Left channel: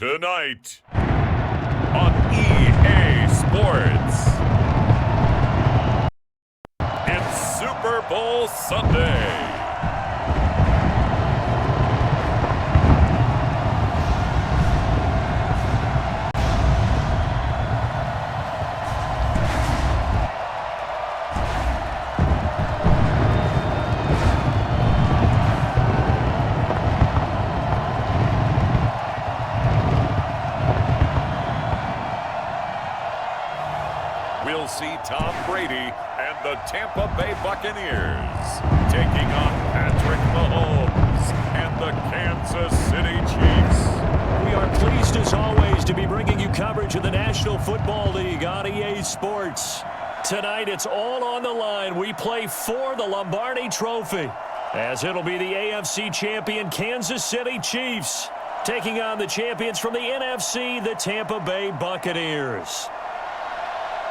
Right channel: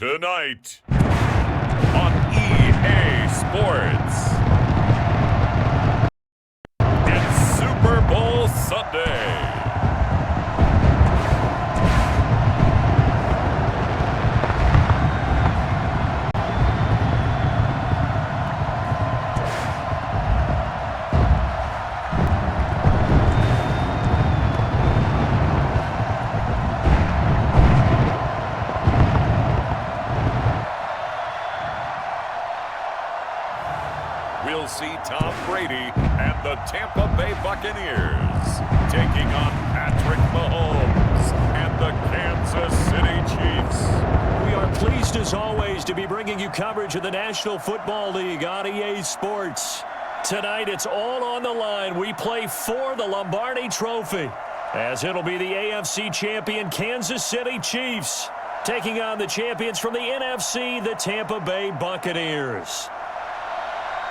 Tonight on EA Sports, it's Super Bowl Sunday. We'll see Tom Brady and the Tampa Bay Buccaneers taking on Patrick Mahomes and the Kansas City Chiefs. We are pleased as always to be bringing you coverage of the National Football League on EA Sports. Tonight it's all on the line. We play for the Lombardi Trophy, as it'll be the AFC champion Kansas City Chiefs taking on the champions from the NFC, the Tampa Bay Buccaneers.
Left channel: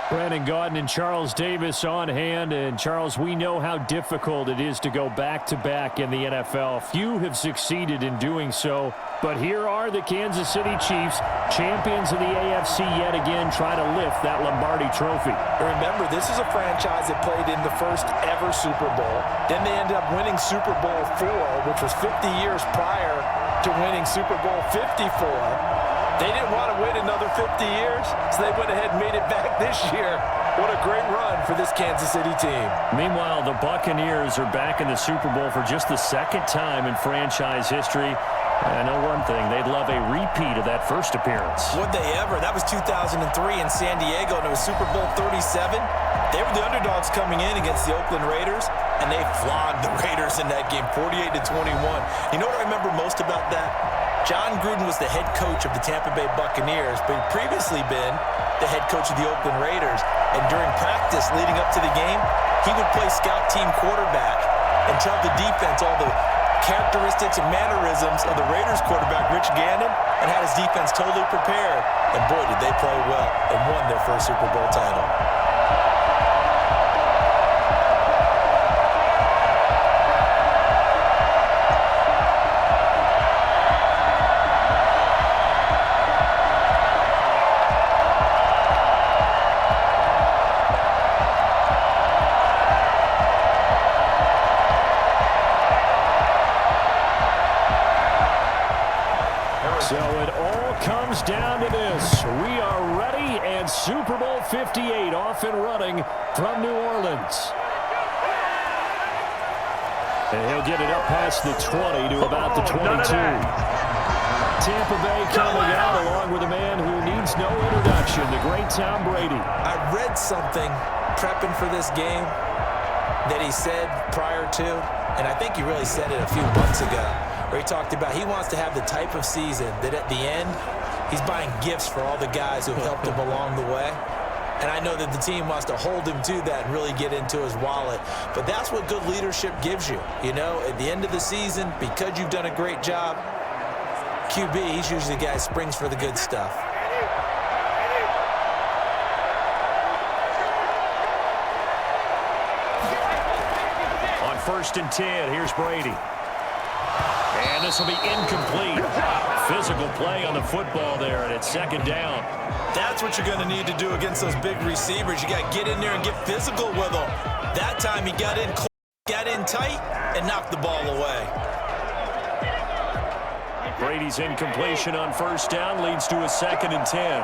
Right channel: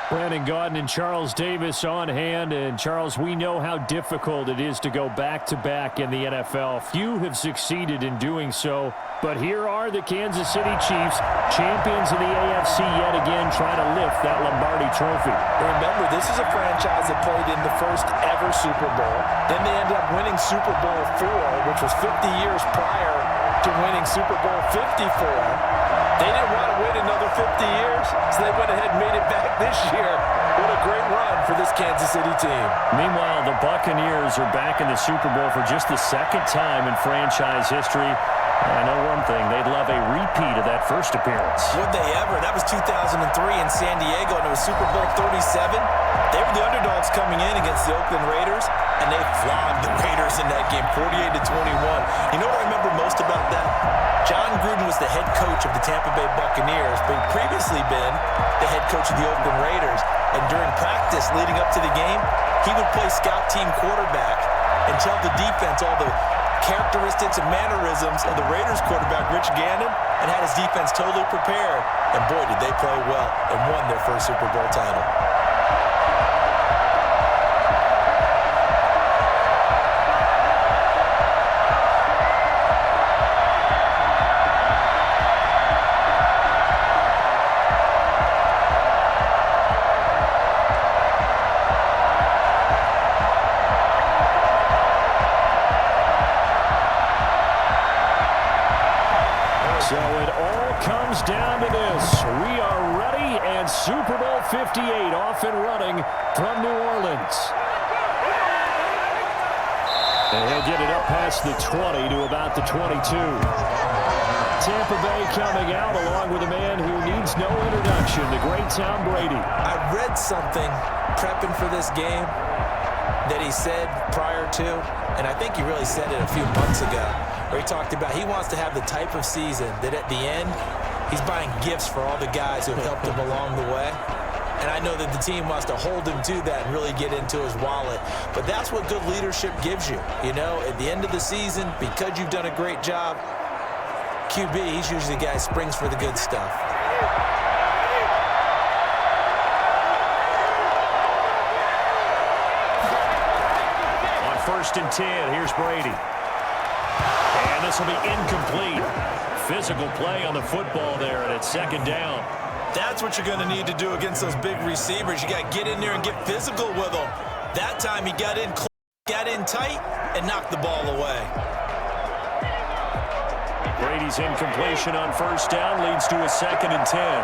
Brandon Gaudin and Charles Davis on hand. And, Charles, we know how difficult it is to go back-to-back in the NFL. Few have succeeded in doing so. But here are the Kansas City Chiefs, champions of the AFC yet again, trying to lift that Lombardi Trophy. Remember, this is a franchise that played in the first ever Super Bowl. Then they ended up winning Super Bowl IV, which was 50 years prior to winning Super Bowl 54. They didn't want to wait another 50 years, so they went ahead and made it back this year. What a great run for this Kansas City team. Meanwhile, the Buccaneers are back in the Super Bowl for just the second time in franchise history. I know one thing, they'd love a repeat of that first appearance. Would they ever? That was 2003 in San Diego, and it was Super Bowl 37. They were the underdogs coming in against the Oakland Raiders, and they flogged the Raiders in that game, 48-21. You know what I remember most about that? John Gruden was the head coach of the Tampa Bay Buccaneers, but he'd previously been the head coach of the Oakland Raiders. And during practice leading up to the game, he would play scout team quarterback and tell the defense all the characteristics and mannerisms of the Raiders quarterback, Rich Gannon, and had his defense totally prepared. And boy, did they play well and won their first Super Bowl title. So it all comes down to this. We are ready, and Super Bowl 58 off and running from New Orleans. And he'll get it up past the 20 to about the 22. Tampa Bay coming out along with a man who needs no introduction, the great Tom Brady. I read something prepping for this game that he said prior to, and I think he really said it a few months ago, where he talked about he wants to have the type of season that at the end, he's buying gifts for all the guys who have helped him along the way. And I know that the team wants to hold him to that and really get into his wallet. But that's what good leadership gives you. You know, at the end of the season, because you've done a great job, QB, he's usually the guy who springs for the good stuff. On 1st and 10, here's Brady. And this will be incomplete. Physical play on the football there, and it's 2nd down. That's what you're going to need to do against those big receivers. You got to get in there and get physical with them. That time he got in close, got in tight, and knocked the ball away. Brady's incompletion on 1st down leads to a 2nd and 10.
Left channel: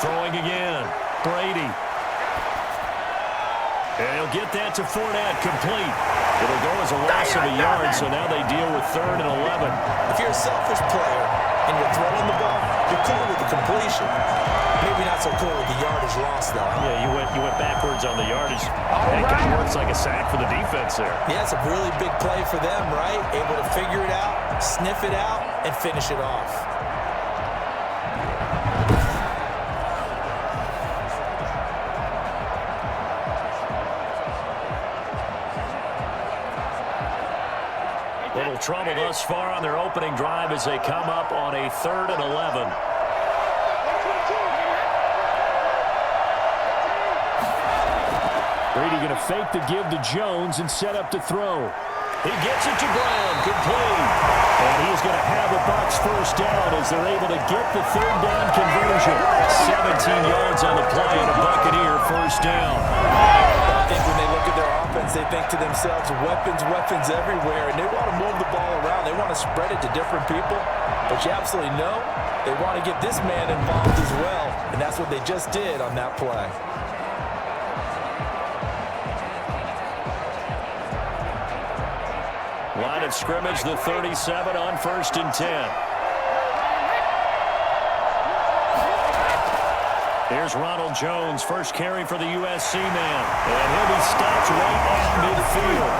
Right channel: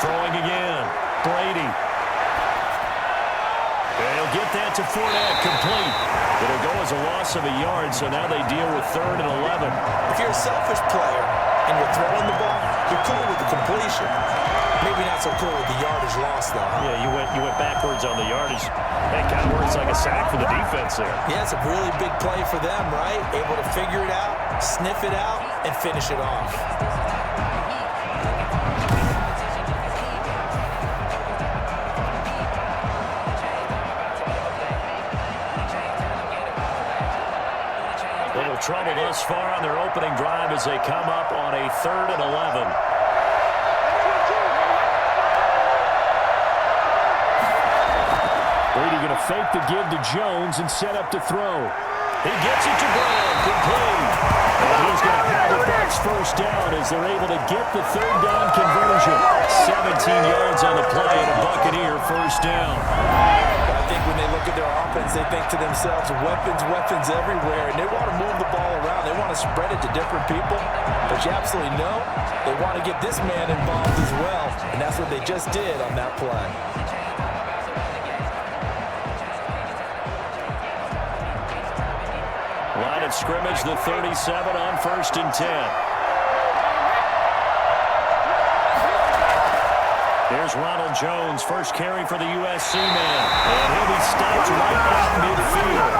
Throwing again. Brady. And he'll get that to Fournette, complete. It'll go as a loss of a yard, so now they deal with 3rd and 11. If you're a selfish player and you're throwing the ball, you're cool with the completion. Maybe not so cool with the yardage loss, though. Huh? Yeah, you went backwards on the yardage. Hey, it kind of works like a sack for the defense there. Yeah, it's a really big play for them, right? Able to figure it out, sniff it out, and finish it off. Little trouble thus far on their opening drive as they come up on a 3rd and 11. Brady going to fake the give to Jones and set up to throw. He gets it to Brown, complete. And he's going to have a Bucs first down as they're able to get the third down conversion. 17 yards on the play and a Buccaneer first down. I think when they look at their offense, they think to themselves, weapons, weapons everywhere, and they want to move the ball around. They want to spread it to different people, but you absolutely know they want to get this man involved as well, and that's what they just did on that play. Line of scrimmage, the 37 on 1st and 10. Here's Ronald Jones, first carry for the USC man. And he'll be stopped right at midfield.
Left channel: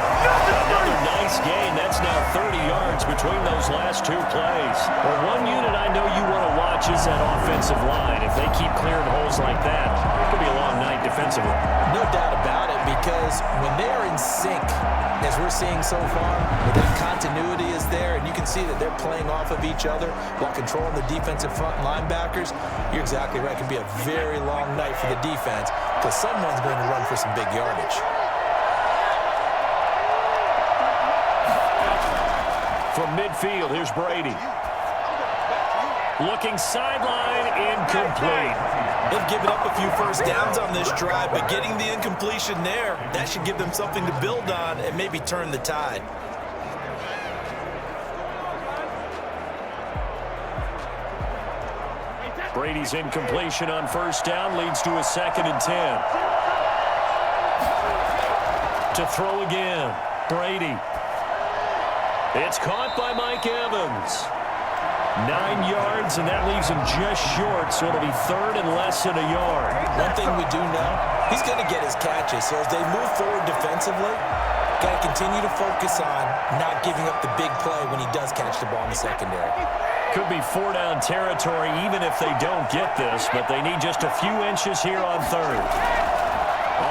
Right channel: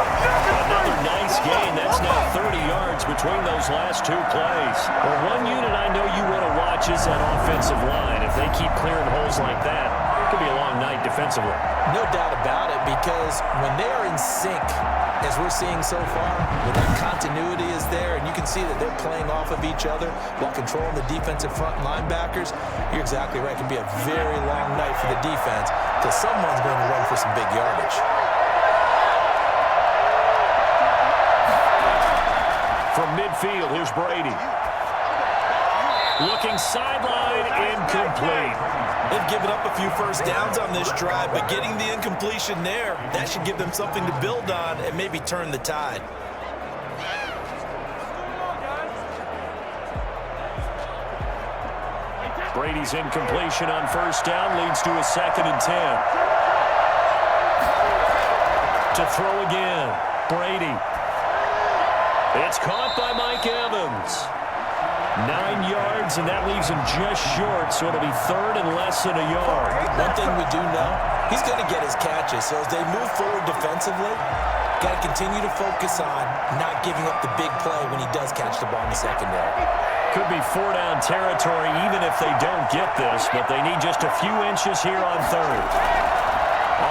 Another nice gain. That's now 30 yards between those last two plays. Well, one unit I know you want to watch is that offensive line. If they keep clearing holes like that, it could be a long night defensively. No doubt about it, because when they are in sync, as we're seeing so far, when that continuity is there and you can see that they're playing off of each other while controlling the defensive front linebackers, you're exactly right. It can be a very long night for the defense because someone's going to run for some big yardage. From midfield, here's Brady. Looking sideline, incomplete. They've given up a few first downs on this drive, but getting the incompletion there, that should give them something to build on and maybe turn the tide. Brady's incompletion on first down leads to a 2nd and 10. To throw again, Brady. It's caught by Mike Evans. 9 yards, and that leaves him just short, so it'll be 3rd and less than a yard. One thing we do know, he's going to get his catches, so as they move forward defensively, got to continue to focus on not giving up the big play when he does catch the ball in the secondary. Could be 4-down territory even if they don't get this, but they need just a few inches here on 3rd.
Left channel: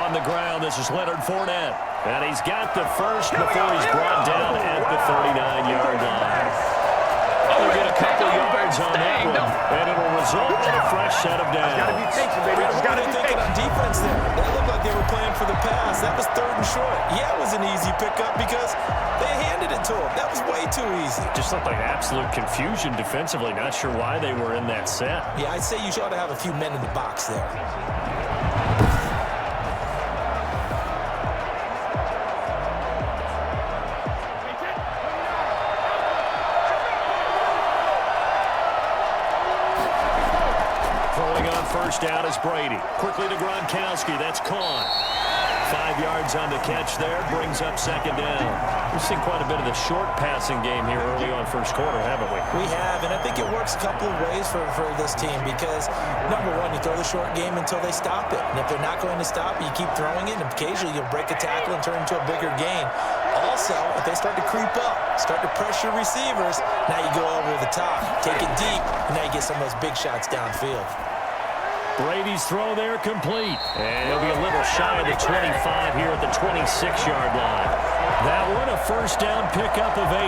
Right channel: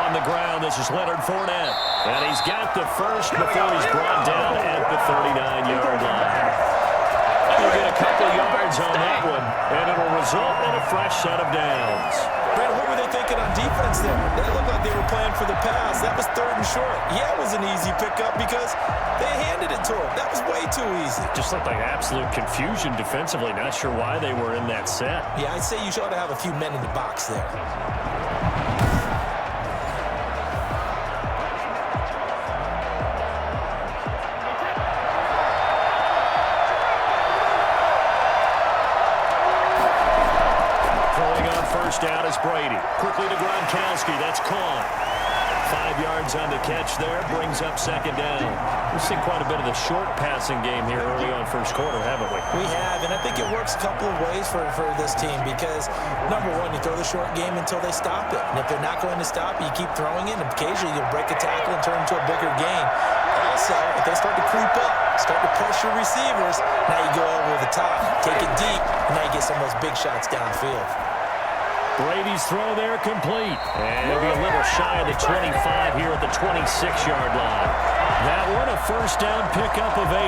On the ground, this is Leonard Fournette, and he's got the first before he's brought down at the 39-yard line. They'll get a couple yards on that one, and it'll result in a fresh set of downs. Brad, what were they thinking on defense there? They looked like they were playing for the pass. That was 3rd and short. Yeah, it was an easy pickup because they handed it to him. That was way too easy. Just looked like absolute confusion defensively. Not sure why they were in that set. Yeah, I'd say you ought to have a few men in the box there. First down is Brady. Quickly to Gronkowski. That's caught. 5 yards on the catch there. Brings up 2nd down. We've seen quite a bit of the short passing game here early on first quarter, haven't we? We have, and I think it works a couple of ways for this team because, number one, you throw the short game until they stop it. And if they're not going to stop it, you keep throwing it, and occasionally you'll break a tackle and turn into a bigger gain. Also, if they start to creep up, start to pressure receivers, now you go over the top, take it deep, and now you get some of those big shots downfield. Brady's throw there complete. And he'll be a little shy of the 25 here at the 26-yard line. That one a first down pickup of 8.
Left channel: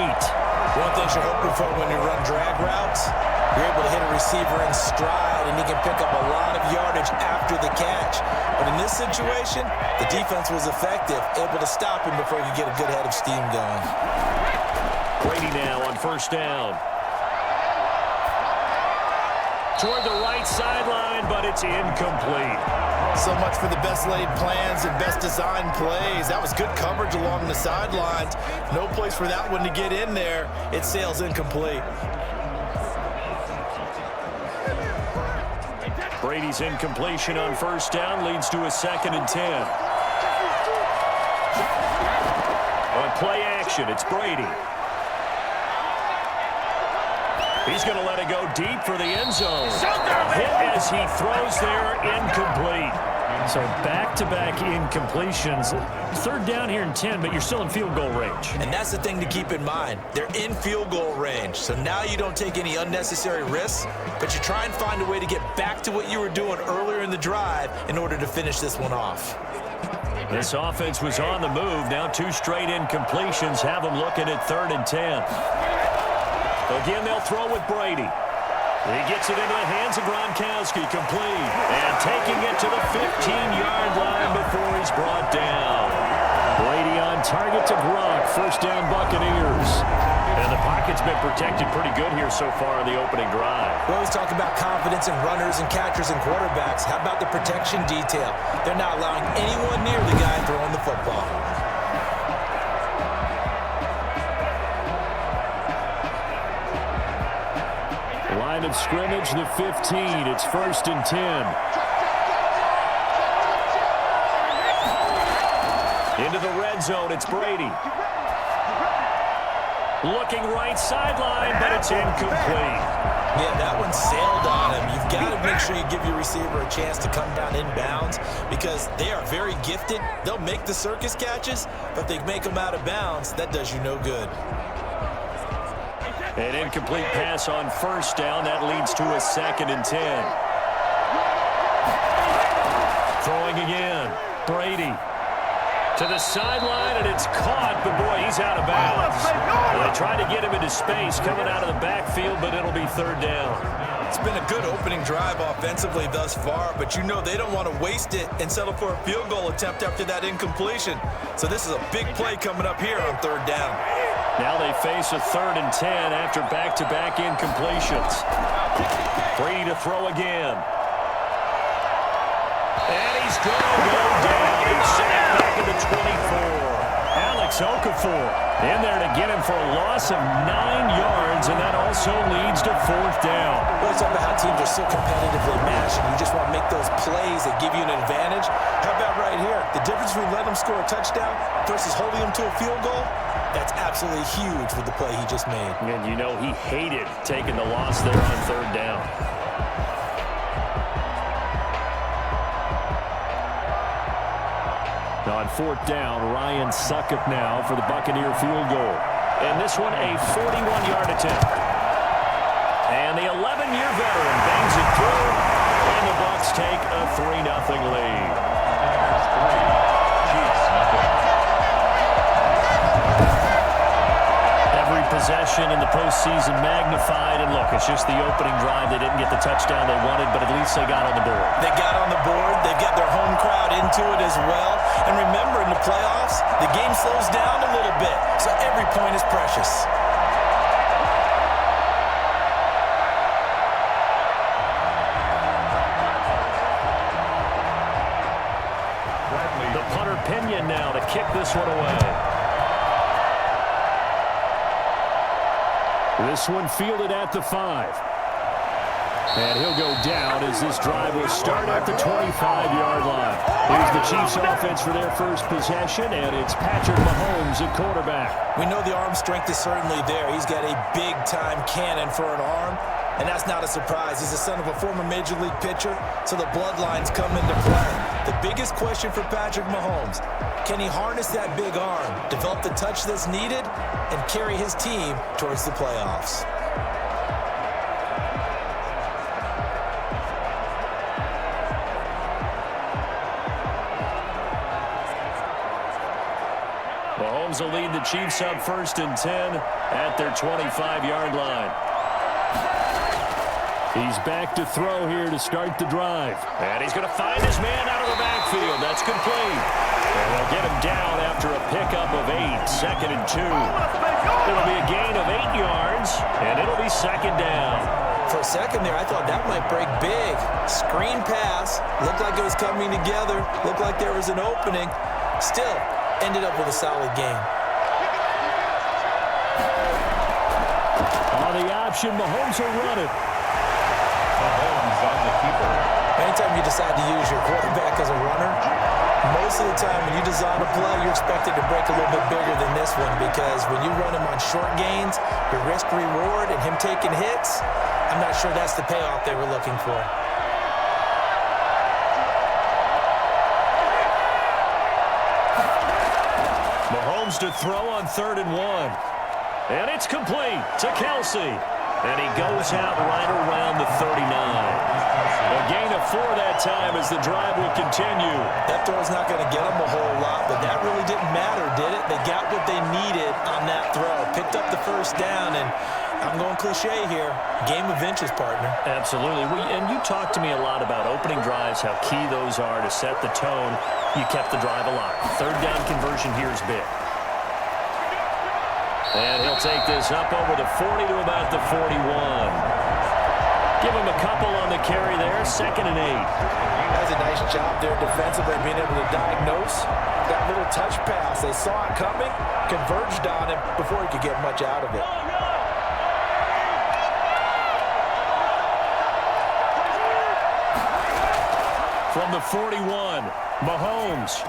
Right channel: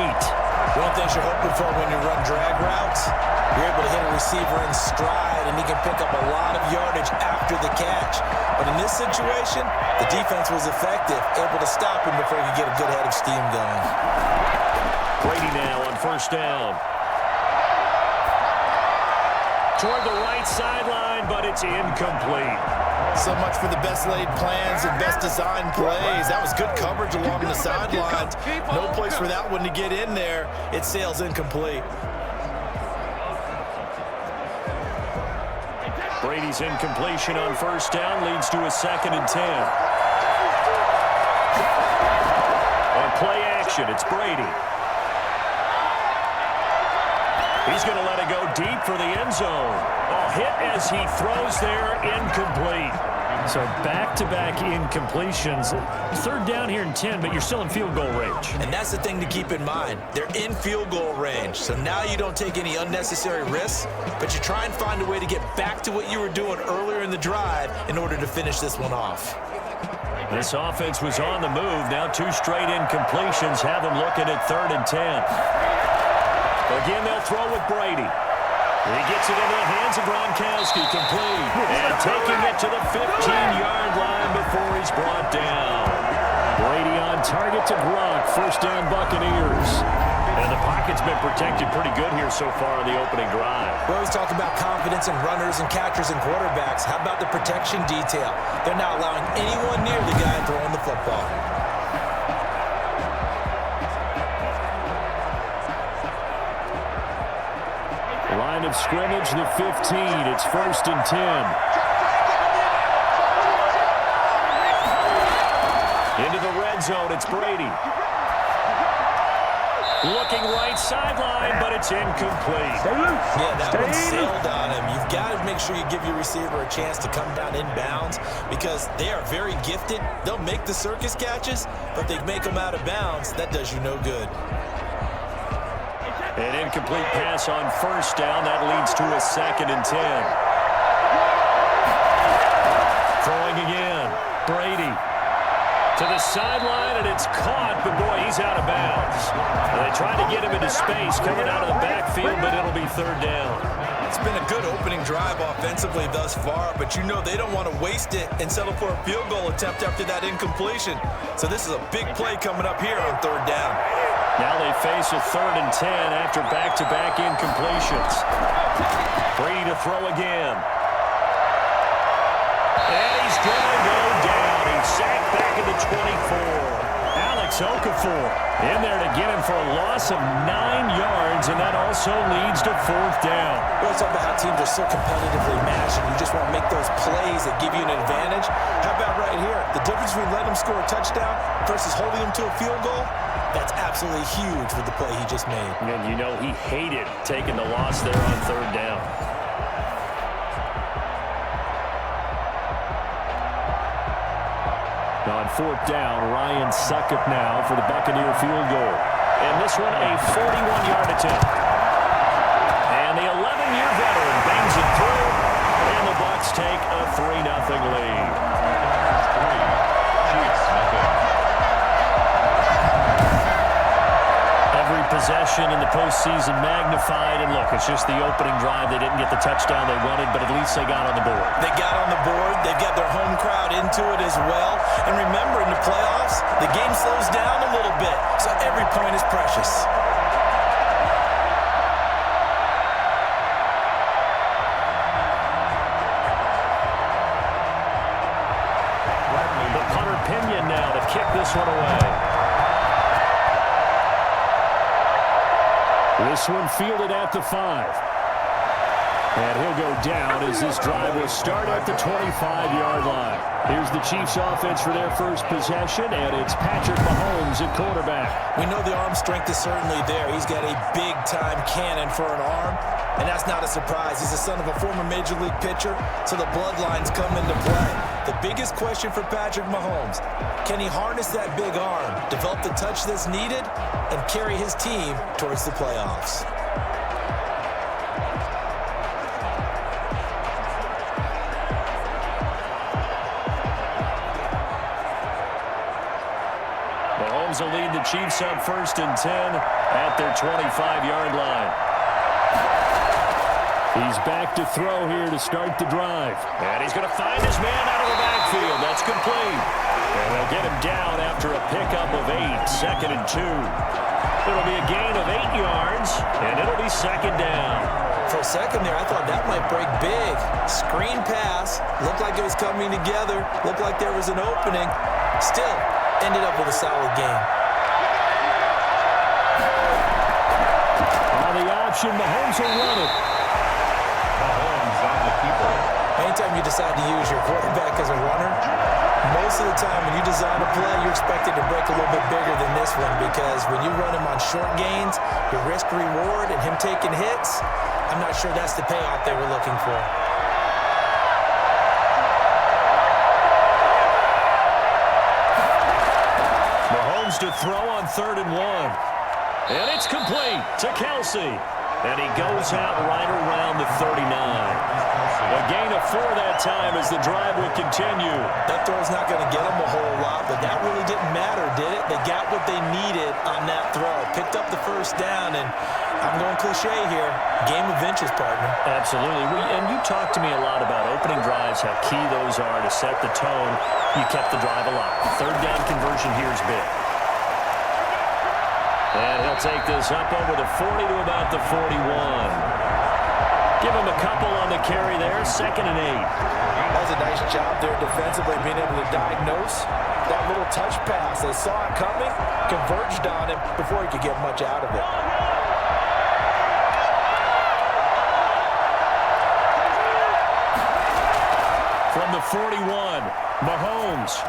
One thing you're hoping for when you run drag routes, you're able to hit a receiver in stride, and he can pick up a lot of yardage after the catch. But in this situation, the defense was effective, able to stop him before he could get a good head of steam going. Brady now on first down. Toward the right sideline, but it's incomplete. So much for the best laid plans and best designed plays. That was good coverage along the sidelines. No place for that one to get in there. It sails incomplete. Brady's incompletion on first down leads to a 2nd and 10. On play action, it's Brady. He's going to let it go deep for the end zone. A hit as he throws there, incomplete. So back-to-back incompletions. 3rd down here and 10, but you're still in field goal range. And that's the thing to keep in mind. They're in field goal range. So now you don't take any unnecessary risks, but you try and find a way to get back to what you were doing earlier in the drive in order to finish this one off. This offense was on the move. Now 2 straight incompletions have them looking at 3rd and 10. Again, they'll throw with Brady. He gets it into the hands of Gronkowski, complete. And taking it to the 15-yard line before he's brought down. Brady on target to Gronk. First down, Buccaneers. And the pocket's been protected pretty good here so far on the opening drive. We always talk about confidence in runners and catchers and quarterbacks. How about the protection detail? They're not allowing anyone near the guy throwing the football. Line of scrimmage, the 15. It's 1st and 10. Into the red zone, it's Brady. Looking right sideline, but it's incomplete. Yeah, that one sailed on him. You've got to make sure you give your receiver a chance to come down inbounds because they are very gifted. They'll make the circus catches, but if they make them out of bounds, that does you no good. An incomplete pass on first down. That leads to a 2nd and 10. Throwing again. Brady to the sideline, and it's caught, but boy, he's out of bounds. They tried to get him into space coming out of the backfield, but it'll be 3rd down. It's been a good opening drive offensively thus far, but you know they don't want to waste it and settle for a field goal attempt after that incompletion. So this is a big play coming up here on 3rd down. Now they face a 3rd and 10 after back-to-back incompletions. Brady to throw again. And he's going to go down. He's sacked back at the 24. Alex Okafor in there to get him for a loss of 9 yards, and that also leads to 4th down. We always talk about how teams are so competitively matched, and you just want to make those plays that give you an advantage. How about right here? The difference between letting them score a touchdown versus holding them to a field goal, that's absolutely huge with the play he just made. And you know he hated taking the loss there on 3rd down. On 4th down, Ryan Succop now for the Buccaneer field goal. And this one a 41-yard attempt. And the 11-year veteran bangs it through, and the Bucs take a 3-0 lead. Chiefs, nothing. Every possession in the postseason magnified, and look, it's just the opening drive. They didn't get the touchdown they wanted, but at least they got on the board. They got on the board. They've got their home crowd into it as well. And remember, in the playoffs, the game slows down a little bit, so every point is precious. The punter Pinion now to kick this one away. This one fielded at the 5. And he'll go down as this drive will start at the 25-yard line. Here's the Chiefs offense for their first possession, and it's Patrick Mahomes at quarterback. We know the arm strength is certainly there. He's got a big-time cannon for an arm, and that's not a surprise. He's the son of a former Major League pitcher, so the bloodlines come into play. The biggest question for Patrick Mahomes, can he harness that big arm, develop the touch that's needed, and carry his team towards the playoffs? Mahomes will lead the Chiefs up 1st and 10 at their 25-yard line. He's back to throw here to start the drive. And he's going to find his man out of the backfield. That's complete. And they'll get him down after a pickup of 8, 2nd and 2. It'll be a gain of 8 yards, and it'll be 2nd down. For a second there, I thought that might break big. Screen pass. Looked like it was coming together. Looked like there was an opening. Still, ended up with a solid game. On the option, Mahomes will run it. Mahomes on the keeper. Anytime you decide to use your quarterback as a runner, most of the time when you design a play, you're expected to break a little bit bigger than this one because when you run him on short gains, your risk-reward and him taking hits, I'm not sure that's the payoff they were looking for. Mahomes to throw on 3rd and 1. And it's complete to Kelsey. And he goes out right around the 39. A gain of 4 that time as the drive will continue. That throw's not going to get them a whole lot, but that really didn't matter, did it? They got what they needed on that throw. Picked up the 1st down, and I'm going cliche here. Game of inches, partner. Absolutely. And you talked to me a lot about opening drives, how key those are to set the tone. You kept the drive alive. 3rd down conversion here is big. And he'll take this up over the 40 to about the 41. Give him a couple on the carry there, 2nd and 8. That's a nice job there defensively, being able to diagnose that little touch pass. They saw it coming, converged on him before he could get much out of it. From the 41, Mahomes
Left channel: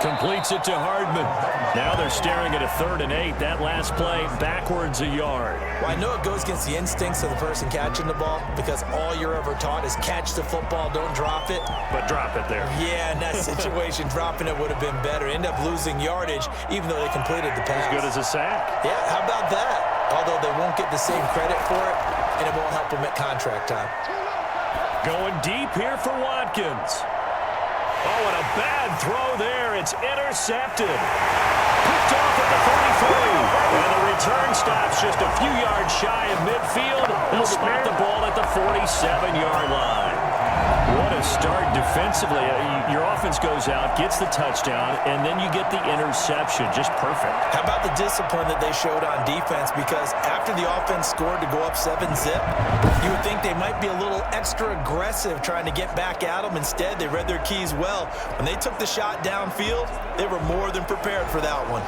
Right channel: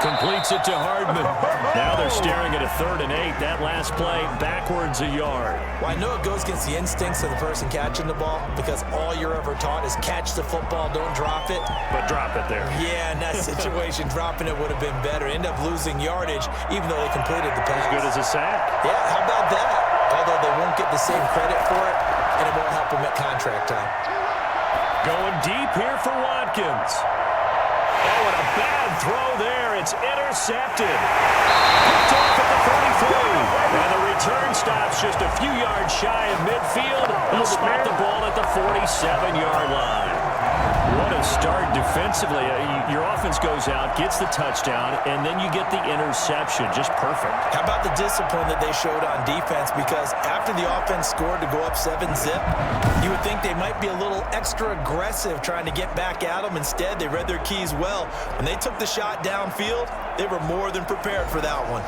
completes it to Hardman. Now they're staring at a 3rd and 8. That last play backwards a yard. Well, I know it goes against the instincts of the person catching the ball because all you're ever taught is catch the football, don't drop it. But drop it there. Yeah, in that situation, dropping it would have been better. End up losing yardage even though they completed the pass. As good as a sack. Yeah, how about that? Although they won't get the same credit for it, and it won't help them at contract time. Going deep here for Watkins. Oh, and a bad throw there. It's intercepted. Picked off at the 33. And the return stops just a few yards shy of midfield. They'll spot the ball at the 47-yard line. What a start defensively. Your offense goes out, gets the touchdown, and then you get the interception. Just perfect. How about the discipline that they showed on defense? Because after the offense scored to go up 7-zip, you would think they might be a little extra aggressive trying to get back at them. Instead, they read their keys well. When they took the shot downfield, they were more than prepared for that one.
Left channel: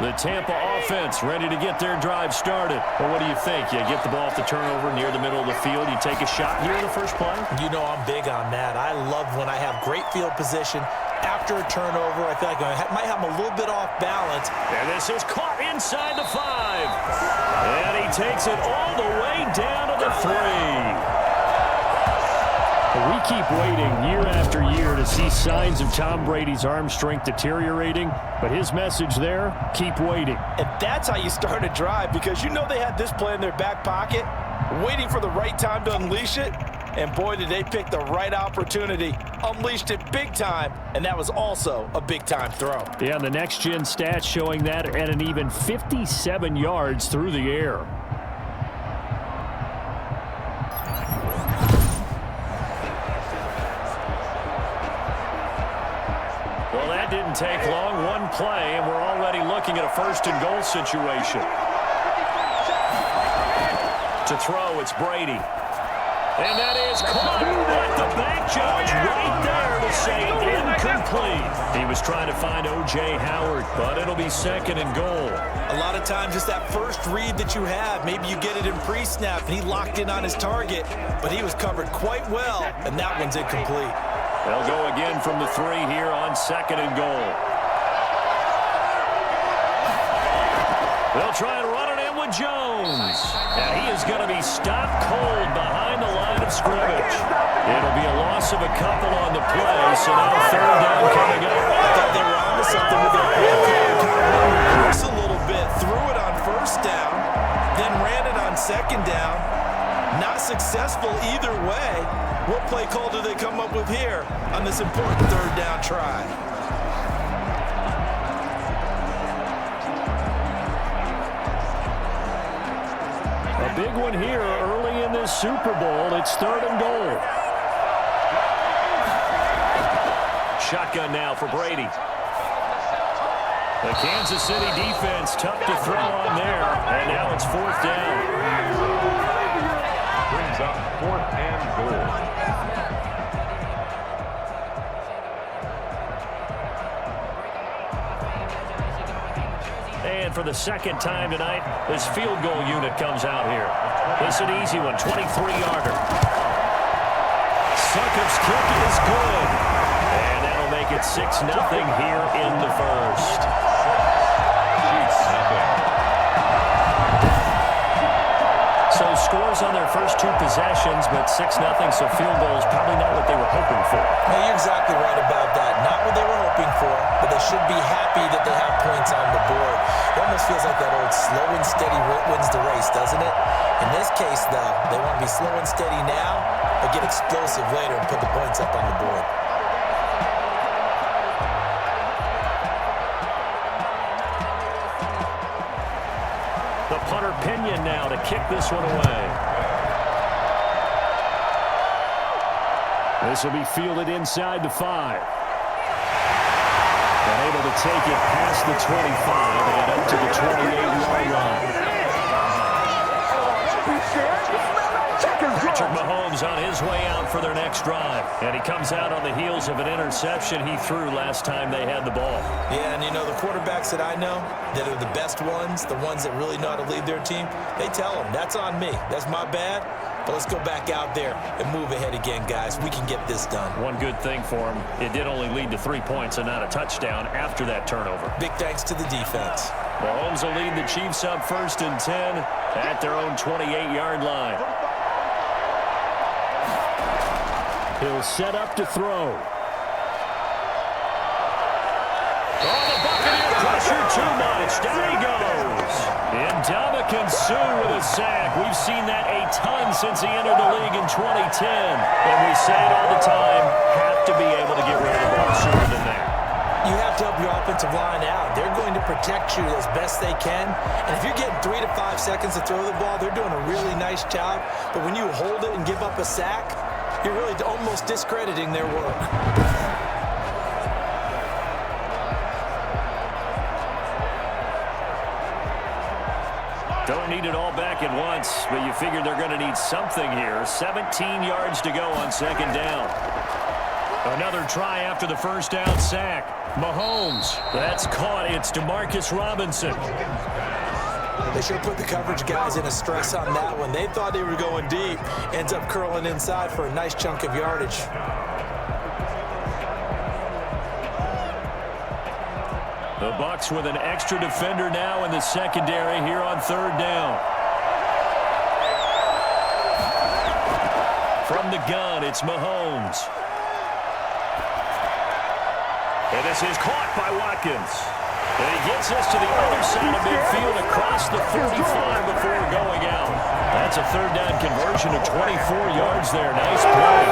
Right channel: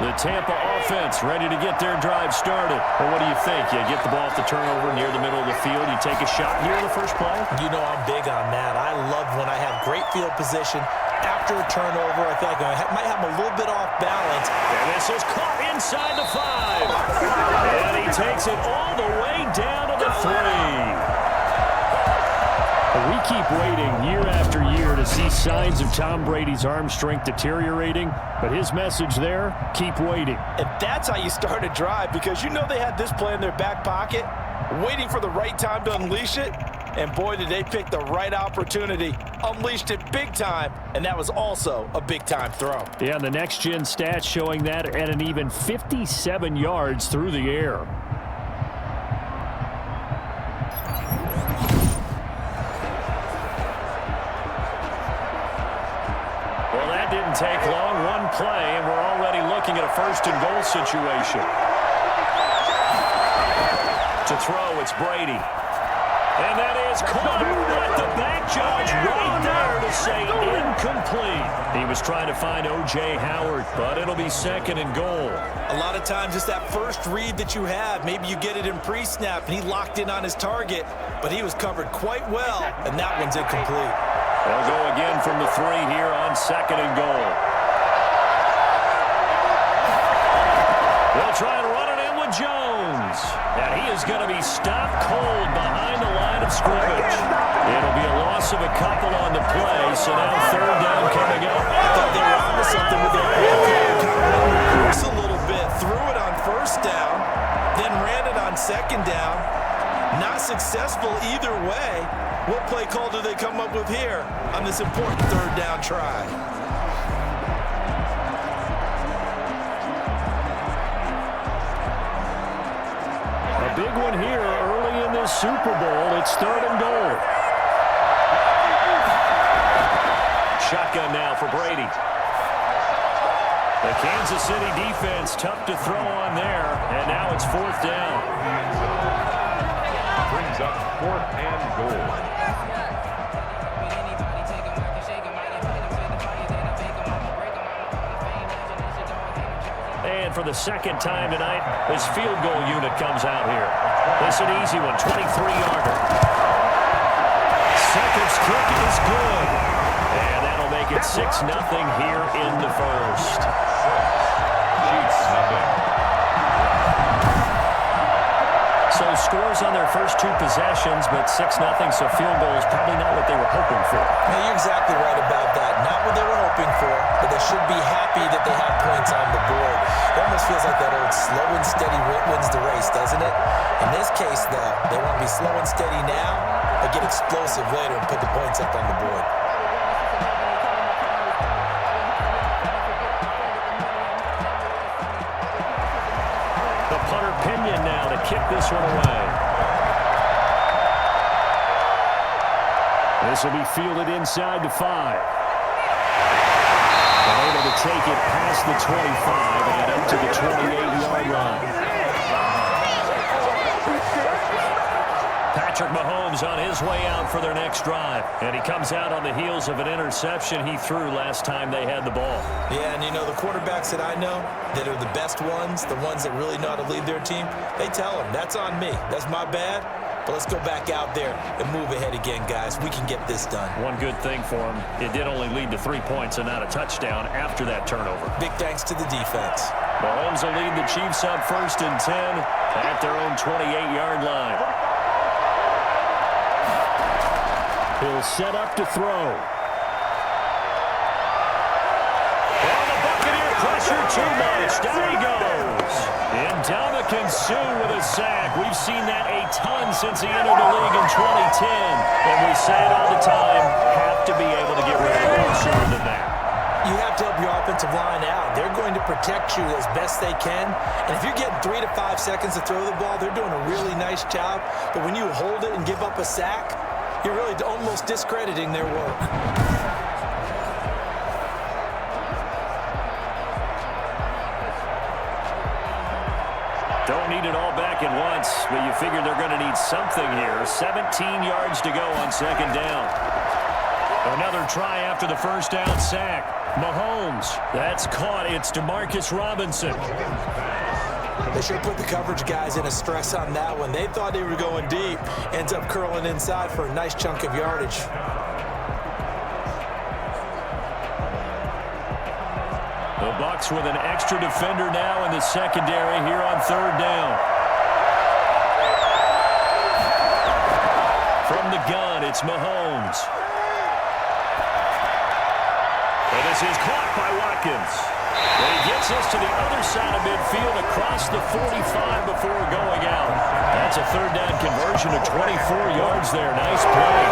The Tampa offense ready to get their drive started. Well, what do you think? You get the ball off the turnover near the middle of the field. You take a shot here in the first play? You know I'm big on that. I love when I have great field position. After a turnover, I feel like I might have a little bit off balance. And this is caught inside the 5. And he takes it all the way down to the 3. We keep waiting year after year to see signs of Tom Brady's arm strength deteriorating, but his message there, keep waiting. And that's how you start a drive, because you know they had this play in their back pocket, waiting for the right time to unleash it, and boy, did they pick the right opportunity, unleashed it big time, and that was also a big-time throw. Yeah, and the next-gen stats showing that at an even 57 yards through the air. Well, that didn't take long. One play, and we're already looking at a 1st and goal situation. To throw, it's Brady. And that is caught at the back judge right there to say incomplete. He was trying to find O.J. Howard, but it'll be 2nd and goal. A lot of times it's that first read that you have. Maybe you get it in pre-snap, and he locked in on his target, but he was covered quite well, and that one's incomplete. They'll go again from the 3 here on 2nd and goal. They'll try and run it in with Jones. And he is going to be stopped cold behind the line of scrimmage. It'll be a loss of a couple on the play, so now 3rd down coming up. I thought they were onto something with their play call. Kind of run reverse a little bit. Threw it on 1st down, then ran it on 2nd down. Not successful either way. What play call do they come up with here on this important 3rd down try? A big one here early in this Super Bowl. It's 3rd and goal. Shotgun now for Brady. The Kansas City defense tough to throw on there, and now it's 4th down. Brings up 4th and goal. And for the 2nd time tonight, this field goal unit comes out here. This is an easy one, 23-yarder. Succop's kick is good. And that'll make it 6-0 here in the 1st. So scores on their first 2 possessions, but 6-0, so field goals probably not what they were hoping for. Hey, you're exactly right about that. Not what they were hoping for, but they should be happy that they have points on the board. It almost feels like that old slow and steady wins the race, doesn't it? In this case, though, they want to be slow and steady now, but get explosive later and put the points up on the board. The punter Pinion now to kick this one away. This will be fielded inside the 5. And able to take it past the 25 and up to the 28-yard line. Patrick Mahomes on his way out for their next drive. And he comes out on the heels of an interception he threw last time they had the ball. Yeah, and you know, the quarterbacks that I know that are the best ones, the ones that really know how to lead their team, they tell them, that's on me. That's my bad. But let's go back out there and move ahead again, guys. We can get this done. One good thing for him, it did only lead to 3 points and not a touchdown after that turnover. Big thanks to the defense. Mahomes will lead the Chiefs up 1st and 10 at their own 28-yard line. He'll set up to throw. Oh, the Buccaneer pressure too much. Down he goes. Ndamukong Suh with a sack. We've seen that a ton since he entered the league in 2010. And we say it all the time, have to be able to get rid of the ball sooner than that. You have to help your offensive line out. They're going to protect you as best they can. And if you're getting 3 to 5 seconds to throw the ball, they're doing a really nice job. But when you hold it and give up a sack, you're really almost discrediting their work. Don't need it all back at once, but you figure they're going to need something here. 17 yards to go on 2nd down. Another try after the 1st down sack. Mahomes, that's caught. It's Demarcus Robinson. They sure put the coverage guys in a stress on that one. They thought they were going deep. Ends up curling inside for a nice chunk of yardage. The Bucs with an extra defender now in the secondary here on 3rd down. From the gun, it's Mahomes. And this is caught by Watkins. And he gets us to the other side of midfield across the 45 before going out. That's a 3rd down conversion of 24 yards there. Nice play.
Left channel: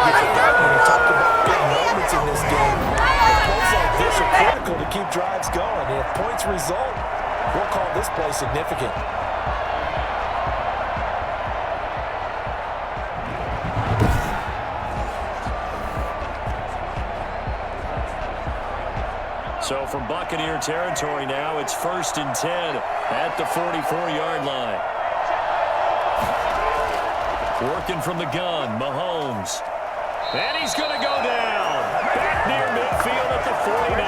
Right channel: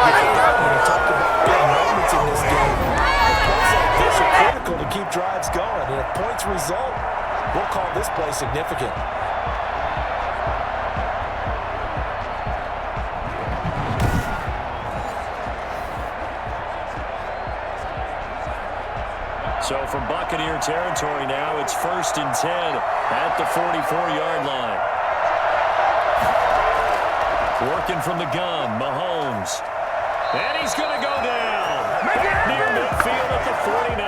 When you talk about big moments in this game, plays like this are critical to keep drives going. And if points result, we'll call this play significant. So from Buccaneer territory now, it's 1st and 10 at the 44-yard line. Working from the gun, Mahomes. And he's going to go down. Back near midfield at the 49.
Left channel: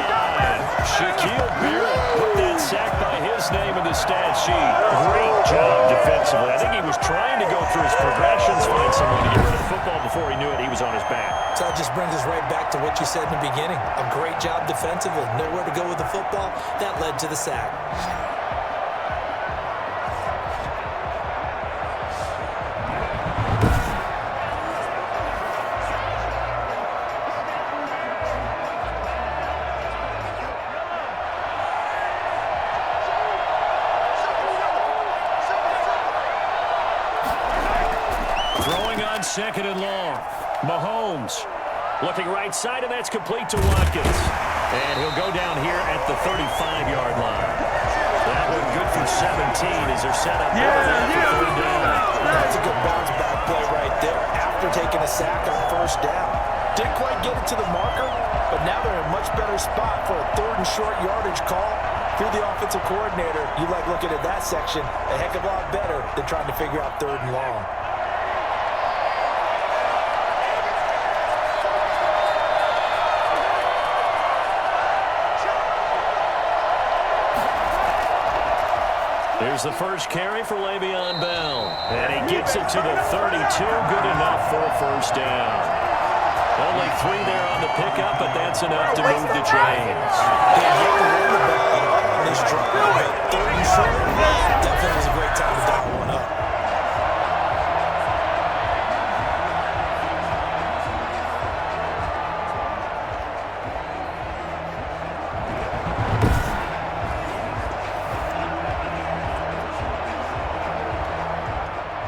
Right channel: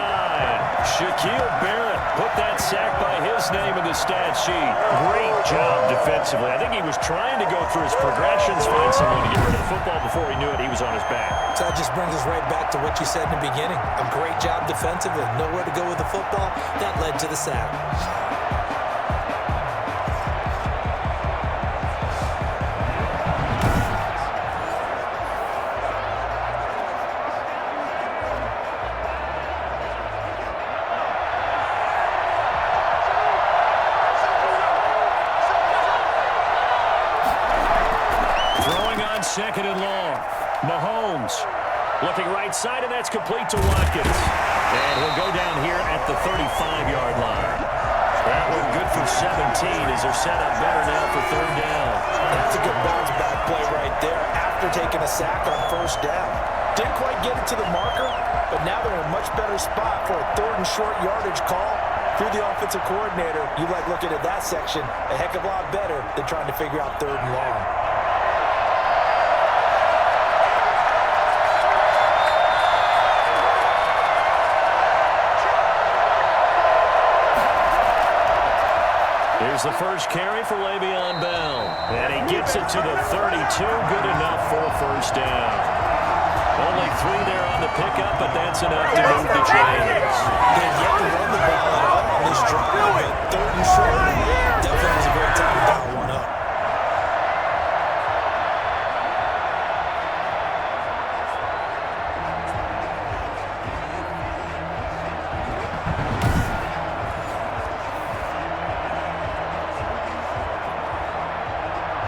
Shaquille Barrett put that sack by his name in the stat sheet. Great job defensively. I think he was trying to go through his progressions, find someone to get rid of the football. Before he knew it, he was on his back. So that just brings us right back to what you said in the beginning. A great job defensively. Nowhere to go with the football. That led to the sack. Throwing on 2nd and long. Mahomes looking right side, and that's complete to Watkins. And he'll go down here at the 35-yard line. That one good for 17 as they're set up better now for 3rd down. That's a good bounce back play right there after taking a sack on 1st down. Didn't quite get it to the marker, but now they're in a much better spot for a 3rd and short yardage call. If you're the offensive coordinator, you like looking at that section a heck of a lot better than trying to figure out 3rd and long. Here's the first carry for Le'Veon Bell. And he gets it to the 32. Good enough for a 1st down. Only 3 there on the pickup, but that's enough to move the chains. Didn't get to run the ball at all on this drive, but 3rd and short, definitely was a great time to dial one up.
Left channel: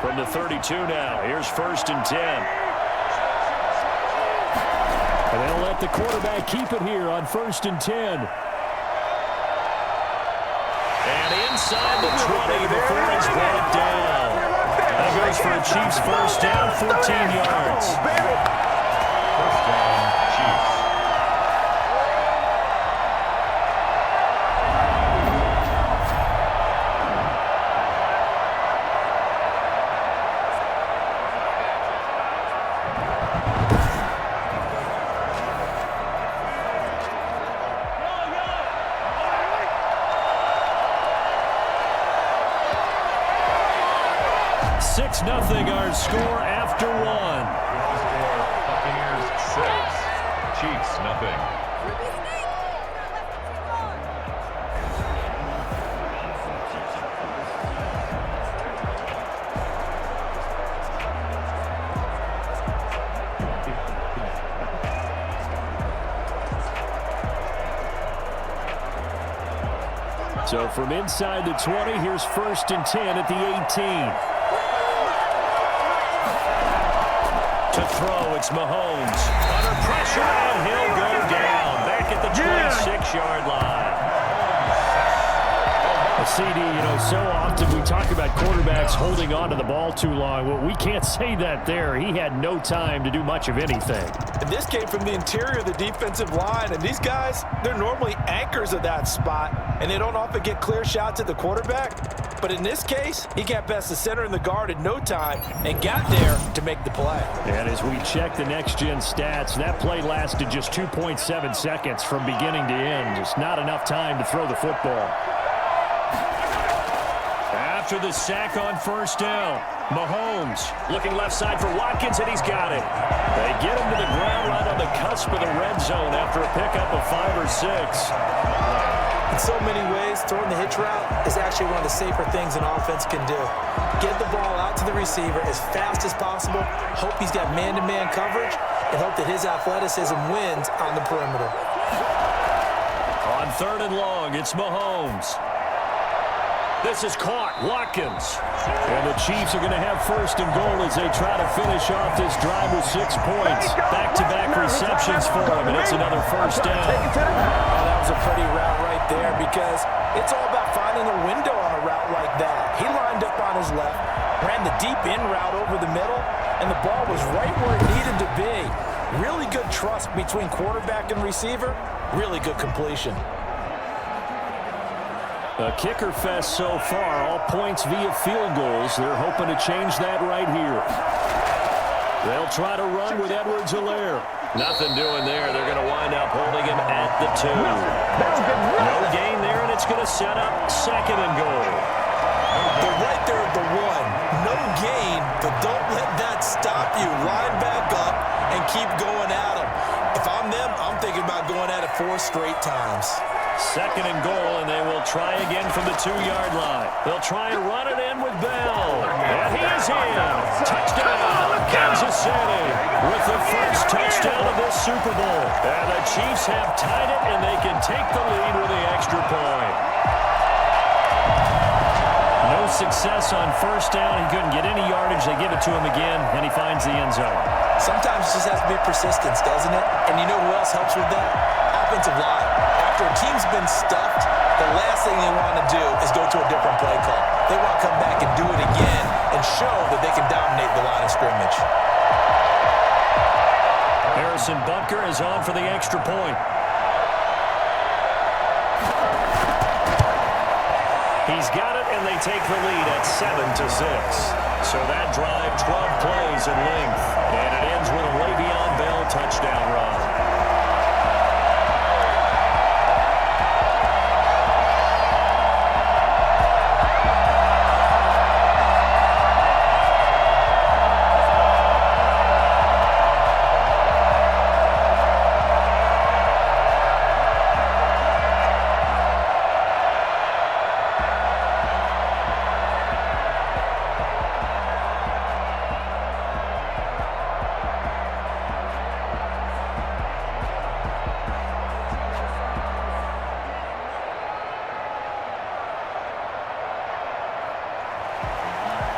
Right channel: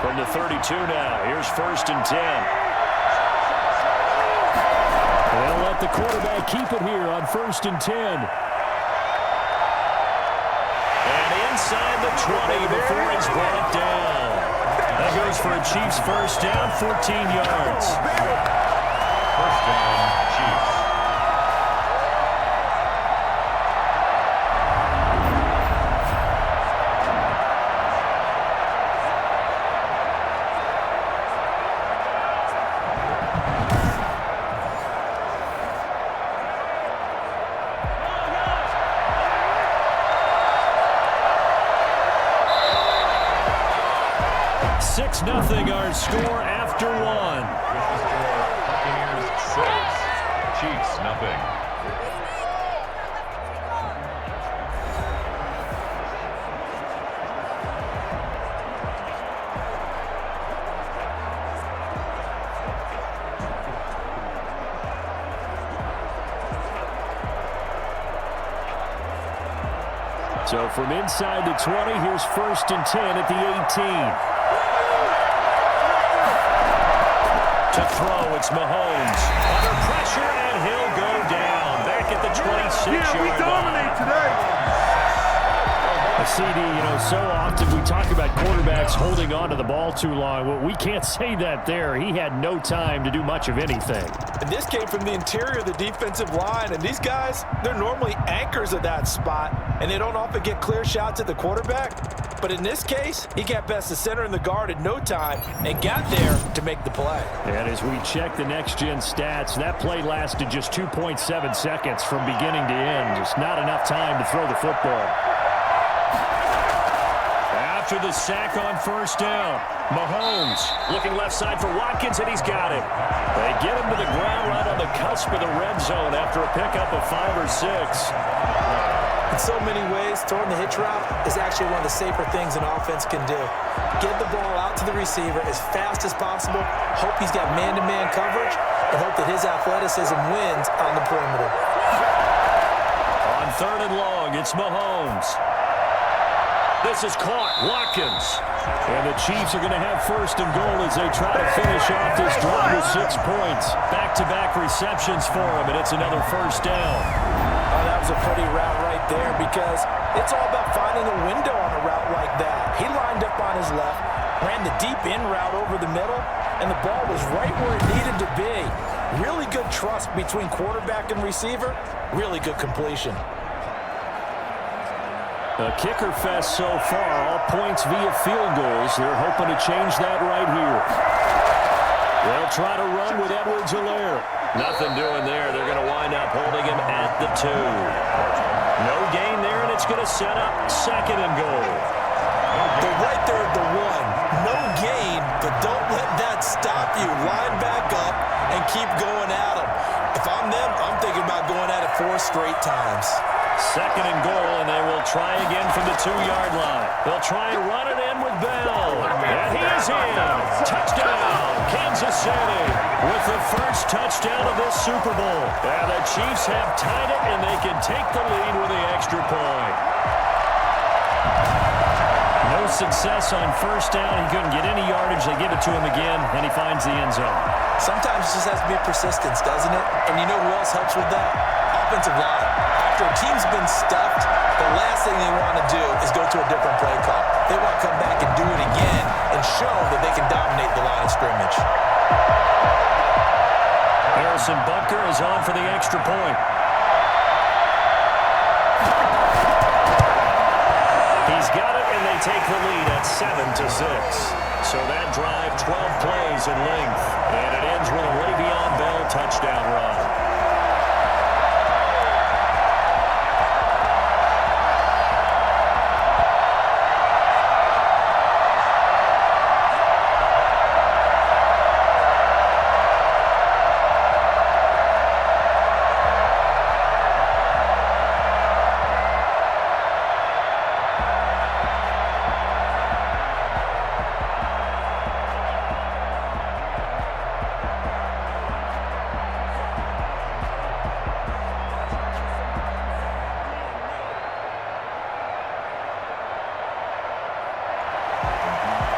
From the 32 now, here's 1st and 10. And they'll let the quarterback keep it here on 1st and 10. And inside the 20 before he's brought down. That goes for a Chiefs first down, 14 yards. First down, Chiefs. Nothing our score after one. Buccaneers 6, Chiefs nothing. So from inside the 20, here's 1st and 10 at the 18. To throw, it's Mahomes. Under pressure, and he'll go down. Back at the 26-yard line. CD, so often we talk about quarterbacks holding on to the ball too long. Well, we can't say that there. He had no time to do much of anything. And this came from the interior of the defensive line. And these guys, they're normally anchors of that spot. And they don't often get clear shots at the quarterback. But in this case, he got past the center and the guard in no time and got there to make the play. And as we check the next-gen stats, that play lasted just 2.7 seconds from beginning to end. Just not enough time to throw the football. After the sack on first down, Mahomes looking left side for Watkins, and he's got it. They get him to the ground right on the cusp of the red zone after a pickup of 5 or 6. In so many ways, throwing the hitch route is actually one of the safer things an offense can do. Get the ball out to the receiver as fast as possible, hope he's got man-to-man coverage, and hope that his athleticism wins on the perimeter. On 3rd and long, it's Mahomes. This is caught. Watkins. And the Chiefs are going to have 1st and goal as they try to finish off this drive with 6 points. Back-to-back receptions for him, and it's another 1st down. Oh, that was a pretty route right there because it's all about finding a window on a route like that. He lined up on his left, ran the deep in route over the middle, and the ball was right where it needed to be. Really good trust between quarterback and receiver. Really good completion. A kicker fest so far, all points via field goals. They're hoping to change that right here. They'll try to run with Edwards-Helaire. Nothing doing there. They're going to wind up holding him at the 2. No gain there, and it's going to set up 2nd and goal. They're right there at the 1. No gain, but don't let that stop you. Line back up and keep going at them. If I'm them, I'm thinking about going at it 4 straight times. 2nd and goal, and they will try again from the 2-yard line. They'll try and run it in with Bell. And he is in. Touchdown, Kansas City, with the first touchdown of this Super Bowl. And the Chiefs have tied it, and they can take the lead with the extra point. No success on 1st down. He couldn't get any yardage. They give it to him again, and he finds the end zone. Sometimes it just has to be persistence, doesn't it? And you know who else helps with that? Offensive line. After a team's been stuffed, the last thing they want to do is go to a different play call. They want to come back and do it again and show that they can dominate the line of scrimmage. Harrison Butker is on for the extra point. He's got it, and they take the lead at 7-6. So that drive, 12 plays in length. And it ends with a Le'Veon Bell touchdown run.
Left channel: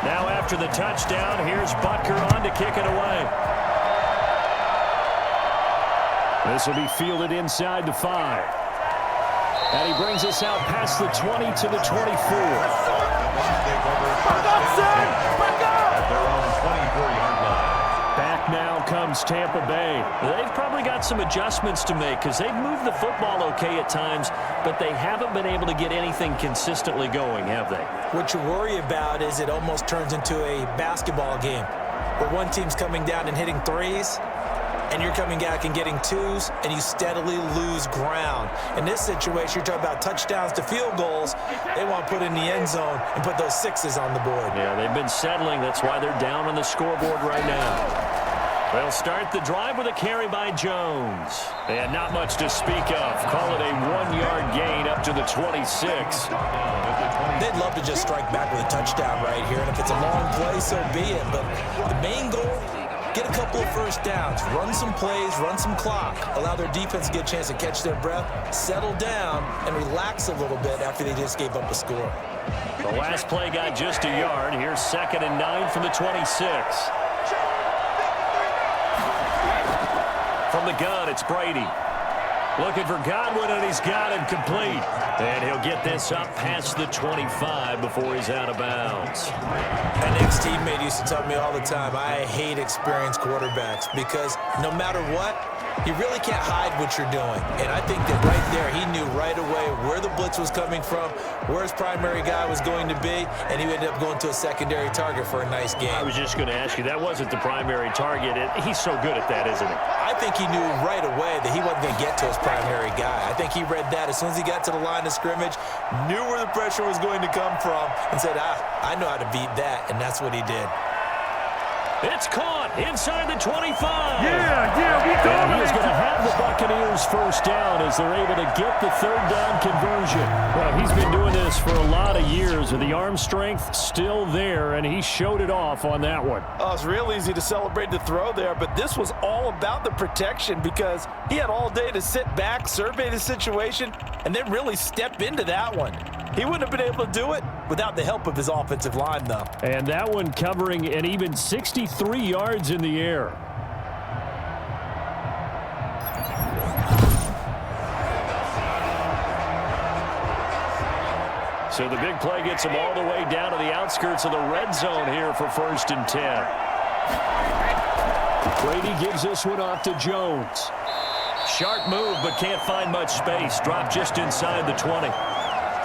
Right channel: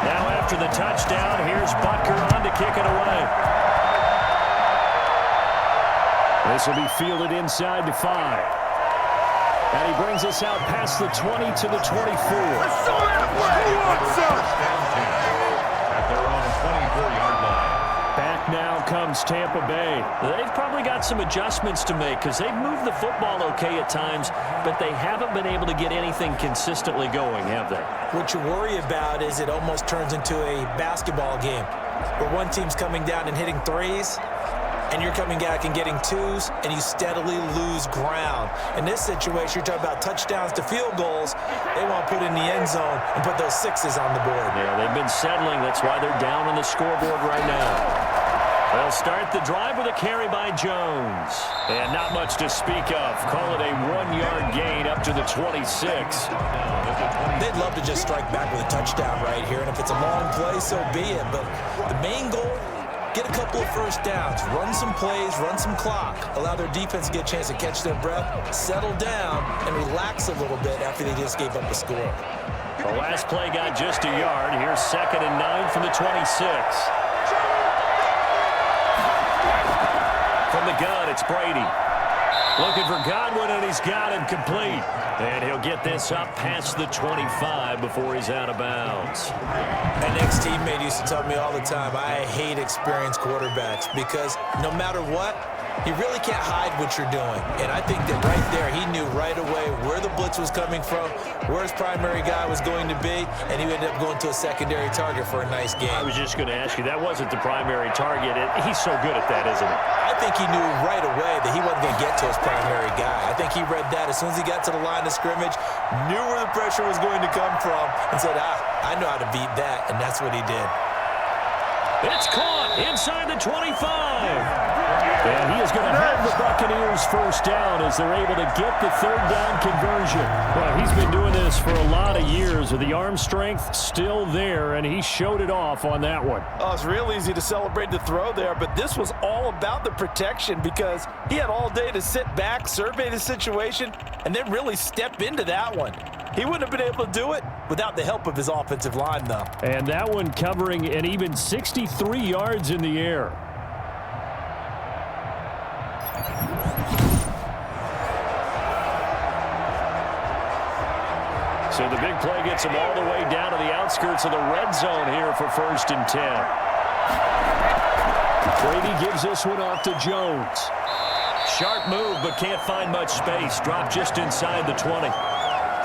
Now after the touchdown, here's Butker on to kick it away. This will be fielded inside the 5. And he brings us out past the 20 to the 24. At their own 24-yard line. Back now comes Tampa Bay. They've probably got some adjustments to make because they've moved the football okay at times, but they haven't been able to get anything consistently going, have they? What you worry about is it almost turns into a basketball game where one team's coming down and hitting threes, and you're coming back and getting twos, and you steadily lose ground. In this situation, you're talking about touchdowns to field goals. They want to put in the end zone and put those sixes on the board. Yeah, they've been settling. That's why they're down on the scoreboard right now. They'll start the drive with a carry by Jones. And not much to speak of. Call it a 1-yard gain up to the 26. They'd love to just strike back with a touchdown right here, and if it's a long play, so be it. But the main goal, get a couple of first downs, run some plays, run some clock, allow their defense to get a chance to catch their breath, settle down, and relax a little bit after they just gave up a score. The last play got just a yard. Here's 2nd and 9 from the 26. From the gun, it's Brady. Looking for Godwin, and he's got him complete. And he'll get this up past the 25 before he's out of bounds. An ex-teammate used to tell me all the time, I hate experienced quarterbacks because no matter what, you really can't hide what you're doing. And I think that right there, he knew right away where the blitz was coming from, where his primary guy was going to be, and he ended up going to a secondary target for a nice game. I was just going to ask you, that wasn't the primary target. He's so good at that, isn't he? I think he knew right away that he wasn't going to get to his primary guy. I think he read that as soon as he got to the line of scrimmage, knew where the pressure was going to come from, and said, I know how to beat that, and that's what he did. It's caught inside the 25. And he is going to have the Buccaneers first down as they're able to get the third down conversion. Well, he's been doing this for a lot of years with the arm strength still there, and he showed it off on that one. Oh, it's real easy to celebrate the throw there, but this was all about the protection because he had all day to sit back, survey the situation, and then really step into that one. He wouldn't have been able to do it without the help of his offensive line, though. And that one covering an even 63 yards in the air. So the big play gets him all the way down to the outskirts of the red zone here for 1st and 10. Brady gives this one off to Jones. Sharp move, but can't find much space. Dropped just inside the 20.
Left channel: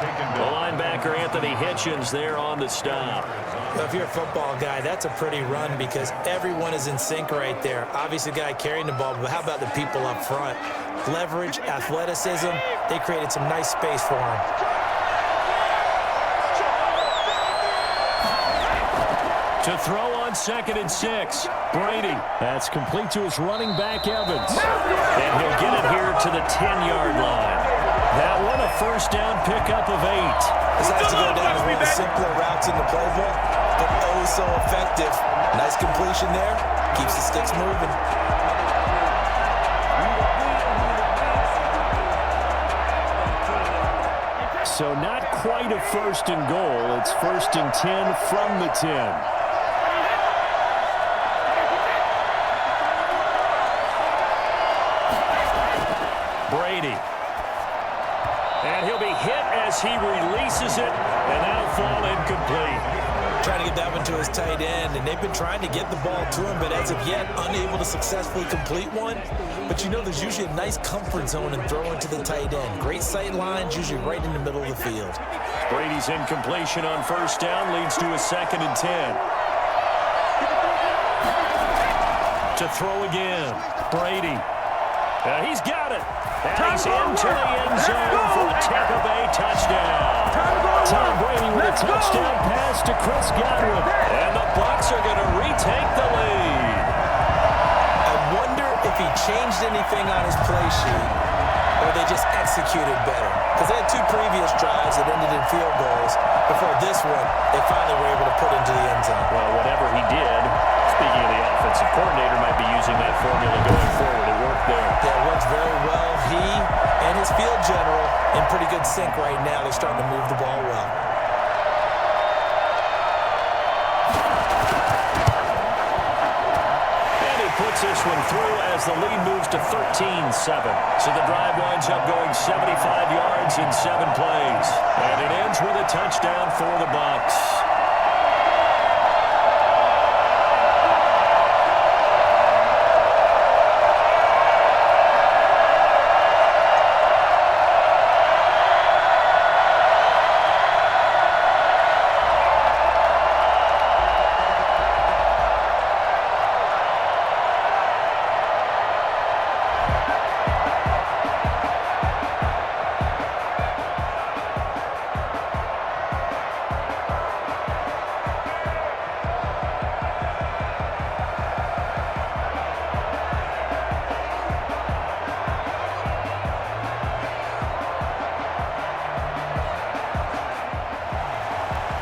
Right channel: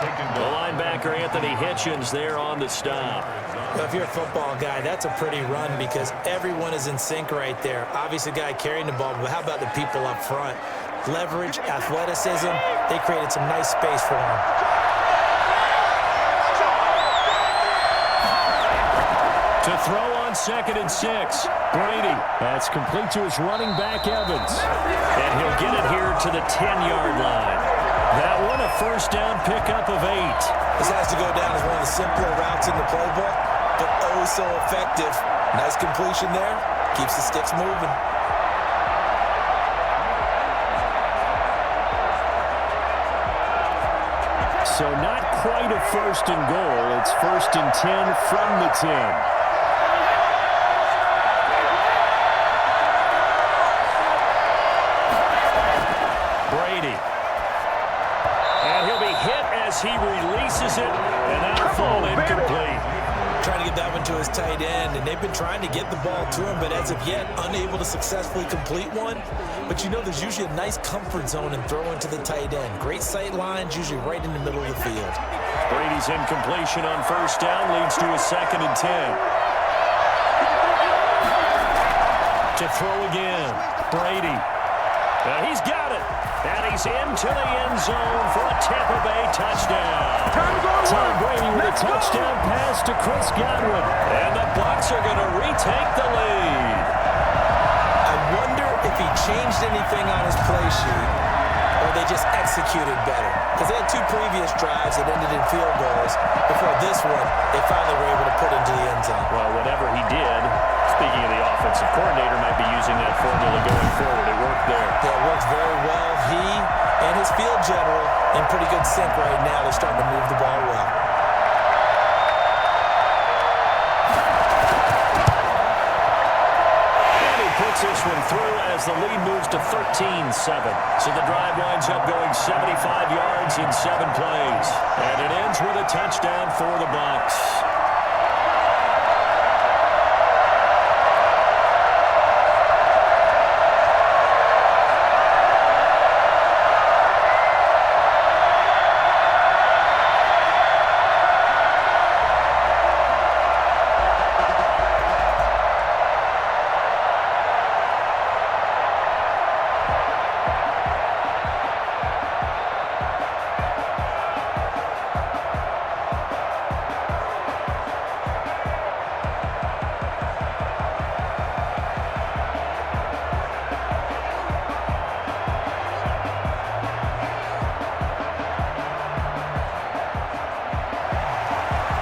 The linebacker, Anthony Hitchens, there on the stop. Well, if you're a football guy, that's a pretty run because everyone is in sync right there. Obviously, the guy carrying the ball, but how about the people up front? Leverage, athleticism, they created some nice space for him. To throw on 2nd and 6, Brady. That's complete to his running back, Evans. And he'll get it here to the 10-yard line. That one, a first down pickup of 8. This has to go down as one of the simpler routes in the playbook, but oh so effective. Nice completion there. Keeps the sticks moving. So not quite a 1st and goal. It's 1st and 10 from the 10. Brady. And he'll be hit as he releases it, and that'll fall incomplete. Trying to get that one to his tight end, and they've been trying to get the ball to him, but as of yet, unable to successfully complete one. But you know there's usually a nice comfort zone in throwing to the tight end. Great sight lines, usually right in the middle of the field. Brady's incompletion on 1st down leads to a 2nd and 10. To throw again, Brady. He's got it. And he's into the end zone for a Tampa Bay touchdown. Tom Brady with a touchdown pass to Chris Godwin. And the Bucs are going to retake the lead. I wonder if he changed anything on his play sheet or they just executed better. Because they had 2 previous drives that ended in field goals. Before this one, they finally were able to put into the end zone. Well, whatever he did, speaking of the offensive coordinator, might be using that formula going forward. It worked there. Yeah, it works very well. He and his field general in pretty good sync right now. They're starting to move the ball well. puts this one through as the lead moves to 13-7. So the drive winds up going 75 yards in 7 plays. And it ends with a touchdown for the Bucs.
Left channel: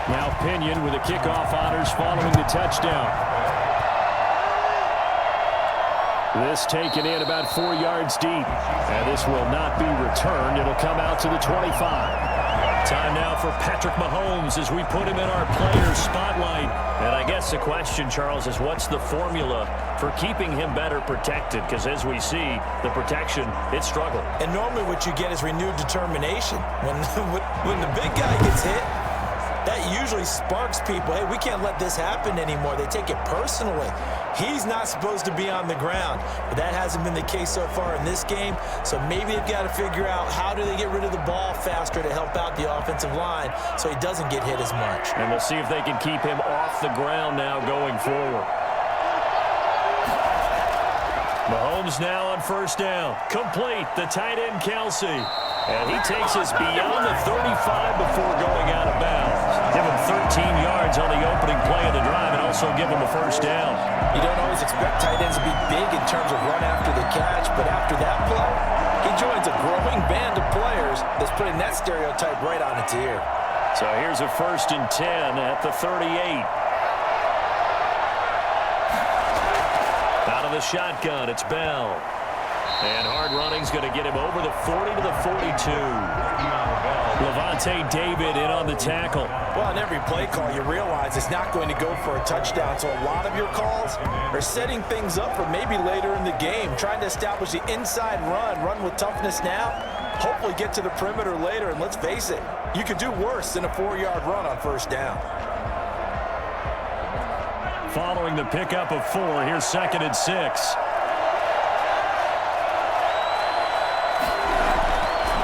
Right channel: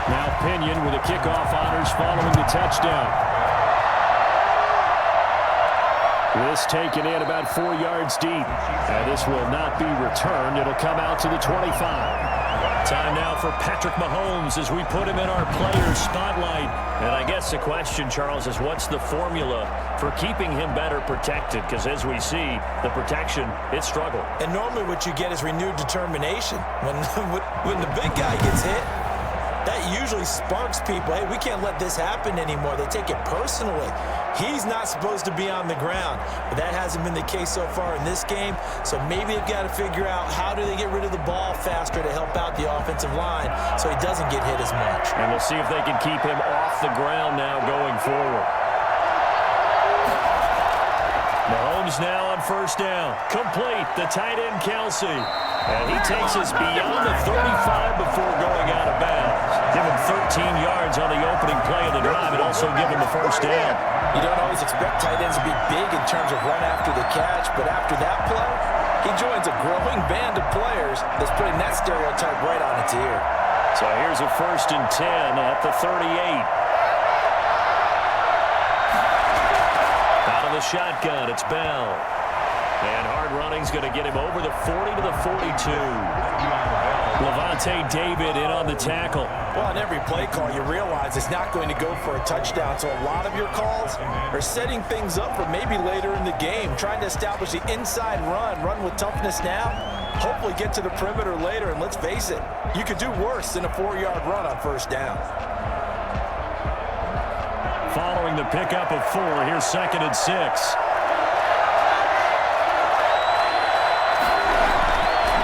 Now Pinion with the kickoff honors following the touchdown. This taken in about 4 yards deep. And this will not be returned. It'll come out to the 25. Time now for Patrick Mahomes as we put him in our players spotlight. And I guess the question, Charles, is what's the formula for keeping him better protected? Because as we see, the protection, it struggled. And normally what you get is renewed determination. When the big guy gets hit, that usually sparks people. Hey, we can't let this happen anymore. They take it personally. He's not supposed to be on the ground, but that hasn't been the case so far in this game. So maybe they've got to figure out how do they get rid of the ball faster to help out the offensive line so he doesn't get hit as much. And we'll see if they can keep him off the ground now going forward. Mahomes now on first down. Complete, the tight end Kelsey. And he takes us beyond the 35 before going out of bounds. Give him 13 yards on the opening play of the drive and also give him a first down. You don't always expect tight ends to be big in terms of run after the catch, but after that play, he joins a growing band of players that's putting that stereotype right on its ear. So here's a 1st and 10 at the 38. Out of the shotgun, it's Bell. And hard running's going to get him over the 40 to the 42. Levante David in on the tackle. Well, on every play call, you realize it's not going to go for a touchdown. So a lot of your calls are setting things up for maybe later in the game, trying to establish the inside run with toughness now, hopefully get to the perimeter later. And let's face it, you could do worse than a 4-yard run on first down. Following the pickup of 4, here's 2nd and 6.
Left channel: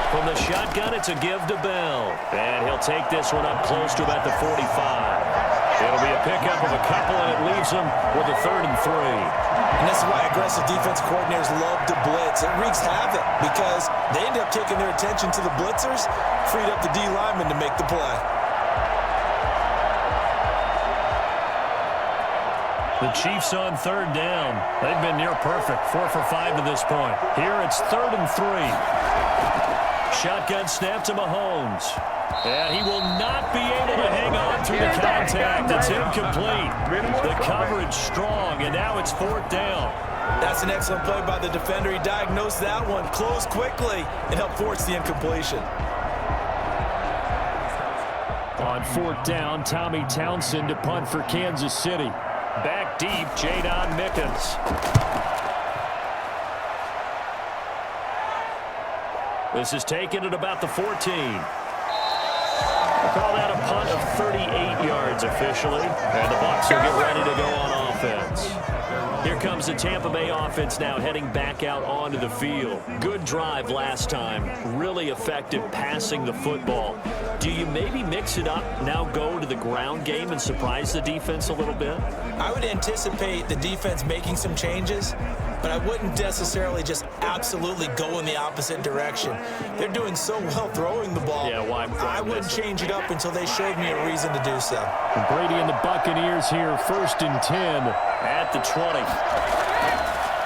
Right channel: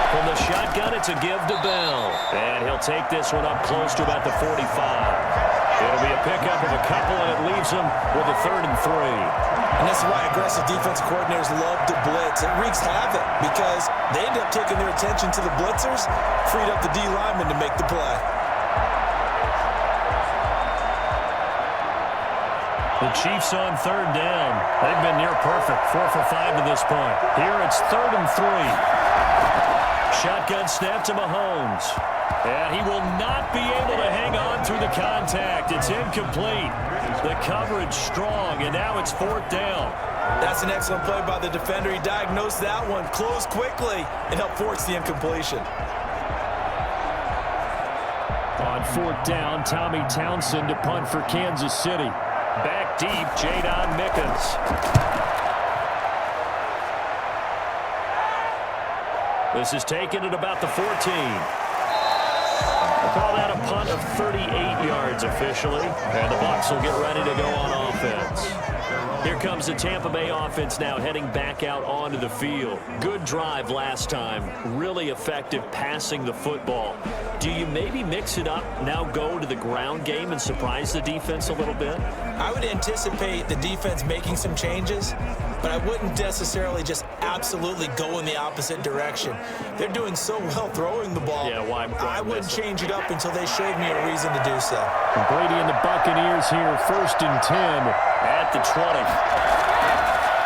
From the shotgun, it's a give to Bell. And he'll take this one up close to about the 45. It'll be a pickup of a couple, and it leaves him with a 3rd and 3. And this is why aggressive defense coordinators love to blitz. It wreaks havoc because they end up taking their attention to the blitzers, freed up the D lineman to make the play. The Chiefs on 3rd down. They've been near perfect, 4 for 5 to this point. Here it's 3rd and 3. Shotgun snap to Mahomes. And he will not be able to hang on through the contact. It's incomplete. The coverage strong, and now it's 4th down. That's an excellent play by the defender. He diagnosed that one, closed quickly, and helped force the incompletion. On 4th down, Tommy Townsend to punt for Kansas City. Back deep, Jadon Mickens. This is taken at about the 14. We'll call that a punt of 38 yards officially. And the Bucs will get ready to go on offense. Here comes the Tampa Bay offense now heading back out onto the field. Good drive last time. Really effective passing the football. Do you maybe mix it up, now go to the ground game and surprise the defense a little bit? I would anticipate the defense making some changes, but I wouldn't necessarily just absolutely go in the opposite direction. They're doing so well throwing the ball. Yeah, why I wouldn't change it up until they showed me a reason to do so. Brady and the Buccaneers here, 1st and 10 at the 20.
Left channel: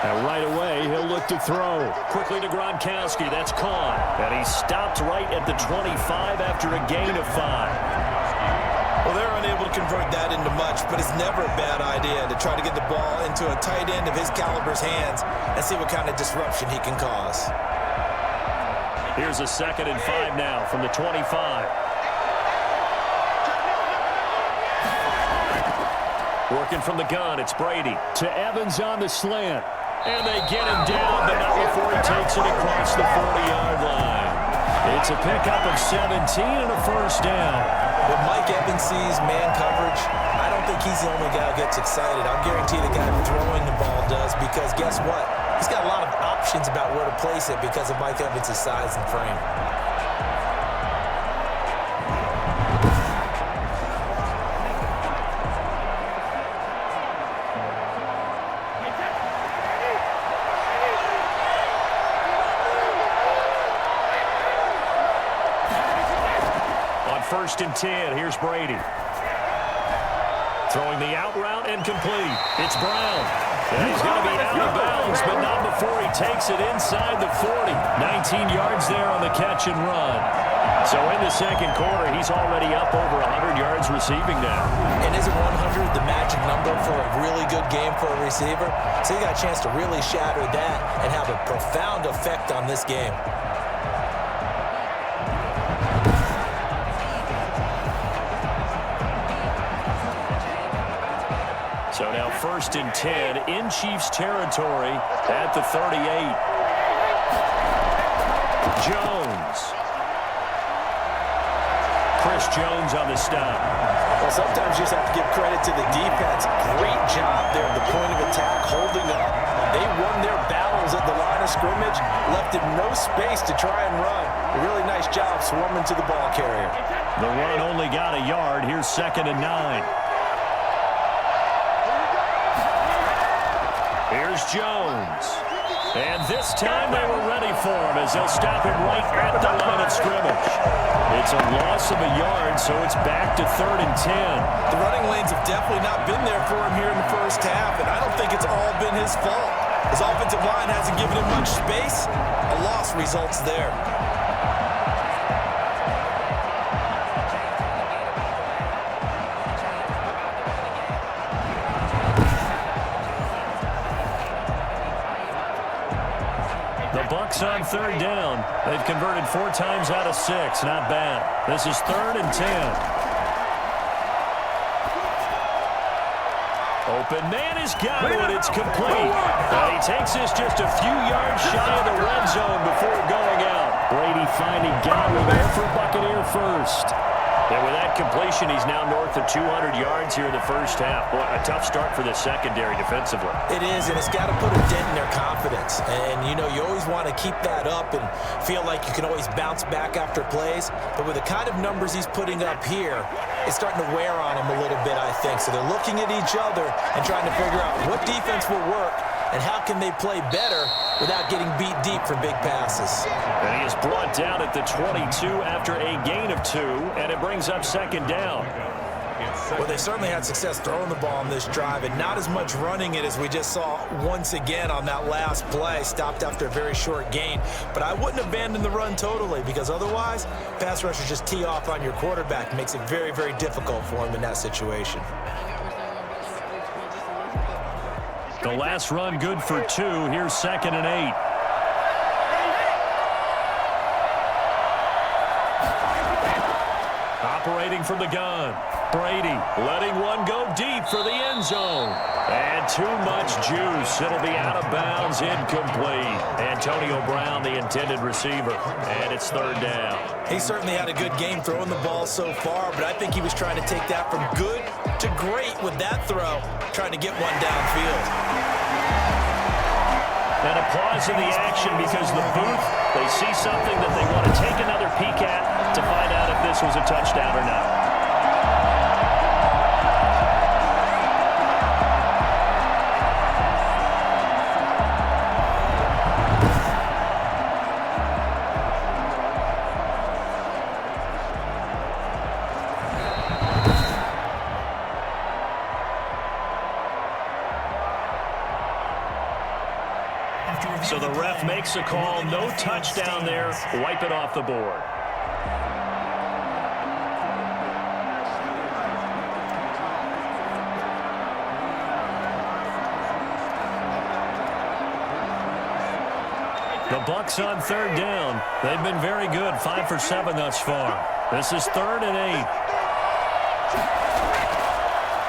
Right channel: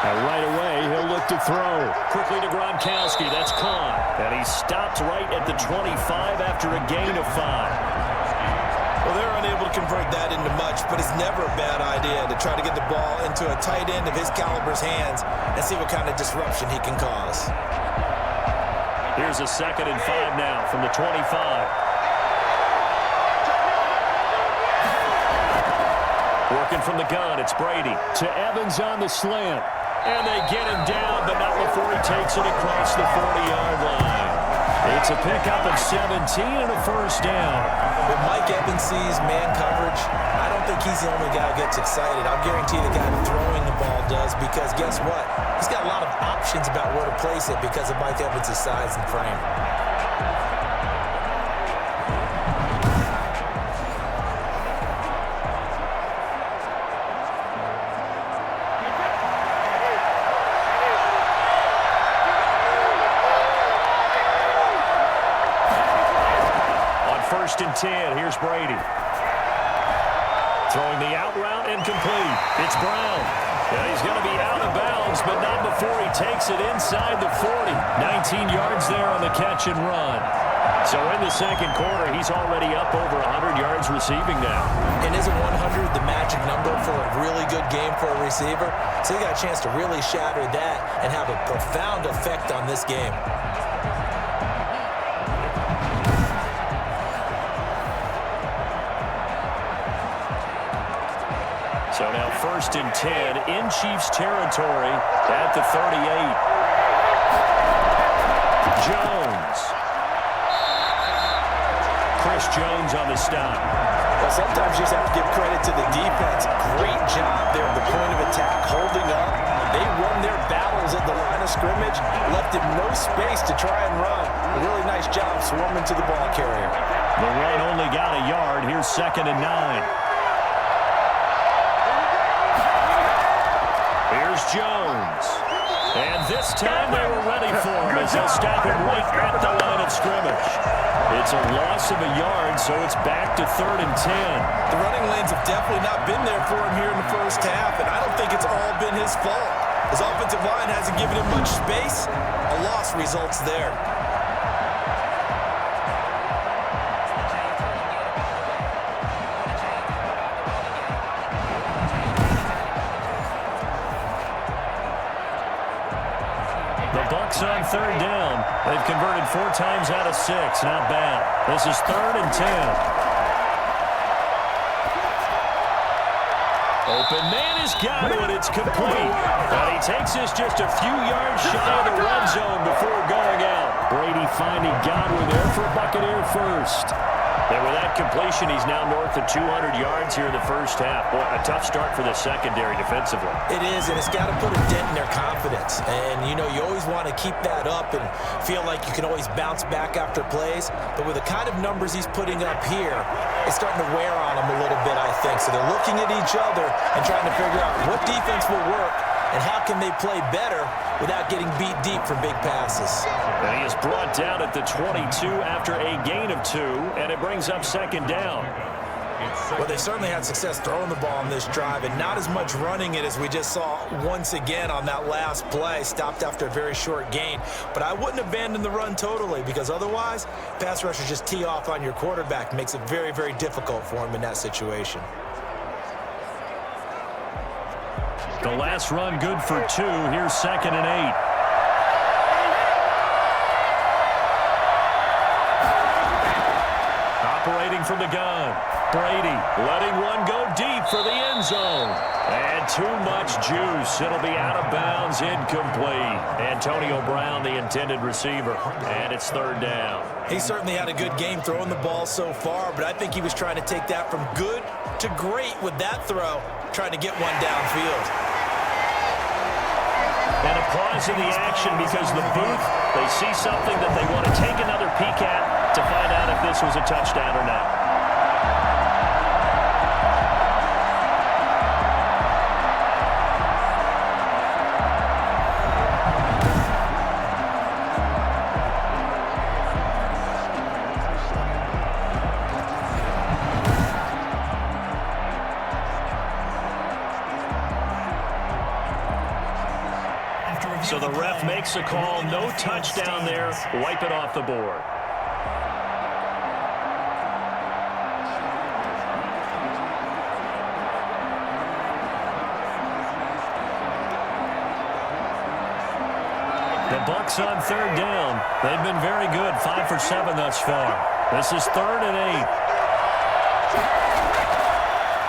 And right away, he'll look to throw. Quickly to Gronkowski. That's caught. And he stopped right at the 25 after a gain of 5. Well, they're unable to convert that into much, but it's never a bad idea to try to get the ball into a tight end of his caliber's hands and see what kind of disruption he can cause. Here's a 2nd and 5 now from the 25. Working from the gun, it's Brady. To Evans on the slant. And they get him down, but not before he takes it across the 40-yard line. It's a pickup of 17 and a first down. When Mike Evans sees man coverage, I don't think he's the only guy who gets excited. I'll guarantee the guy throwing the ball does, because guess what? He's got a lot of options about where to place it because of Mike Evans' size and frame. First and 10, here's Brady. Throwing the out route and complete. It's Brown. And he's going to be out of bounds, but not before he takes it inside the 40. 19 yards there on the catch and run. So in the second quarter, he's already up over 100 yards receiving now. And isn't 100 the magic number for a really good game for a receiver? So he got a chance to really shatter that and have a profound effect on this game. So now first and 10 in Chiefs territory at the 38. Jones. Chris Jones on the stop. Well, sometimes you just have to give credit to the defense. Great job there at the point of attack, holding up. They won their battles at the line of scrimmage, left him no space to try and run. A really nice job swarming to the ball carrier. The run only got a yard. Here's 2nd and 9. Here's Jones. And this time they were ready for him as they'll stop him right at the line of scrimmage. It's a loss of a yard, so it's back to 3rd and 10. The running lanes have definitely not been there for him here in the first half, and I don't think it's all been his fault. His offensive line hasn't given him much space. A loss results there. Bucks on 3rd down. They've converted 4 times out of 6. Not bad. This is 3rd and 10. Open man is got it. It's complete. And he takes this just a few yards shy of the red zone before going out. Brady finding Godwin there for a Buccaneer first. And with that completion, he's now north of 200 yards here in the first half. Boy, a tough start for the secondary defensively. It is, and it's got to put a dent in their confidence. And, you know, you always want to keep that up and feel like you can always bounce back after plays. But with the kind of numbers he's putting up here, it's starting to wear on them a little bit, I think. So they're looking at each other and trying to figure out what defense will work and how can they play better without getting beat deep for big passes. And he is brought down at the 22 after a gain of 2, and it brings up 2nd down. Well, they certainly had success throwing the ball on this drive, and not as much running it as we just saw once again on that last play, stopped after a very short gain. But I wouldn't abandon the run totally, because otherwise, pass rushers just tee off on your quarterback. Makes it very, very difficult for him in that situation. The last run good for 2. Here's 2nd and 8. Operating from the gun. Brady letting one go deep for the end zone. And too much juice. It'll be out of bounds, incomplete. Antonio Brown, the intended receiver. And it's 3rd down. He certainly had a good game throwing the ball so far, but I think he was trying to take that from good to great with that throw, trying to get one downfield. And a pause in the action because the booth, they see something that they want to take another peek at to find out if this was a touchdown or not. So the ref makes a call, no touchdown there, wipe it off the board. The Bucks on 3rd down. They've been very good, 5 for 7 thus far. This is 3rd and 8.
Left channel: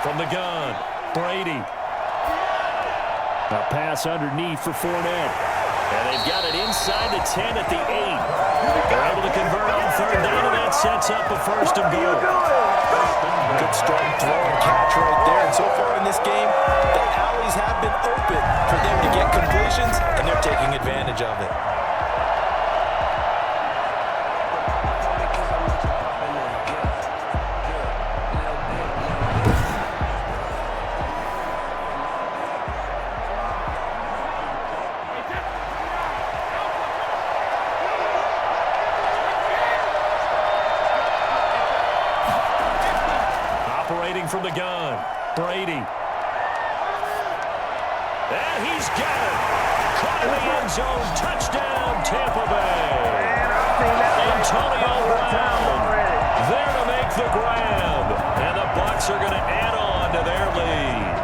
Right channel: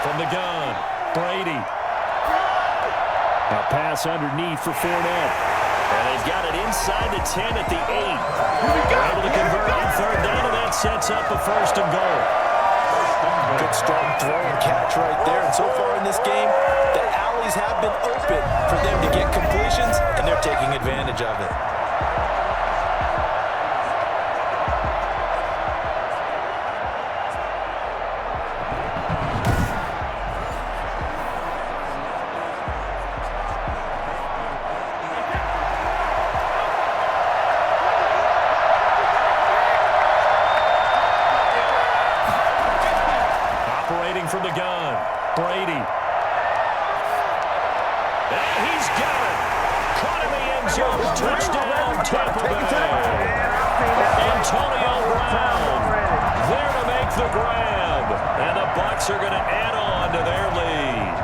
From the gun. Brady. A pass underneath for Fournette. And they've got it inside the 10 at the 8. They're able to convert on third down, and that sets up a first and goal. Good strong throw and catch right there. And so far in this game, the alleys have been open for them to get completions, and they're taking advantage of it. Operating from the gun, Brady. And he's got it. Caught in the end zone. Touchdown, Tampa Bay. Antonio Brown there to make the grab. And the Bucs are going to add on to their lead.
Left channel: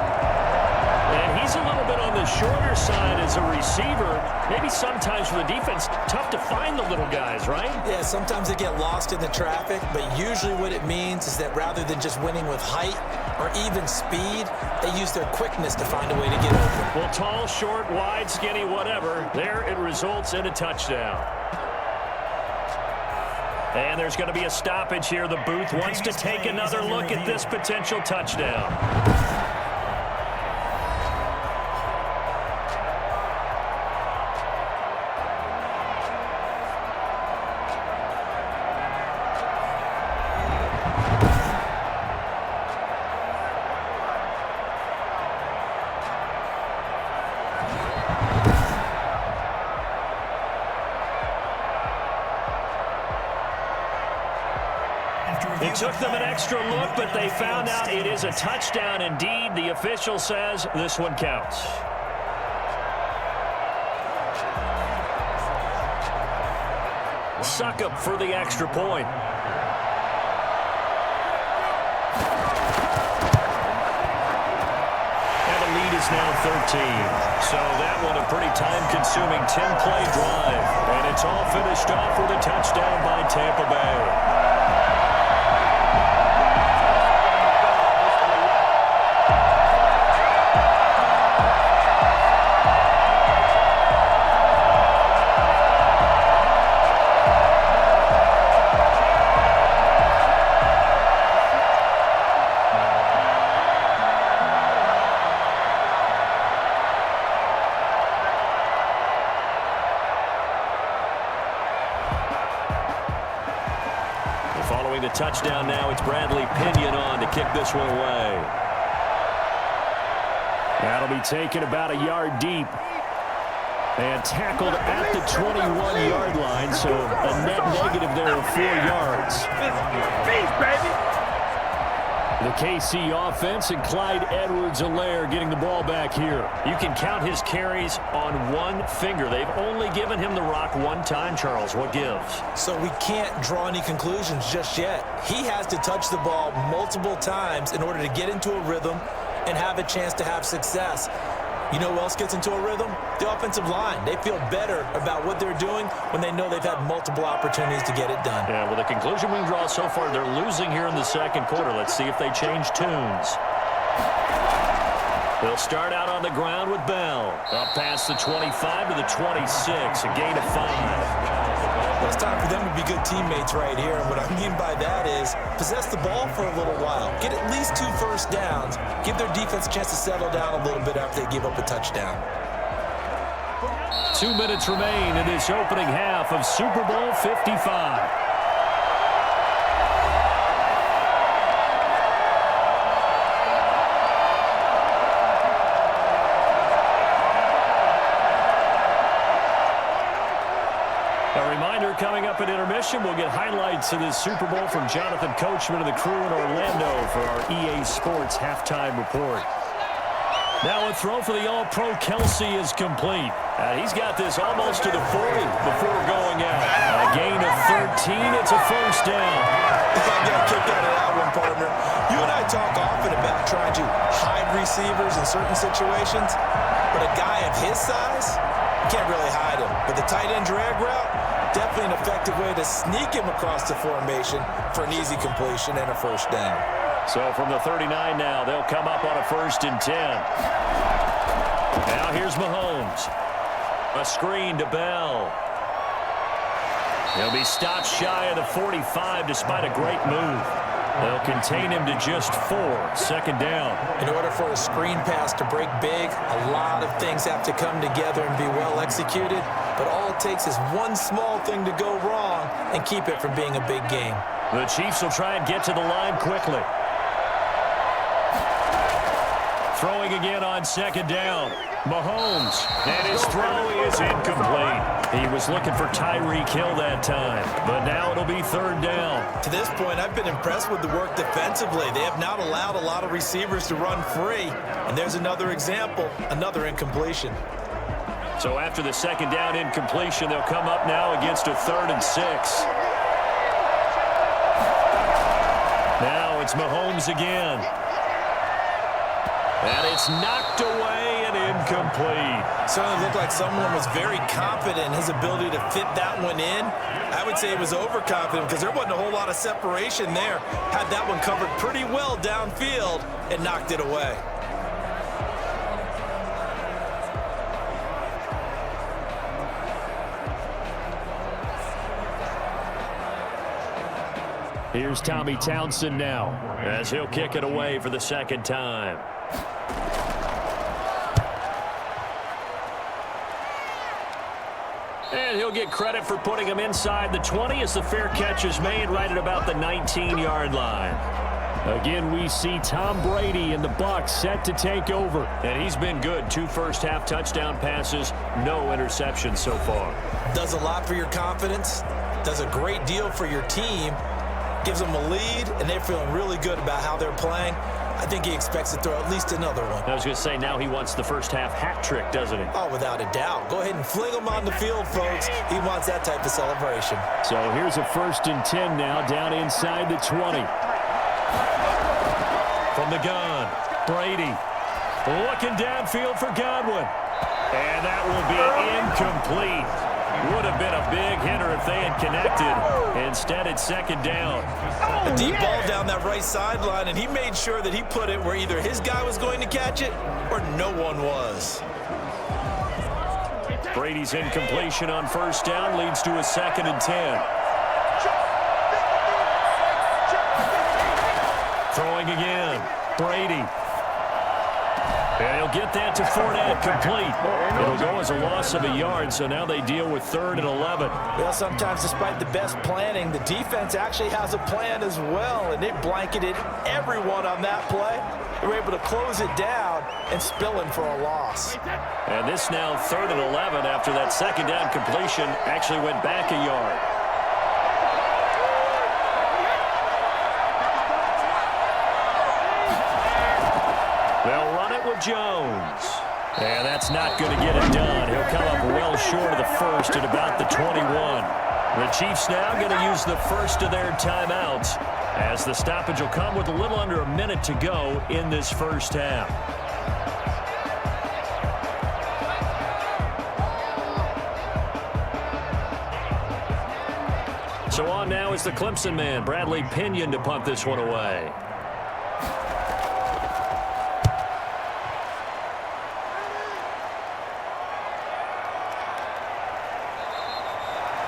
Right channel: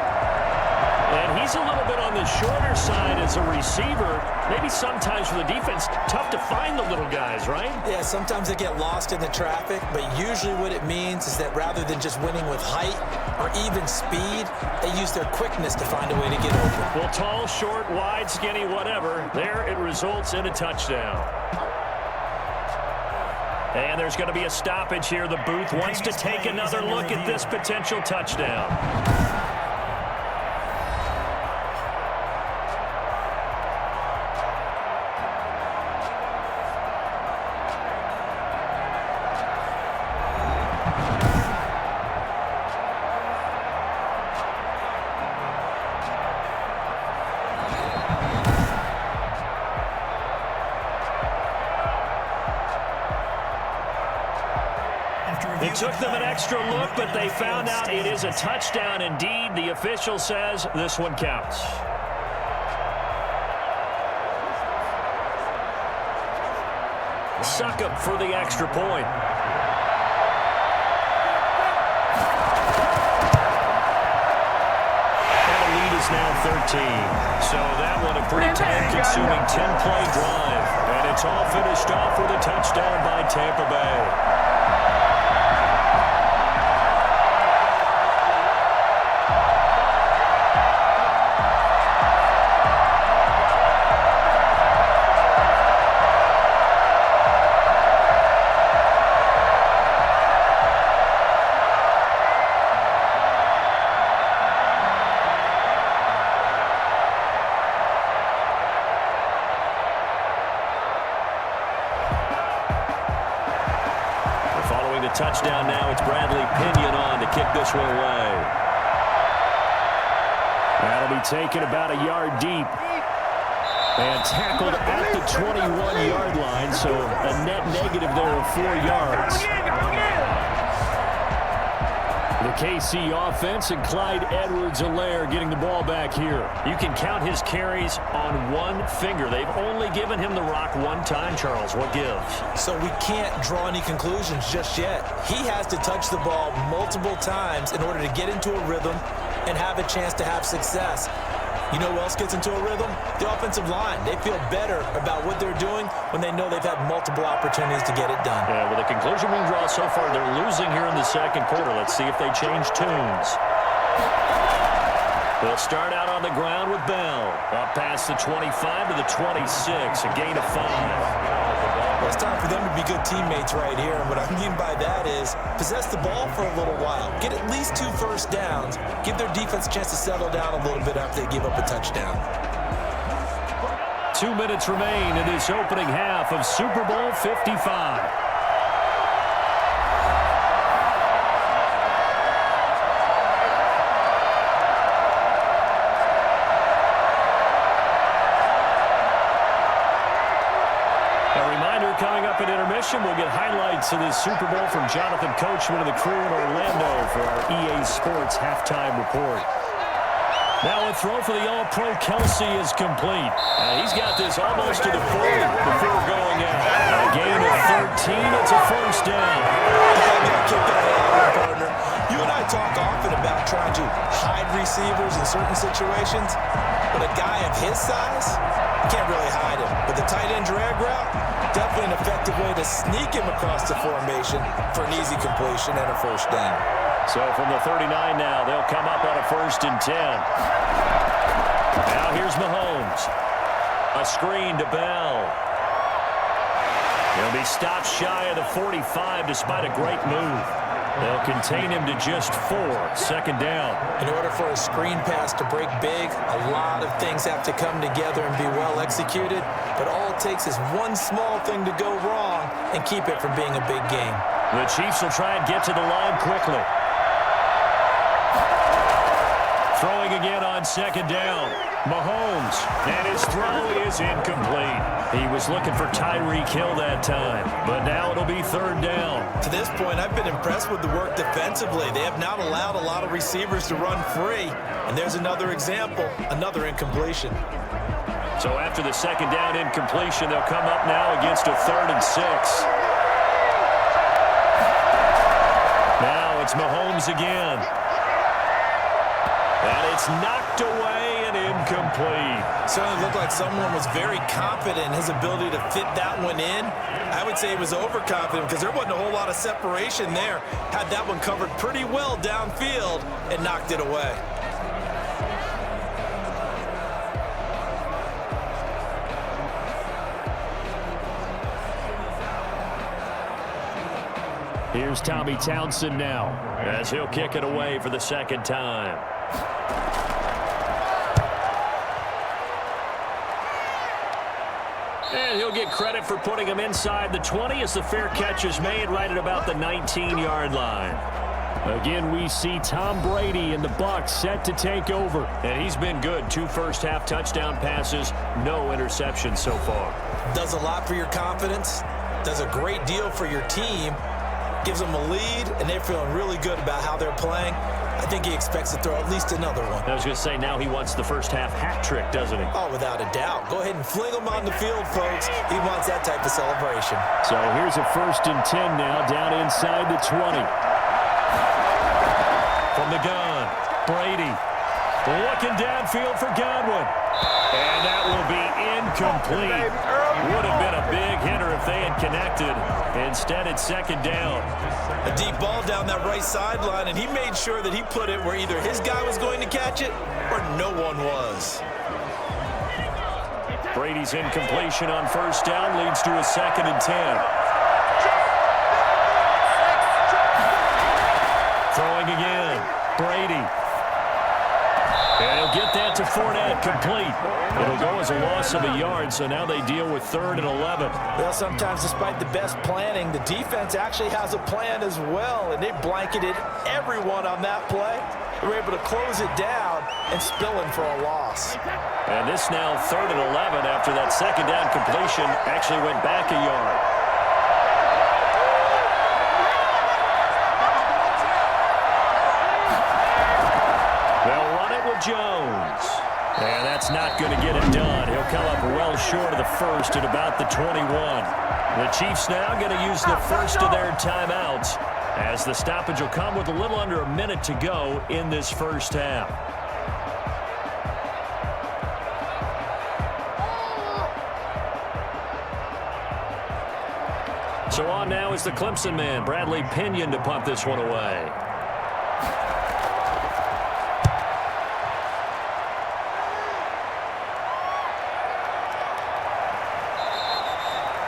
And he's a little bit on the shorter side as a receiver. Maybe sometimes for the defense, tough to find the little guys, right? Yeah, sometimes they get lost in the traffic, but usually what it means is that rather than just winning with height or even speed, they use their quickness to find a way to get open. Well, tall, short, wide, skinny, whatever, there it results in a touchdown. And there's going to be a stoppage here. The booth wants to take another look at this potential touchdown. It took them an extra look, but they found out it is a touchdown indeed. The official says this one counts. Succop for the extra point. And the lead is now 13. So that one a pretty time-consuming 10-play drive. And it's all finished off with a touchdown by Tampa Bay. Following the touchdown now, it's Bradley Pinion on to kick this one away. That'll be taken about a yard deep. And tackled at the 21-yard line, so a net negative there of 4 yards. The KC offense and Clyde Edwards-Helaire getting the ball back here. You can count his carries on one finger. They've only given him the rock one time, Charles. What gives? So we can't draw any conclusions just yet. He has to touch the ball multiple times in order to get into a rhythm and have a chance to have success. You know who else gets into a rhythm? The offensive line. They feel better about what they're doing when they know they've had multiple opportunities to get it done. Yeah, well, the conclusion we can draw so far, they're losing here in the second quarter. Let's see if they change tunes. They'll start out on the ground with Bell. Up past the 25 to the 26, a gain of 5. Well, it's time for them to be good teammates right here. And what I mean by that is possess the ball for a little while. Get at least 2 first downs. Give their defense a chance to settle down a little bit after they give up a touchdown. 2 minutes remain in this opening half of Super Bowl 55. A reminder, coming up at intermission, we'll get highlights of this Super Bowl from Jonathan Coachman and the crew in Orlando for our EA Sports halftime report. Now a throw for the All-Pro Kelsey is complete. He's got this almost to the 40 before going out. A gain of 13, it's a first down. I got kicked out of that one, partner. You and I talk often about trying to hide receivers in certain situations, but a guy of his size, you can't really hide him. But the tight end drag route, definitely an effective way to sneak him across the formation for an easy completion and a first down. So from the 39 now, they'll come up on a 1st and 10. Now here's Mahomes. A screen to Bell. He'll be stopped shy of the 45 despite a great move. They'll contain him to just 4. 2nd down. In order for a screen pass to break big, a lot of things have to come together and be well executed. But all it takes is one small thing to go wrong and keep it from being a big game. The Chiefs will try and get to the line quickly. Throwing again on 2nd down. Mahomes, and his throw is incomplete. He was looking for Tyreek Hill that time, but now it'll be 3rd down. To this point, I've been impressed with the work defensively. They have not allowed a lot of receivers to run free, and there's another example, another incompletion. So after the 2nd down incompletion, they'll come up now against a 3rd and 6. Now it's Mahomes again. And it's knocked away and incomplete. Certainly looked like someone was very confident in his ability to fit that one in. I would say he was overconfident because there wasn't a whole lot of separation there. Had that one covered pretty well downfield and knocked it away. Here's Tommy Townsend now as he'll kick it away for the 2nd time. And he'll get credit for putting him inside the 20 as the fair catch is made right at about the 19-yard line. Again, we see Tom Brady and the Bucs set to take over. And he's been good. 2 first-half touchdown passes, no interceptions so far. Does a lot for your confidence. Does a great deal for your team. Gives them a lead, and they're feeling really good about how they're playing. I think he expects to throw at least another one. I was going to say, now he wants the first-half hat trick, doesn't he? Oh, without a doubt. Go ahead and fling him on the field, folks. He wants that type of celebration. So here's a 1st and 10 now, down inside the 20. From the gun, Brady looking downfield for Godwin. And that will be incomplete. Would have been a big hitter if they had connected. Instead, it's 2nd down. A deep ball down that right sideline, and he made sure that he put it where either his guy was going to catch it or no one was. Brady's incompletion on 1st down leads to a 2nd and 10. Throwing again, Brady. And he'll get that to Fournette complete. It'll go as a loss of a yard, so now they deal with 3rd and 11. Well, sometimes despite the best planning, the defense actually has a plan as well, and they blanketed everyone on that play. They were able to close it down and spill in for a loss. And this now 3rd and 11 after that 2nd down completion actually went back a yard. They'll run it with Jones. And that's not going to get it done. He'll come up well short of the 1st at about the 21. The Chiefs now going to use the first of their timeouts as the stoppage will come with a little under a minute to go in this first half. So on now is the Clemson man, Bradley Pinion, to punt this one away.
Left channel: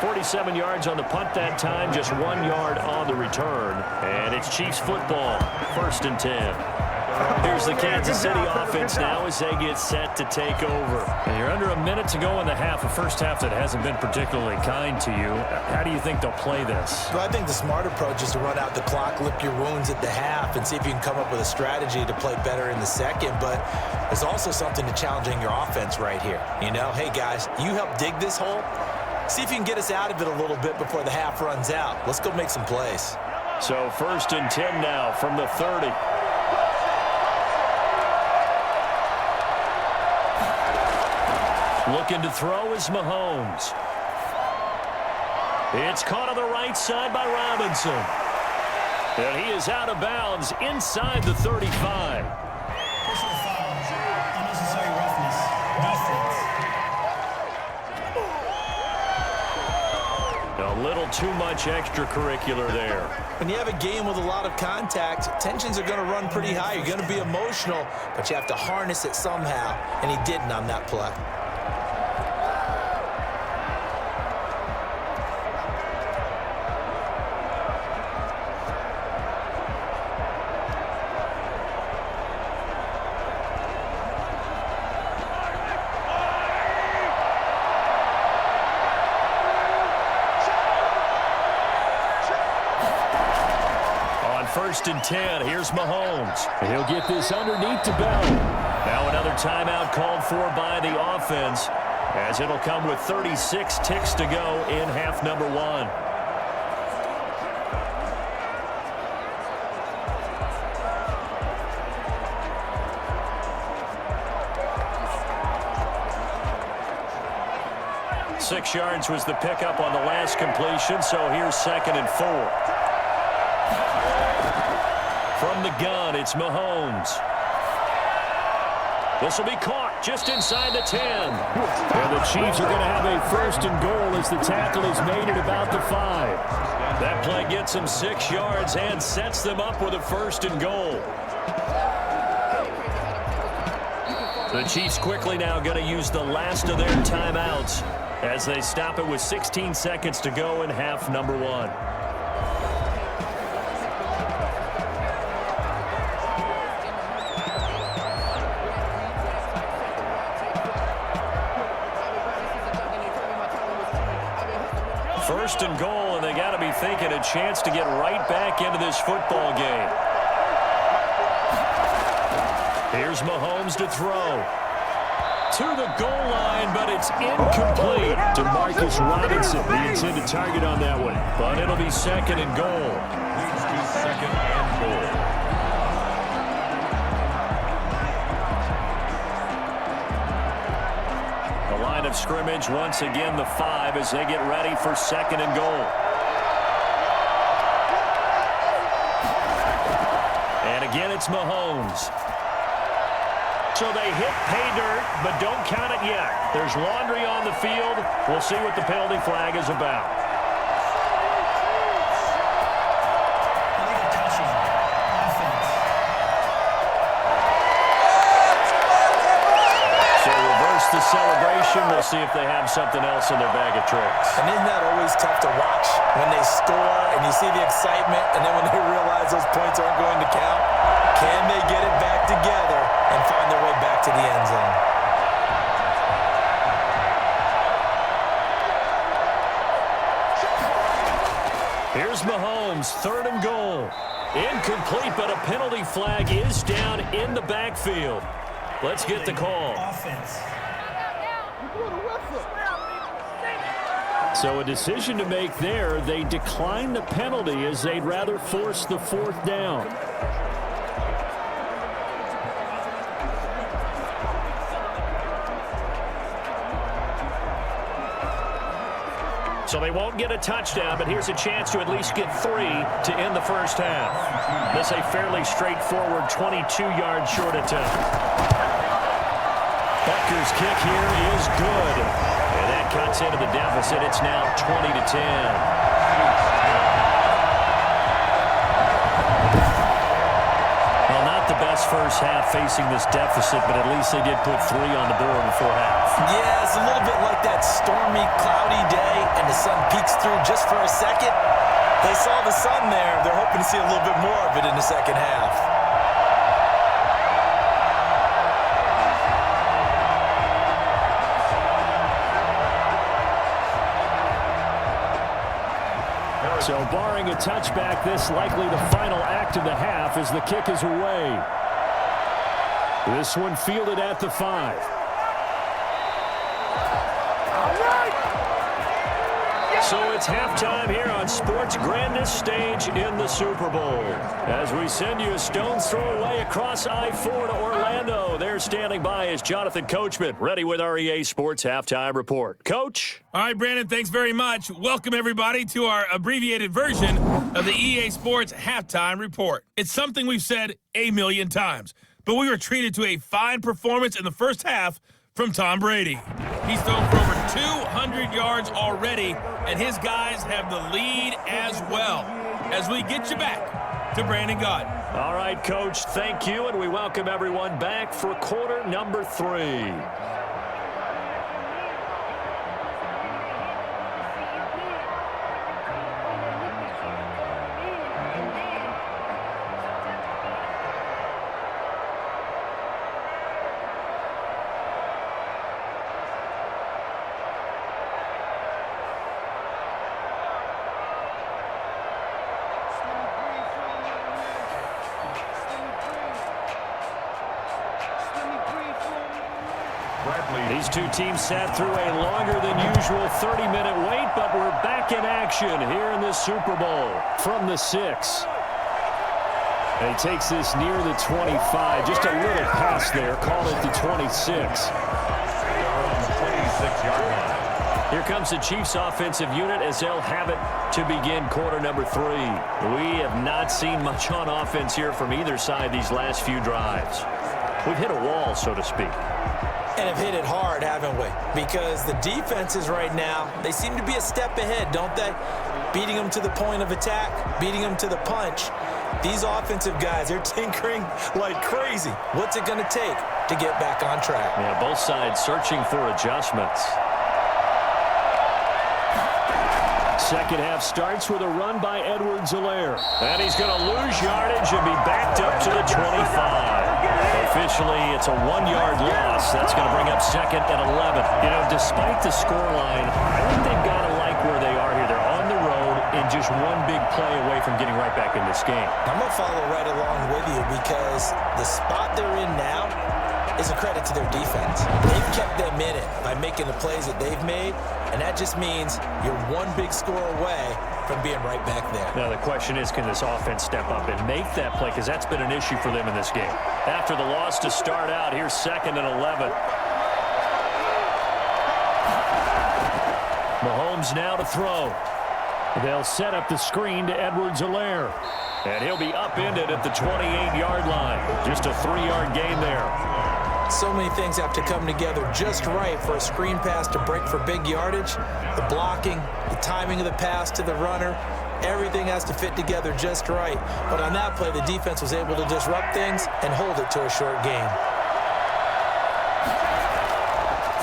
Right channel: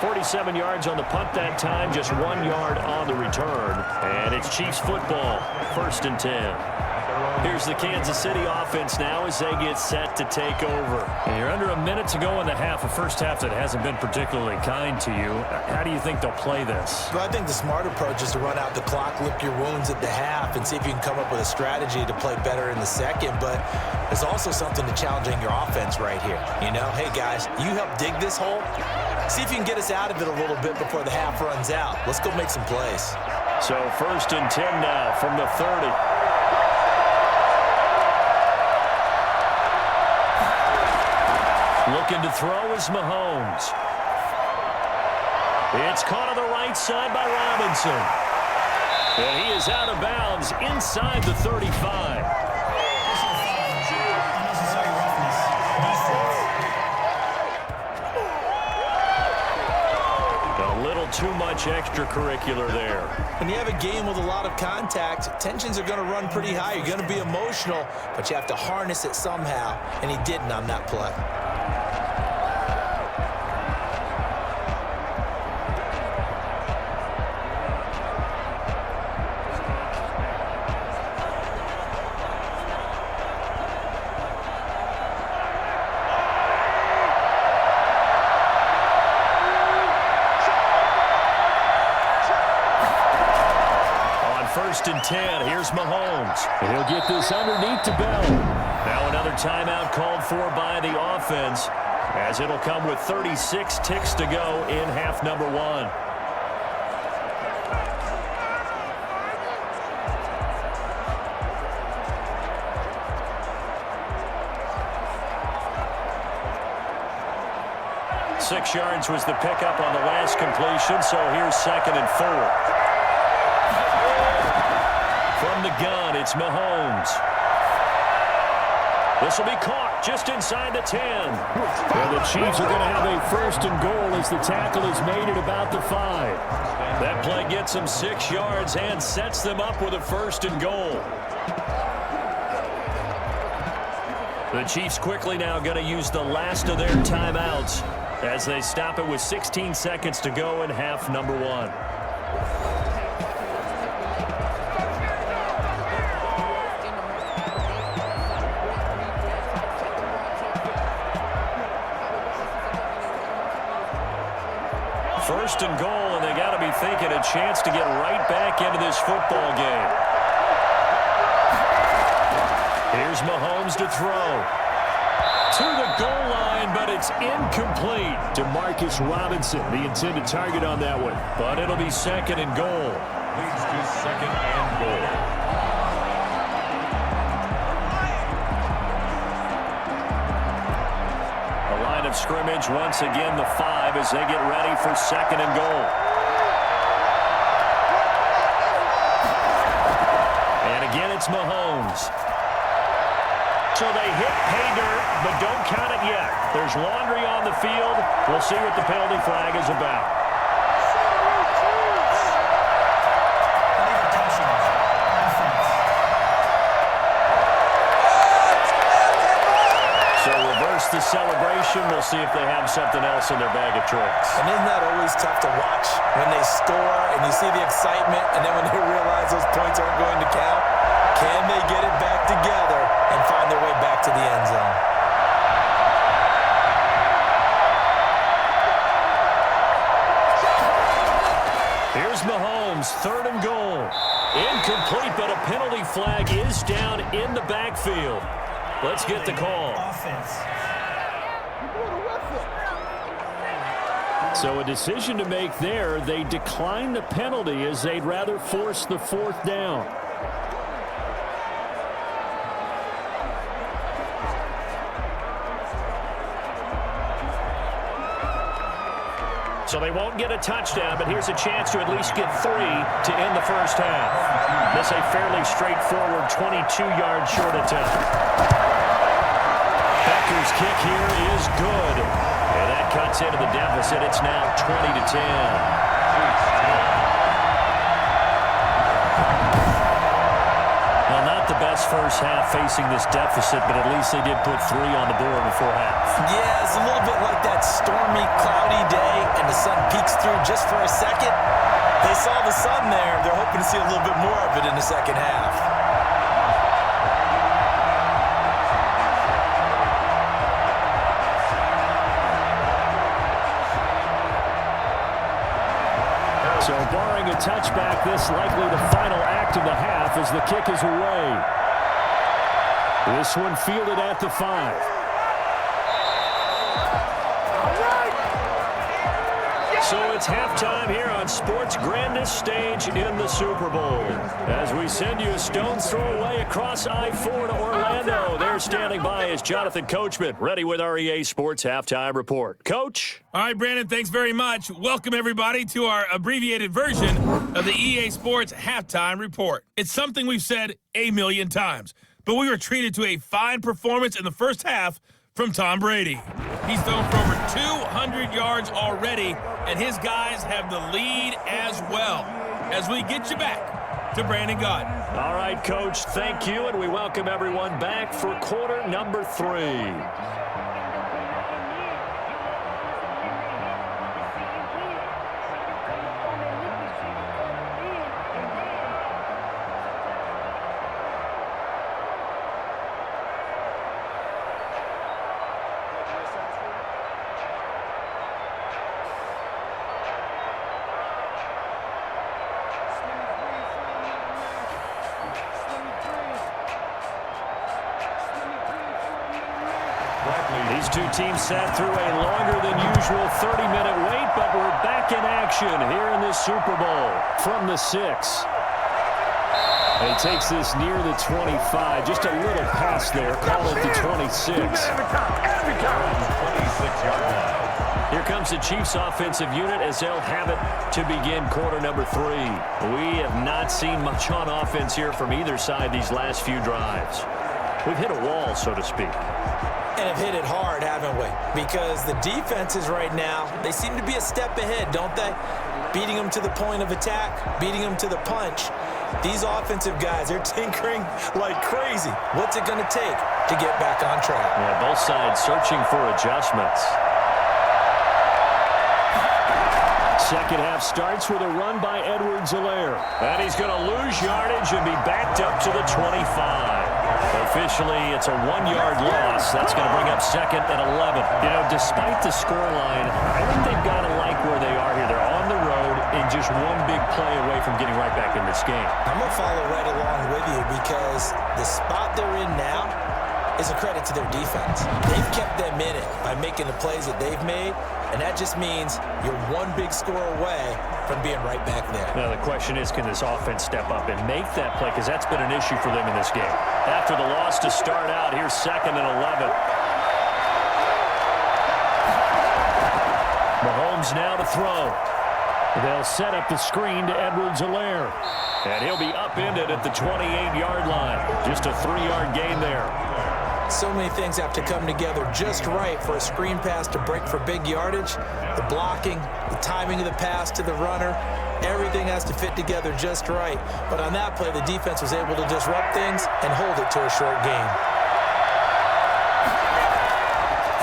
47 yards on the punt that time, just 1 yard on the return. And it's Chiefs football, 1st and 10. Here's the Kansas City offense now as they get set to take over. And you're under a minute to go in the half, a first half that hasn't been particularly kind to you. How do you think they'll play this? Well, I think the smart approach is to run out the clock, lick your wounds at the half, and see if you can come up with a strategy to play better in the second. But there's also something to challenging your offense right here. You know, hey, guys, you help dig this hole. See if you can get us out of it a little bit before the half runs out. Let's go make some plays. So 1st and 10 now from the 30. Looking to throw is Mahomes. It's caught on the right side by Robinson. And he is out of bounds inside the 35. little too much extracurricular there. When you have a game with a lot of contact, tensions are going to run pretty high. You're going to be emotional, but you have to harness it somehow, and he didn't on that play. First and 10, here's Mahomes. And he'll get this underneath to Bell. Now another timeout called for by the offense, as it'll come with 36 ticks to go in half number 1. Six yards was the pickup on the last completion, so here's 2nd and 4. From the gun, it's Mahomes. This will be caught just inside the 10. And the Chiefs are going to have a 1st and goal as the tackle is made at about the 5. That play gets them 6 yards and sets them up with a 1st and goal. The Chiefs quickly now going to use the last of their timeouts as they stop it with 16 seconds to go in half number 1. First and goal, and they got to be thinking a chance to get right back into this football game. Here's Mahomes to throw. To the goal line, but it's incomplete. To Marcus Robinson, the intended target on that one. But it'll be 2nd and goal. Leads to 2nd and goal. Line of scrimmage once again the 5 as they get ready for 2nd and goal. And again it's Mahomes. So they hit pay dirt, but don't count it yet. There's laundry on the field. We'll see what the penalty flag is about. The celebration, we'll see if they have something else in their bag of tricks. And isn't that always tough to watch when they score and you see the excitement, and then when they realize those points aren't going to count? Can they get it back together and find their way back to the end zone? Here's Mahomes, 3rd and goal. Incomplete, but a penalty flag is down in the backfield. Let's get the call. Offense. So a decision to make there. They decline the penalty as they'd rather force the 4th down. So they won't get a touchdown, but here's a chance to at least get 3 to end the first half. This a fairly straightforward 22-yard short attempt. Becker's kick here is good. And that cuts into the deficit. It's now 20-10. Well, not the best first half facing this deficit, but at least they did put 3 on the board before half. Yeah, it's a little bit like that stormy, cloudy day, and the sun peeks through just for a second. They saw the sun there. They're hoping to see a little bit more of it in the second half. So barring a touchback, this likely the final act of the half as the kick is away. This one fielded at the 5. So it's halftime here on sports' grandest stage in the Super Bowl. As we send you a stone's throw away across I-4 to Orlando. There standing by is Jonathan Coachman, ready with our EA Sports Halftime Report. Coach? All right, Brandon, thanks very much. Welcome, everybody, to our abbreviated version of the EA Sports Halftime Report. It's something we've said a million times, but we were treated to a fine performance in the first half from Tom Brady. He's thrown for over 200 yards already, and his guys have the lead as well. As we get you back to Brandon Gaudin. All right, Coach, thank you, and we welcome everyone back for quarter number 3. These two teams sat through a longer than usual 30-minute wait, but we're back in action here in this Super Bowl from the 6. And he takes this near the 25. Just a little pass there. Call it the 26. 26-yard line. Here comes the Chiefs offensive unit as they'll have it to begin quarter number 3. We have not seen much on offense here from either side these last few drives. We've hit a wall, so to speak. And have hit it hard, haven't we? Because the defenses right now, they seem to be a step ahead, don't they? Beating them to the point of attack, beating them to the punch. These offensive guys, they're tinkering like crazy. What's it going to take to get back on track? Yeah, both sides searching for adjustments. Second half starts with a run by Edwards-Helaire. And he's going to lose yardage and be backed up to the 25. Officially, it's a 1-yard loss. That's going to bring up second and 11. You know, despite the scoreline, I think they've got to like where they are here. They're on the road and just one big play away from getting right back in this game. I'm going to follow right along with you because the spot they're in now is a credit to their defense. They've kept them in it by making the plays that they've made, and that just means you're one big score away from being right back there. Now, the question is, can this offense step up and make that play? Because that's been an issue for them in this game. After the loss to start out, here's second and 11. Mahomes now to throw. They'll set up the screen to Edwards-Helaire. And he'll be upended at the 28-yard line. Just a 3-yard gain there. So many things have to come together just right for a screen pass to break for big yardage. The blocking, the timing of the pass to the runner, everything has to fit together just right. But on that play, the defense was able to disrupt things and hold it to a short gain.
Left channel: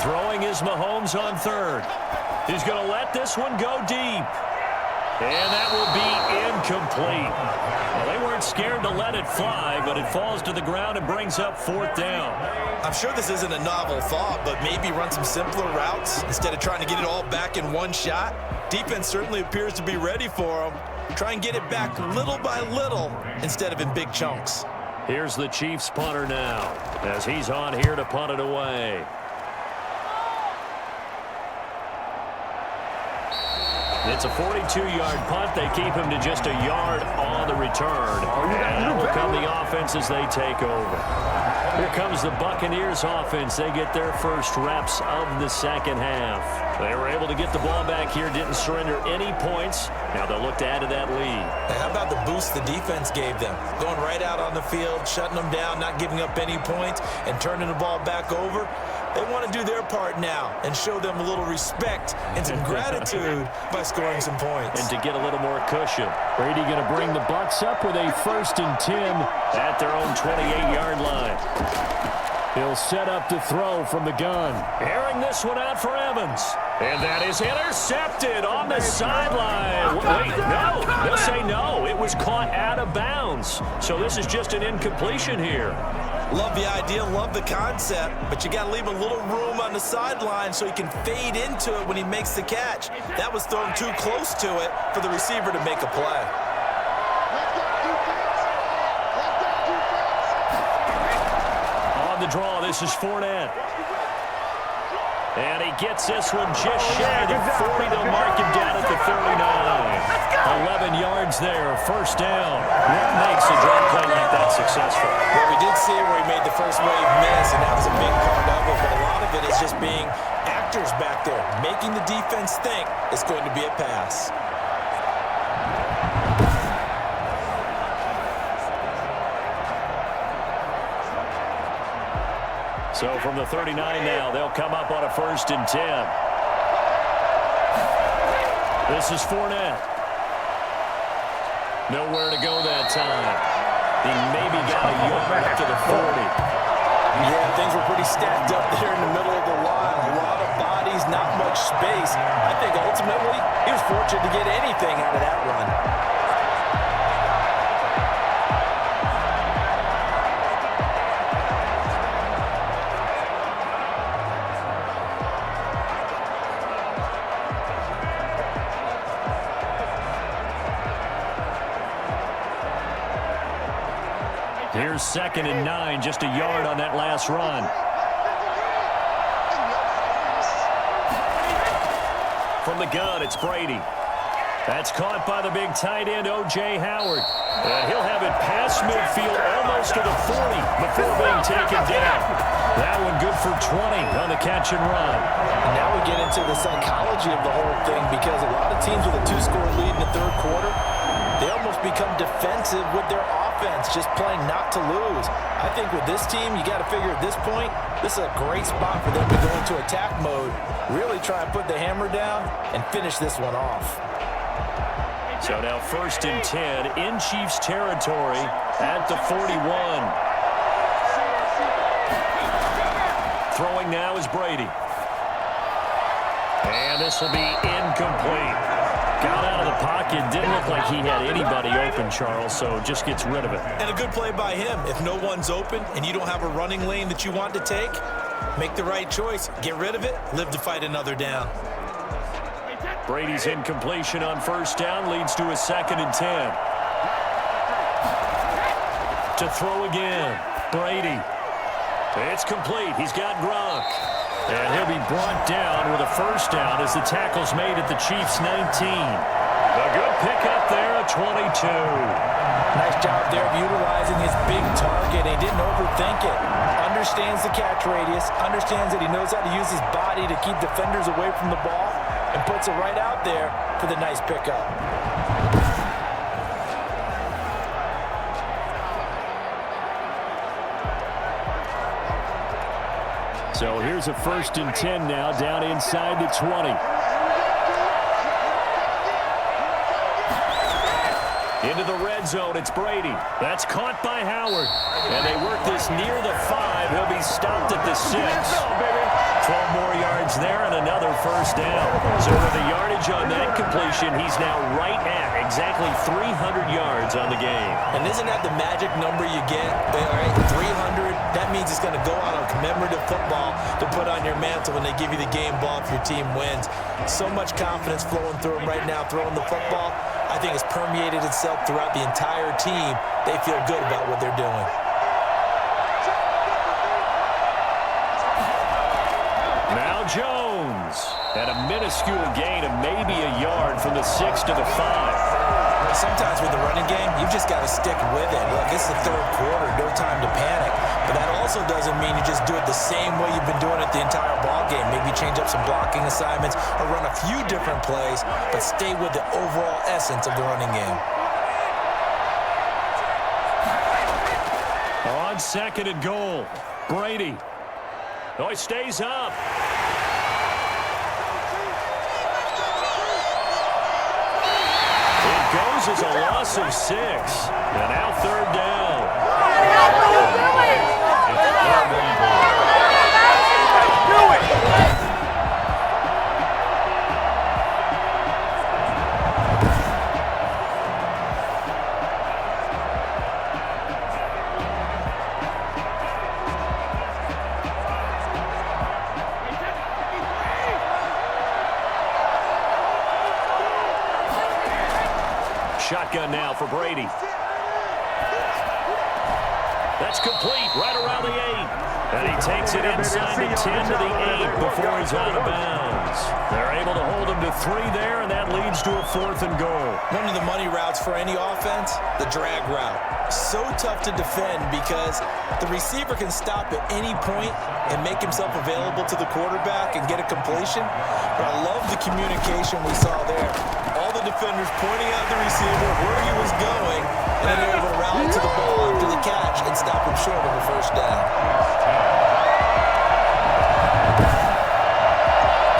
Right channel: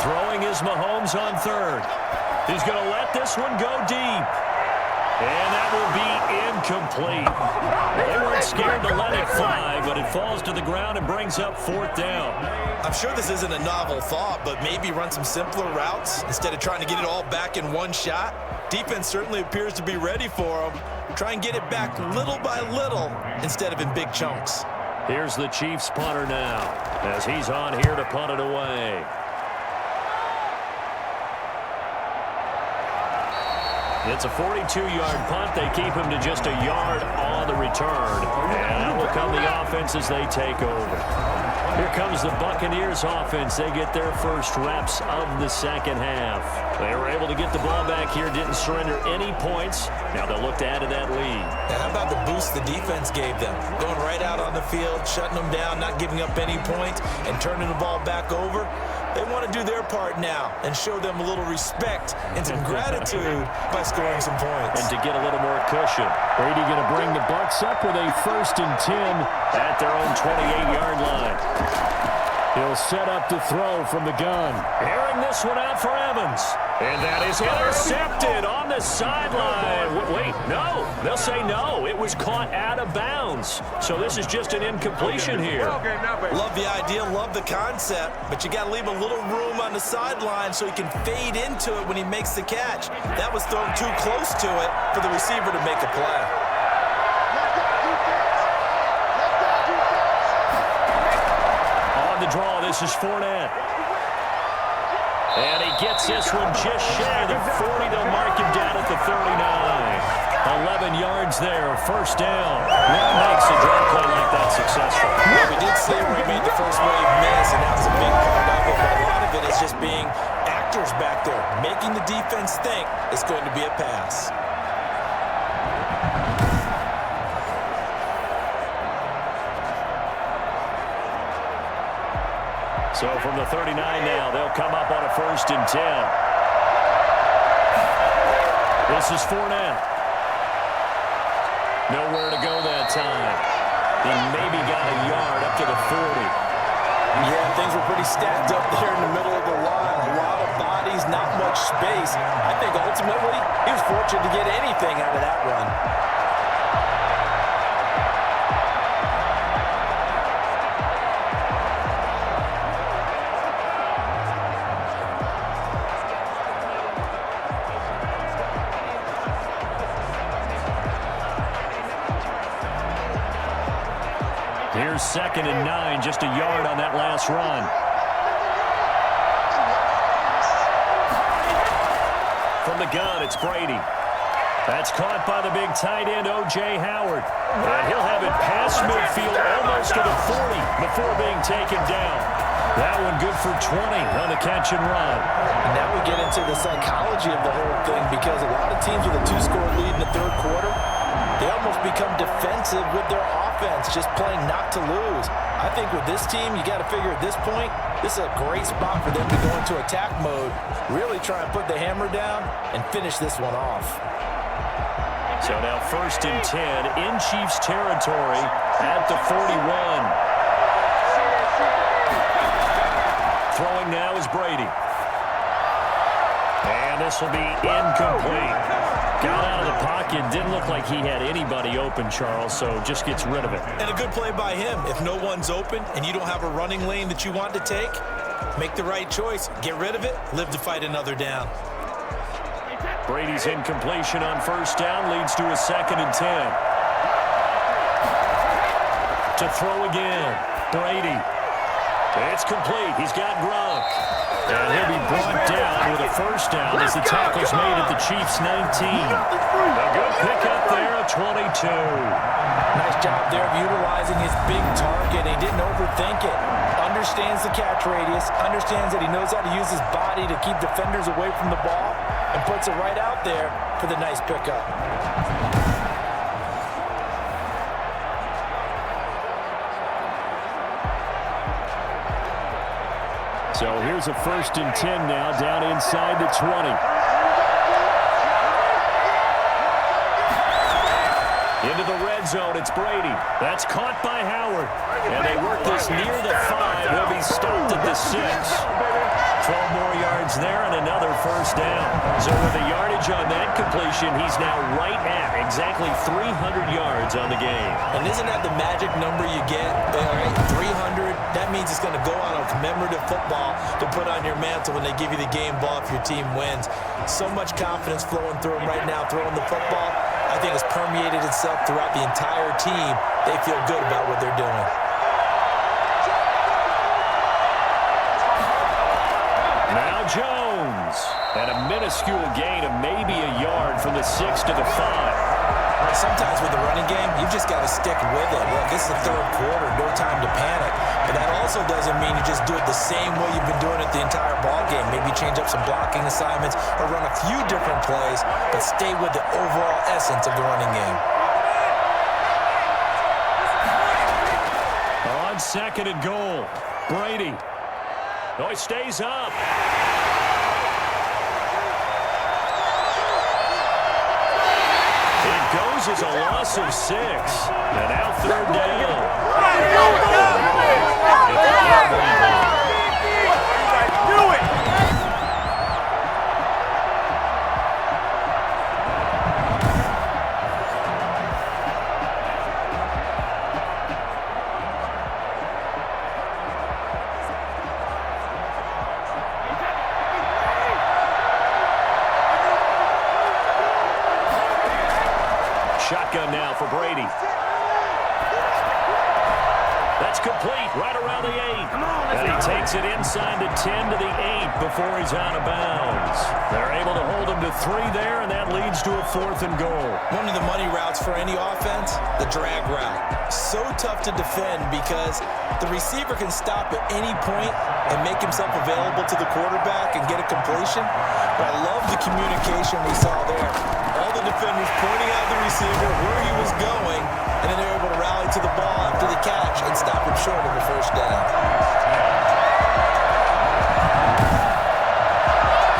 Throwing is Mahomes on third. He's going to let this one go deep. And that will be incomplete. Well, they weren't scared to let it fly, but it falls to the ground and brings up fourth down. I'm sure this isn't a novel thought, but maybe run some simpler routes instead of trying to get it all back in one shot. Defense certainly appears to be ready for them. Try and get it back little by little instead of in big chunks. Here's the Chiefs punter now as he's on here to punt it away. It's a 42-yard punt. They keep him to just a yard on the return. And that will come the offense as they take over. Here comes the Buccaneers offense. They get their first reps of the second half. They were able to get the ball back here, didn't surrender any points. Now they'll look to add to that lead. Now, how about the boost the defense gave them? Going right out on the field, shutting them down, not giving up any points, and turning the ball back over. They want to do their part now and show them a little respect and some gratitude by scoring some points. And to get a little more cushion. Brady going to bring the Bucs up with a 1st and 10 at their own 28-yard line. He'll set up the throw from the gun. Airing this one out for Evans. And that is intercepted on the sideline. Wait, no. They'll say no. It was caught out of bounds. So this is just an incompletion here. Love the idea, love the concept, but you got to leave a little room on the sideline so he can fade into it when he makes the catch. That was thrown too close to it for the receiver to make a play. On the draw, this is Fournette. And he gets this one just shy of the 40. They'll mark him down at the 39. 11 yards there, first down. What makes a draw play like that successful? Well, we did see where he made the first wave miss, and that was a big part of it. But a lot of it is just being actors back there, making the defense think it's going to be a pass. So from the 39 now, they'll come up on a 1st and 10. This is Fournette. Nowhere to go that time. He maybe got a yard up to the 40. Yeah, things were pretty stacked up there in the middle of the line. A lot of bodies, not much space. I think ultimately he was fortunate to get anything out of that run. Here's 2nd and 9, just a yard on that last run. From the gun, it's Brady. That's caught by the big tight end, O.J. Howard. And he'll have it past midfield almost to the 40 before being taken down. That one good for 20 on the catch and run. And now we get into the psychology of the whole thing, because a lot of teams with a 2-score lead in the 3rd quarter, they almost become defensive with their offense, just playing not to lose. I think with this team, you got to figure at this point, this is a great spot for them to go into attack mode, really try and put the hammer down and finish this one off. So now 1st and 10 in Chiefs territory at the 41. Throwing now is Brady. And this will be incomplete. Got out of the pocket. Didn't look like he had anybody open, Charles, so just gets rid of it. And a good play by him. If no one's open and you don't have a running lane that you want to take, make the right choice. Get rid of it. Live to fight another down. Brady's incompletion on 1st down leads to a 2nd and 10. To throw again. Brady. It's complete. He's got Gronk. And he'll be brought down with a 1st down as the tackle's made at the Chiefs' 19. A good pickup there at 22. Nice job there of utilizing his big target. He didn't overthink it. Understands the catch radius. Understands that he knows how to use his body to keep defenders away from the ball. And puts it right out there for the nice pickup. So here's a 1st and 10 now, down inside the 20. Into the red zone, it's Brady. That's caught by Howard. And they work this near the 5. He'll be stopped at the 6. 12 more yards there and another 1st down. So with the yardage on that completion, he's now right at exactly 300 yards on the game. And isn't that the magic number you get? All right, 300, that means it's going to go on a commemorative football to put on your mantle when they give you the game ball if your team wins. So much confidence flowing through him right now, throwing the football. I think it's permeated itself throughout the entire team. They feel good about what they're doing. Now Jones. And a minuscule gain of maybe a yard from the 6 to the 5. Sometimes with the running game, you've just got to stick with it. Look, this is the 3rd quarter, no time to panic. But that also doesn't mean you just do it the same way you've been doing it the entire ball game. Maybe change up some blocking assignments or run a few different plays, but stay with the overall essence of the running game. On 2nd and goal, Brady. Oh, he stays up. It goes as a loss of 6. And now 3rd down. Do it! Shotgun now for Brady. That's complete, right around the 8. And he takes it inside the 10 to the 8 before he's out of bounds. They're able to hold him to 3 there, and that leads to a 4th and goal. One of the money routes for any offense, the drag route. So tough to defend because the receiver can stop at any point and make himself available to the quarterback and get a completion. But I love the communication we saw there. All the defenders pointing out the receiver, where he was going, and then they're able to rally to the ball after the catch and stop him short of the 1st down.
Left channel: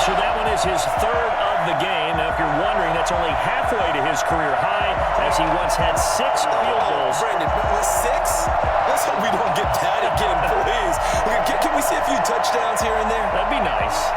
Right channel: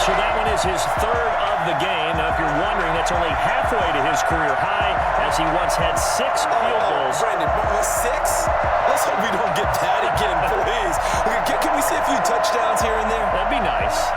So that one is his third of the game. Now, if you're wondering, that's only halfway to his career high, as he once had 6 field goals. Brandon, 6? Let's hope we don't get that again, please. Can we see a few touchdowns here and there? That'd be nice.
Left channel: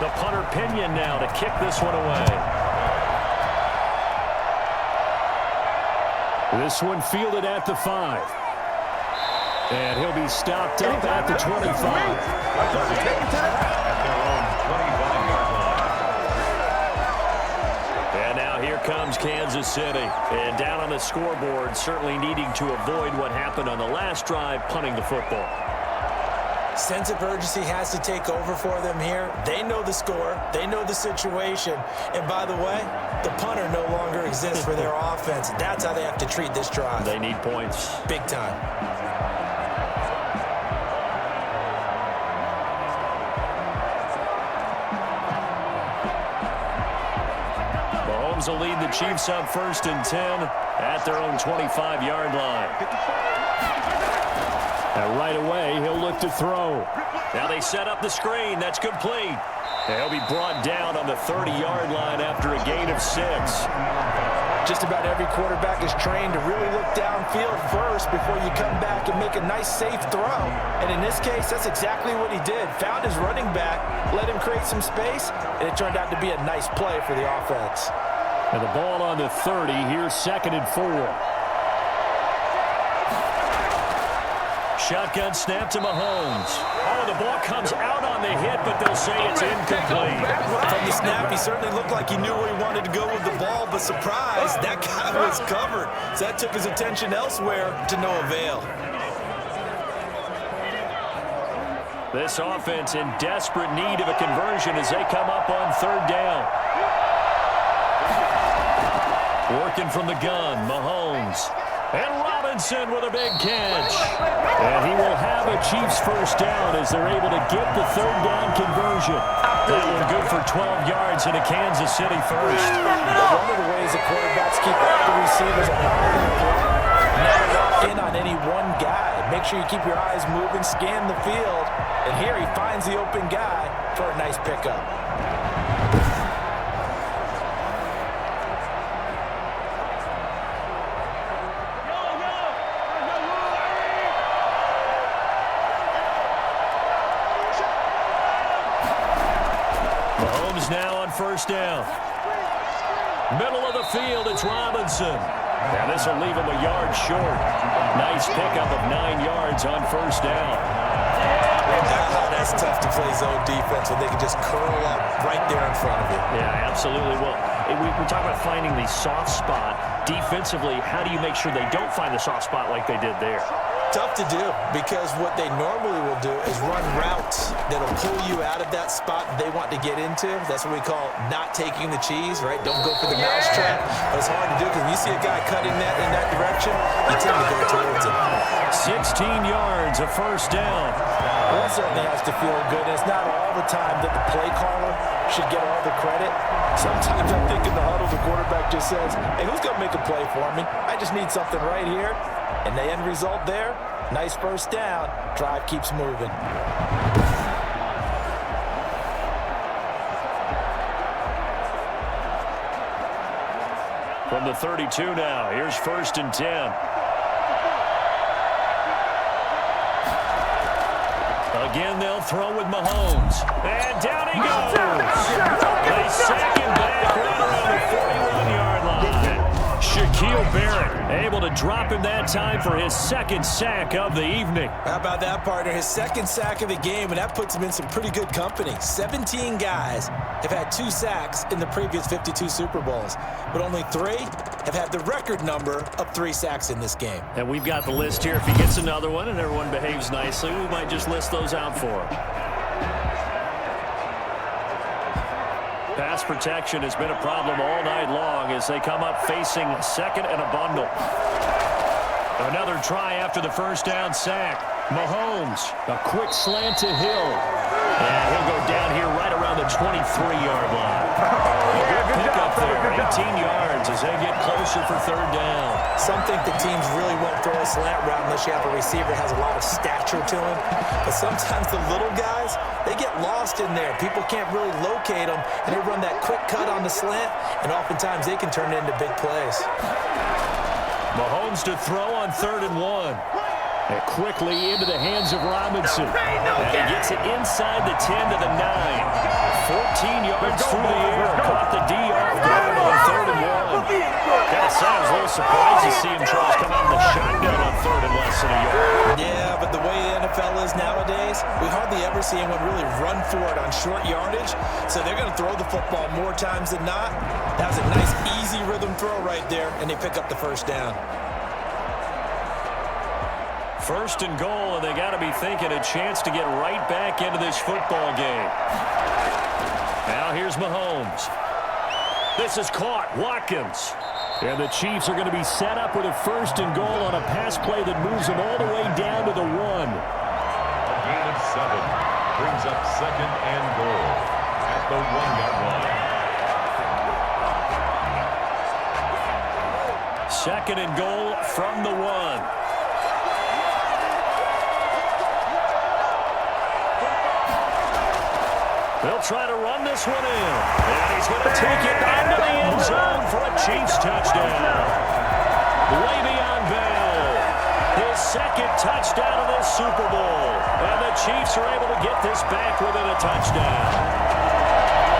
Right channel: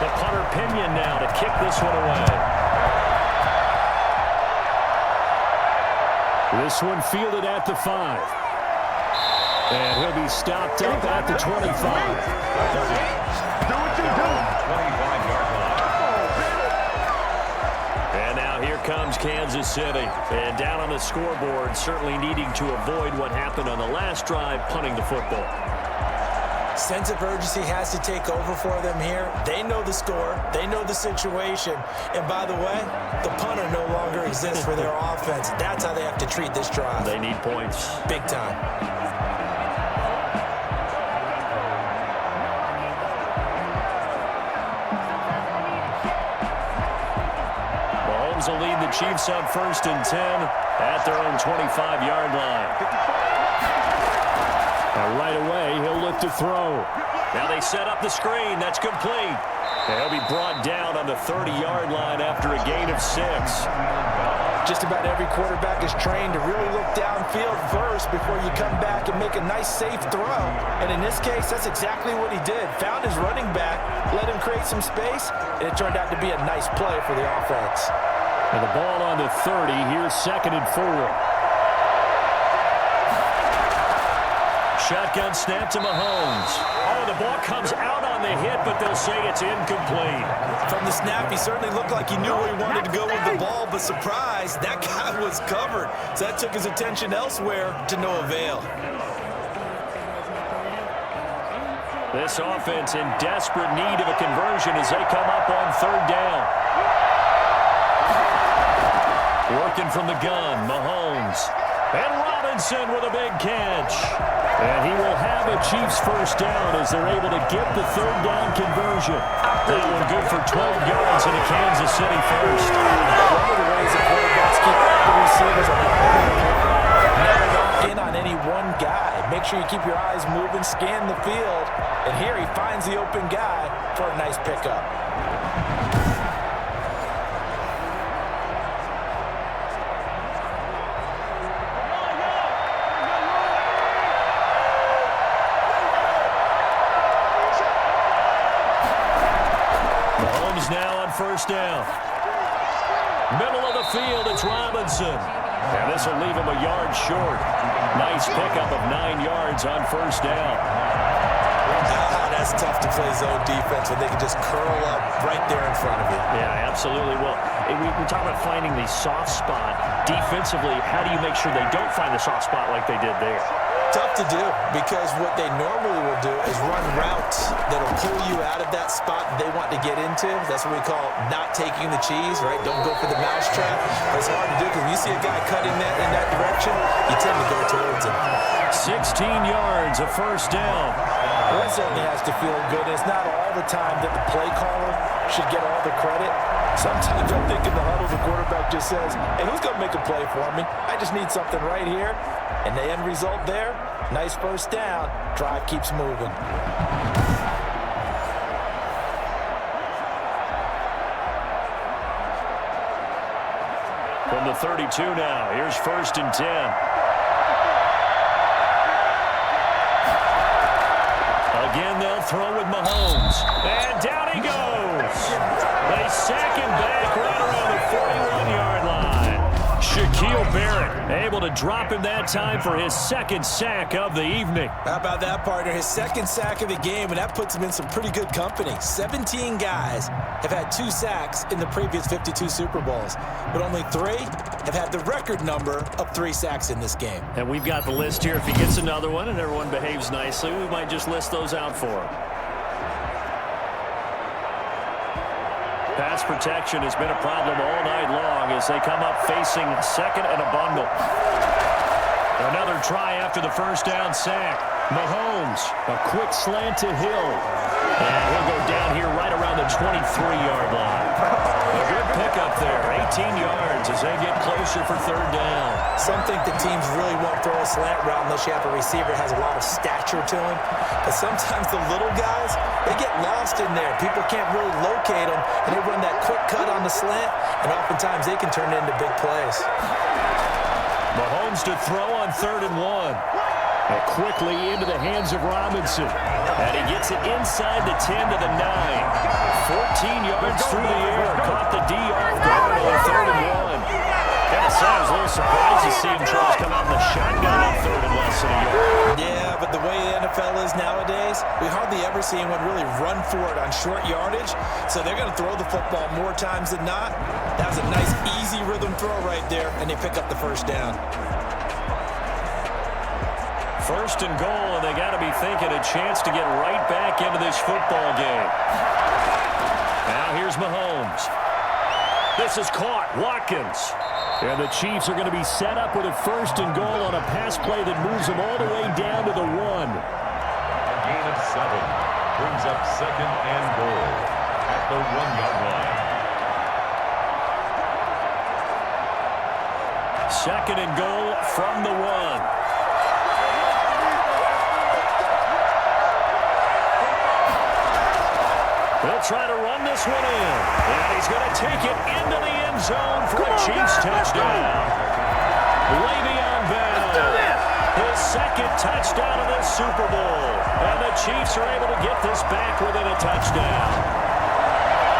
The punter Pinion now to kick this one away. This one fielded at the 5. And he'll be stopped up at the 25. And now here comes Kansas City. And down on the scoreboard, certainly needing to avoid what happened on the last drive, punting the football. Sense of urgency has to take over for them here. They know the score. They know the situation. And by the way, the punter no longer exists for their offense. That's how they have to treat this drive. They need points. Big time. Mahomes will lead the Chiefs up 1st and 10 at their own 25-yard line. Now right away, he'll look to throw. Now they set up the screen. That's complete. And he'll be brought down on the 30-yard line after a gain of 6. Just about every quarterback is trained to really look downfield first before you come back and make a nice, safe throw. And in this case, that's exactly what he did. Found his running back, let him create some space, and it turned out to be a nice play for the offense. And the ball on the 30. Here's 2nd and 4. Shotgun snap to Mahomes. Oh, the ball comes out on the hit, but they'll say it's incomplete. From the snap, he certainly looked like he knew where he wanted to go with the ball, but surprise, that guy was covered. So that took his attention elsewhere to no avail. This offense in desperate need of a conversion as they come up on 3rd down. Working from the gun, Mahomes. And Robinson with a big catch. And he will have a Chiefs first down as they're able to get the 3rd down conversion. That one good for 12 yards and a Kansas City first. One of the ways the quarterbacks keep the receivers never lock in on any one guy. Make sure you keep your eyes moving, scan the field. And here he finds the open guy for a nice pickup. Now on 1st down. Middle of the field, it's Robinson. And this will leave him a yard short. Nice pickup of 9 yards on 1st down. That's tough to play zone defense when they can just curl up right there in front of you. Yeah, absolutely. Well, we talk about finding the soft spot. Defensively, how do you make sure they don't find the soft spot like they did there? Tough to do, because what they normally will do is run routes that'll pull you out of that spot they want to get into. That's what we call not taking the cheese, right? Don't go for the mousetrap. But it's hard to do because when you see a guy cutting that in that direction, you tend to go towards him. 16 yards, a 1st down. Well, that certainly has to feel good. And it's not all the time that the play caller should get all the credit. Sometimes I think in the huddle, the quarterback just says, hey, who's going to make a play for me? I just need something right here. And the end result there, nice 1st down. Drive keeps moving. From the 32 now, here's 1st and 10. Again, they'll throw with Mahomes. And down he goes. They sack him back right around the 41-yard line. Shaquille Barrett able to drop him that time for his 2nd sack of the evening. How about that, partner? His 2nd sack of the game, and that puts him in some pretty good company. 17 guys have had 2 sacks in the previous 52 Super Bowls, but only 3 have had the record number of 3 sacks in this game. And we've got the list here. If he gets another one and everyone behaves nicely, we might just list those out for him. Pass protection has been a problem all night long as they come up facing 2nd and a bundle. Another try after the 1st down sack. Mahomes, a quick slant to Hill. And he'll go down here right around the 23-yard line. A good pickup there, 18 yards as they get closer for third down. Some think the teams really won't throw a slant route unless you have a receiver that has a lot of stature to him. But sometimes the little guys, they get lost in there. People can't really locate them, and they run that quick cut on the slant, and oftentimes they can turn it into big plays. Mahomes to throw on 3rd and 1. And quickly into the hands of Robinson. And he gets it inside the 10 to the 9. 14 yards through the air. Caught the D off guard on 3rd and 1. Kind of sounds a little surprised to see him try to come out in the shotgun on 3rd and less than a yard. Yeah, but the way the NFL is nowadays, we hardly ever see anyone really run for it on short yardage. So they're going to throw the football more times than not. That was a nice, easy rhythm throw right there, and they pick up the first down. 1st and goal, and they got to be thinking a chance to get right back into this football game. Now here's Mahomes. This is caught. Watkins. And the Chiefs are going to be set up with a 1st and goal on a pass play that moves them all the way down to the 1. A gain of 7 brings up 2nd and goal at the 1-yard line. 2nd and goal from the 1. They'll try to run this one in. And he's going to take it into the end zone for a Chiefs touchdown. Le'Veon Bell, his 2nd touchdown of this Super Bowl. And the Chiefs are able to get this back within a touchdown.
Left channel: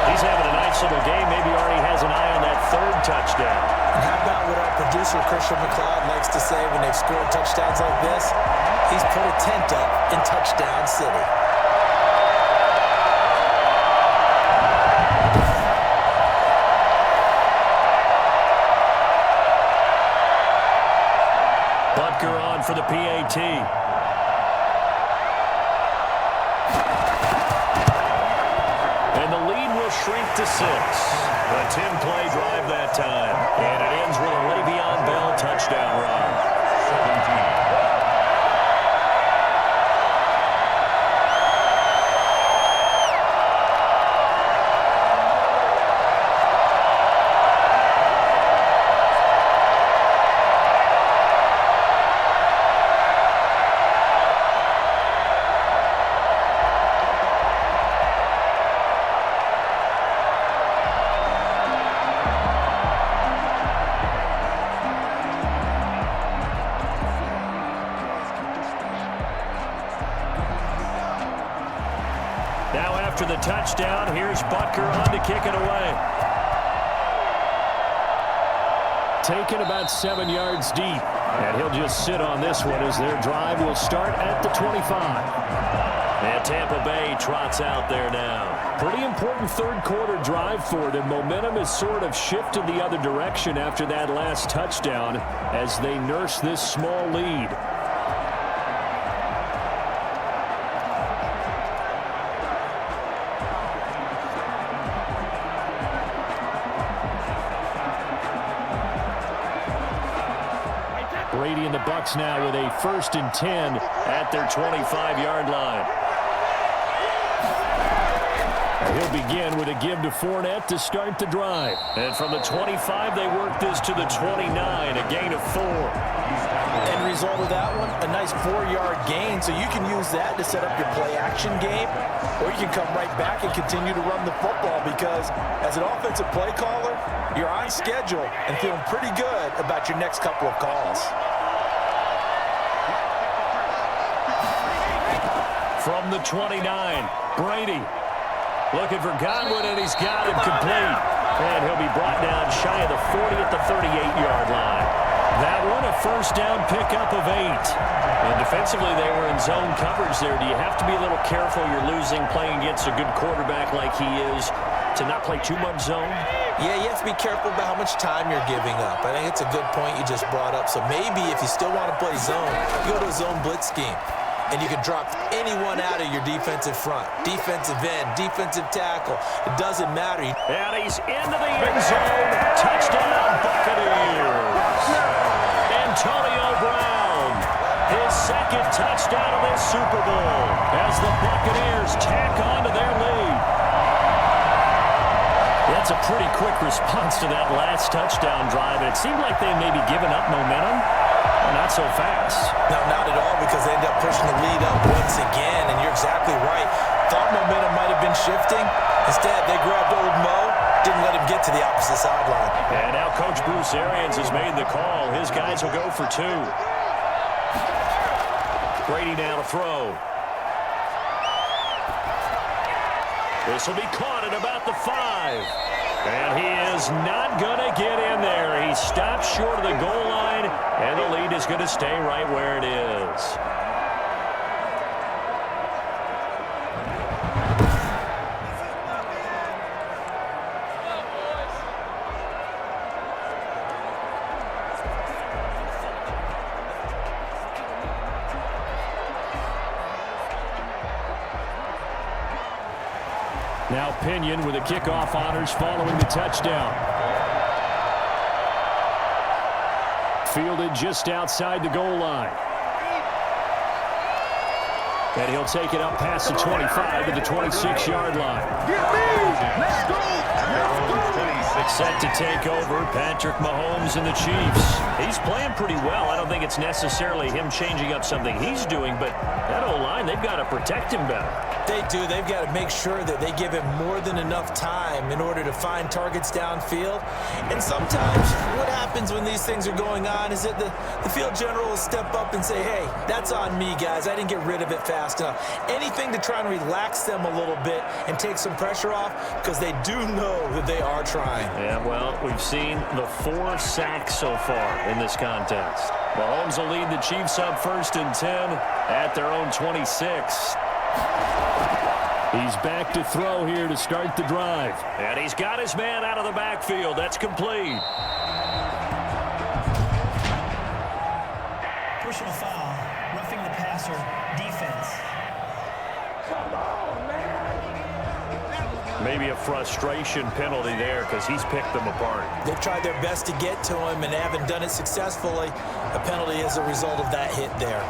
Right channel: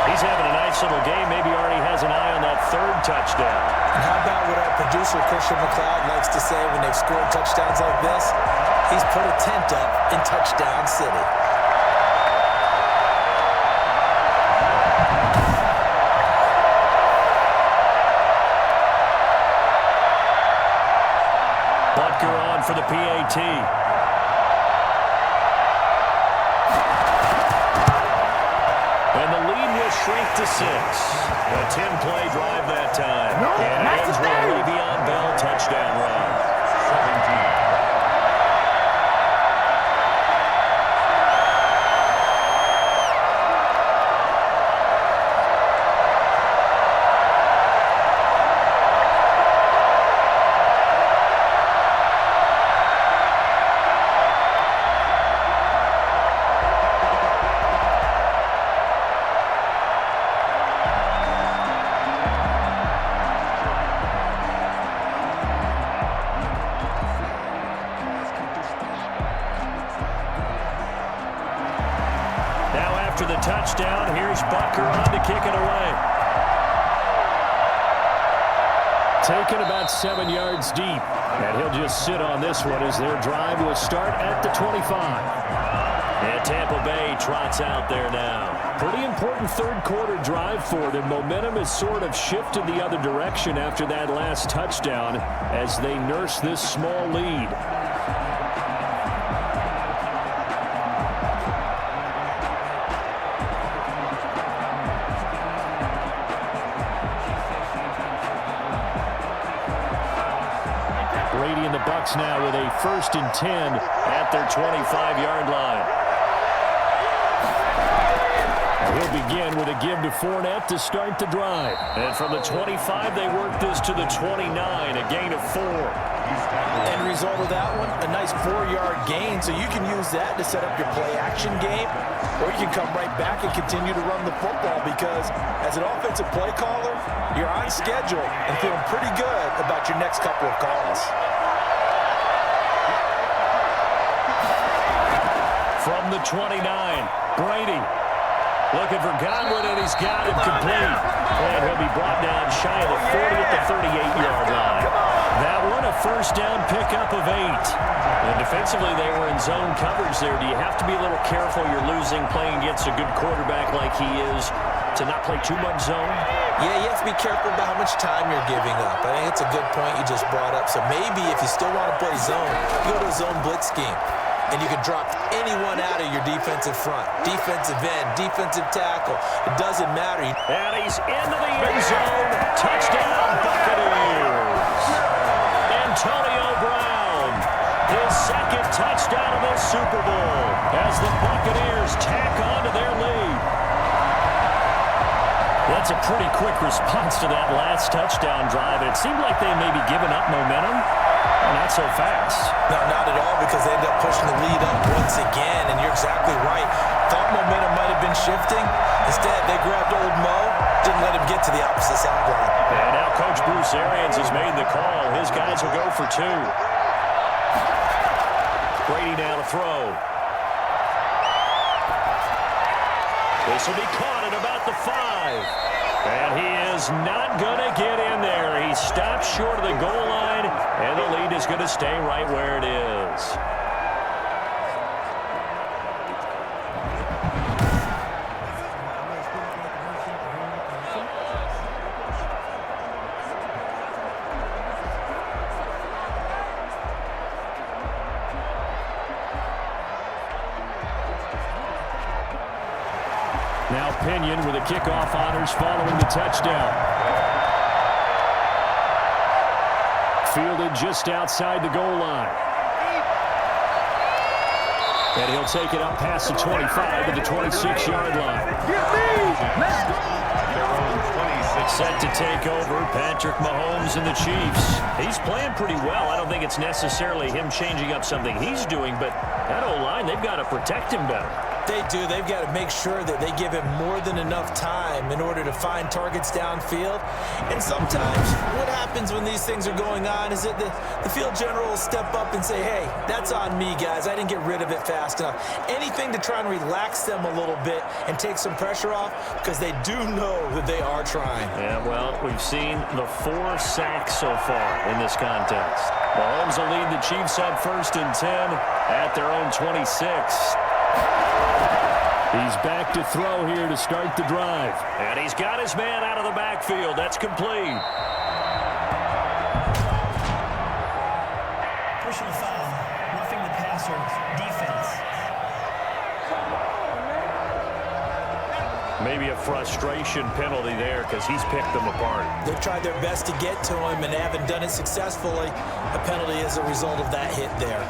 He's having a nice little game. Maybe already has an eye on that 3rd touchdown. And how about what our producer, Christian McLeod, likes to say when they've scored touchdowns like this? He's put a tent up in Touchdown City. Butker on for the PAT. And the lead will shrink to 6. A 10-play drive that time. And it ends with a Le'Veon Bell touchdown run. 17. Now after the touchdown, here's Butker on to kick it away. Taken about 7 yards deep. And he'll just sit on this one as their drive will start at the 25. And Tampa Bay trots out there now. Pretty important 3rd quarter drive for them. Momentum has sort of shifted the other direction after that last touchdown as they nurse this small lead. Brady and the Bucs now with a 1st and 10 at their 25-yard line. And he'll begin with a give to Fournette to start the drive. And from the 25, they work this to the 29, a gain of 4. End result of that one, a nice 4-yard gain, so you can use that to set up your play-action game, or you can come right back and continue to run the football because as an offensive play caller, you're on schedule and feeling pretty good about your next couple of calls. From the 29, Brady looking for Godwin, and he's got him complete. And he'll be brought down shy of the 40 at the 38-yard line. That one, a 1st down pickup of 8. And defensively, they were in zone coverage there. Do you have to be a little careful? You're losing, playing against a good quarterback like he is, to not play too much zone? Yeah, you have to be careful about how much time you're giving up. I think it's a good point you just brought up. So maybe if you still want to play zone, you go to a zone blitz scheme. And you can drop anyone out of your defensive front. Defensive end, defensive tackle. It doesn't matter. And he's into the end zone. Touchdown, Buccaneers. Antonio Brown, his 2nd touchdown of this Super Bowl as the Buccaneers tack on to their lead. That's a pretty quick response to that last touchdown drive. It seemed like they may be giving up momentum. Not so fast. No, not at all, because they end up pushing the lead up once again, and you're exactly right. Thought momentum might have been shifting. Instead, they grabbed old Mo, didn't let him get to the opposite sideline. And now Coach Bruce Arians has made the call. His guys will go for 2. Brady now to throw. This will be caught at about the 5. And he is not going to get in there. He stopped short of the goal line, and the lead is going to stay right where it is. Now Pinion with the kickoff honors following the touchdown. Fielded just outside the goal line. And he'll take it up past the 25 to the 26-yard line. Let's go! Set to take over, Patrick Mahomes and the Chiefs. He's playing pretty well. I don't think it's necessarily him changing up something he's doing, but that O-line, they've got to protect him better. They do. They've got to make sure that they give him more than enough time in order to find targets downfield. And sometimes what happens when these things are going on is that the field general will step up and say, hey, that's on me, guys. I didn't get rid of it fast enough. Anything to try and relax them a little bit and take some pressure off, because they do know that they are trying. Yeah, well, we've seen the 4 sacks so far in this contest. Mahomes will lead the Chiefs up 1st and 10 at their own 26. He's back to throw here to start the drive. And he's got his man out of the backfield. That's complete. Personal foul, roughing the passer, defense. Come on, man. Maybe a frustration penalty there because he's picked them apart. They've tried their best to get to him and haven't done it successfully. A penalty is a result of that hit there.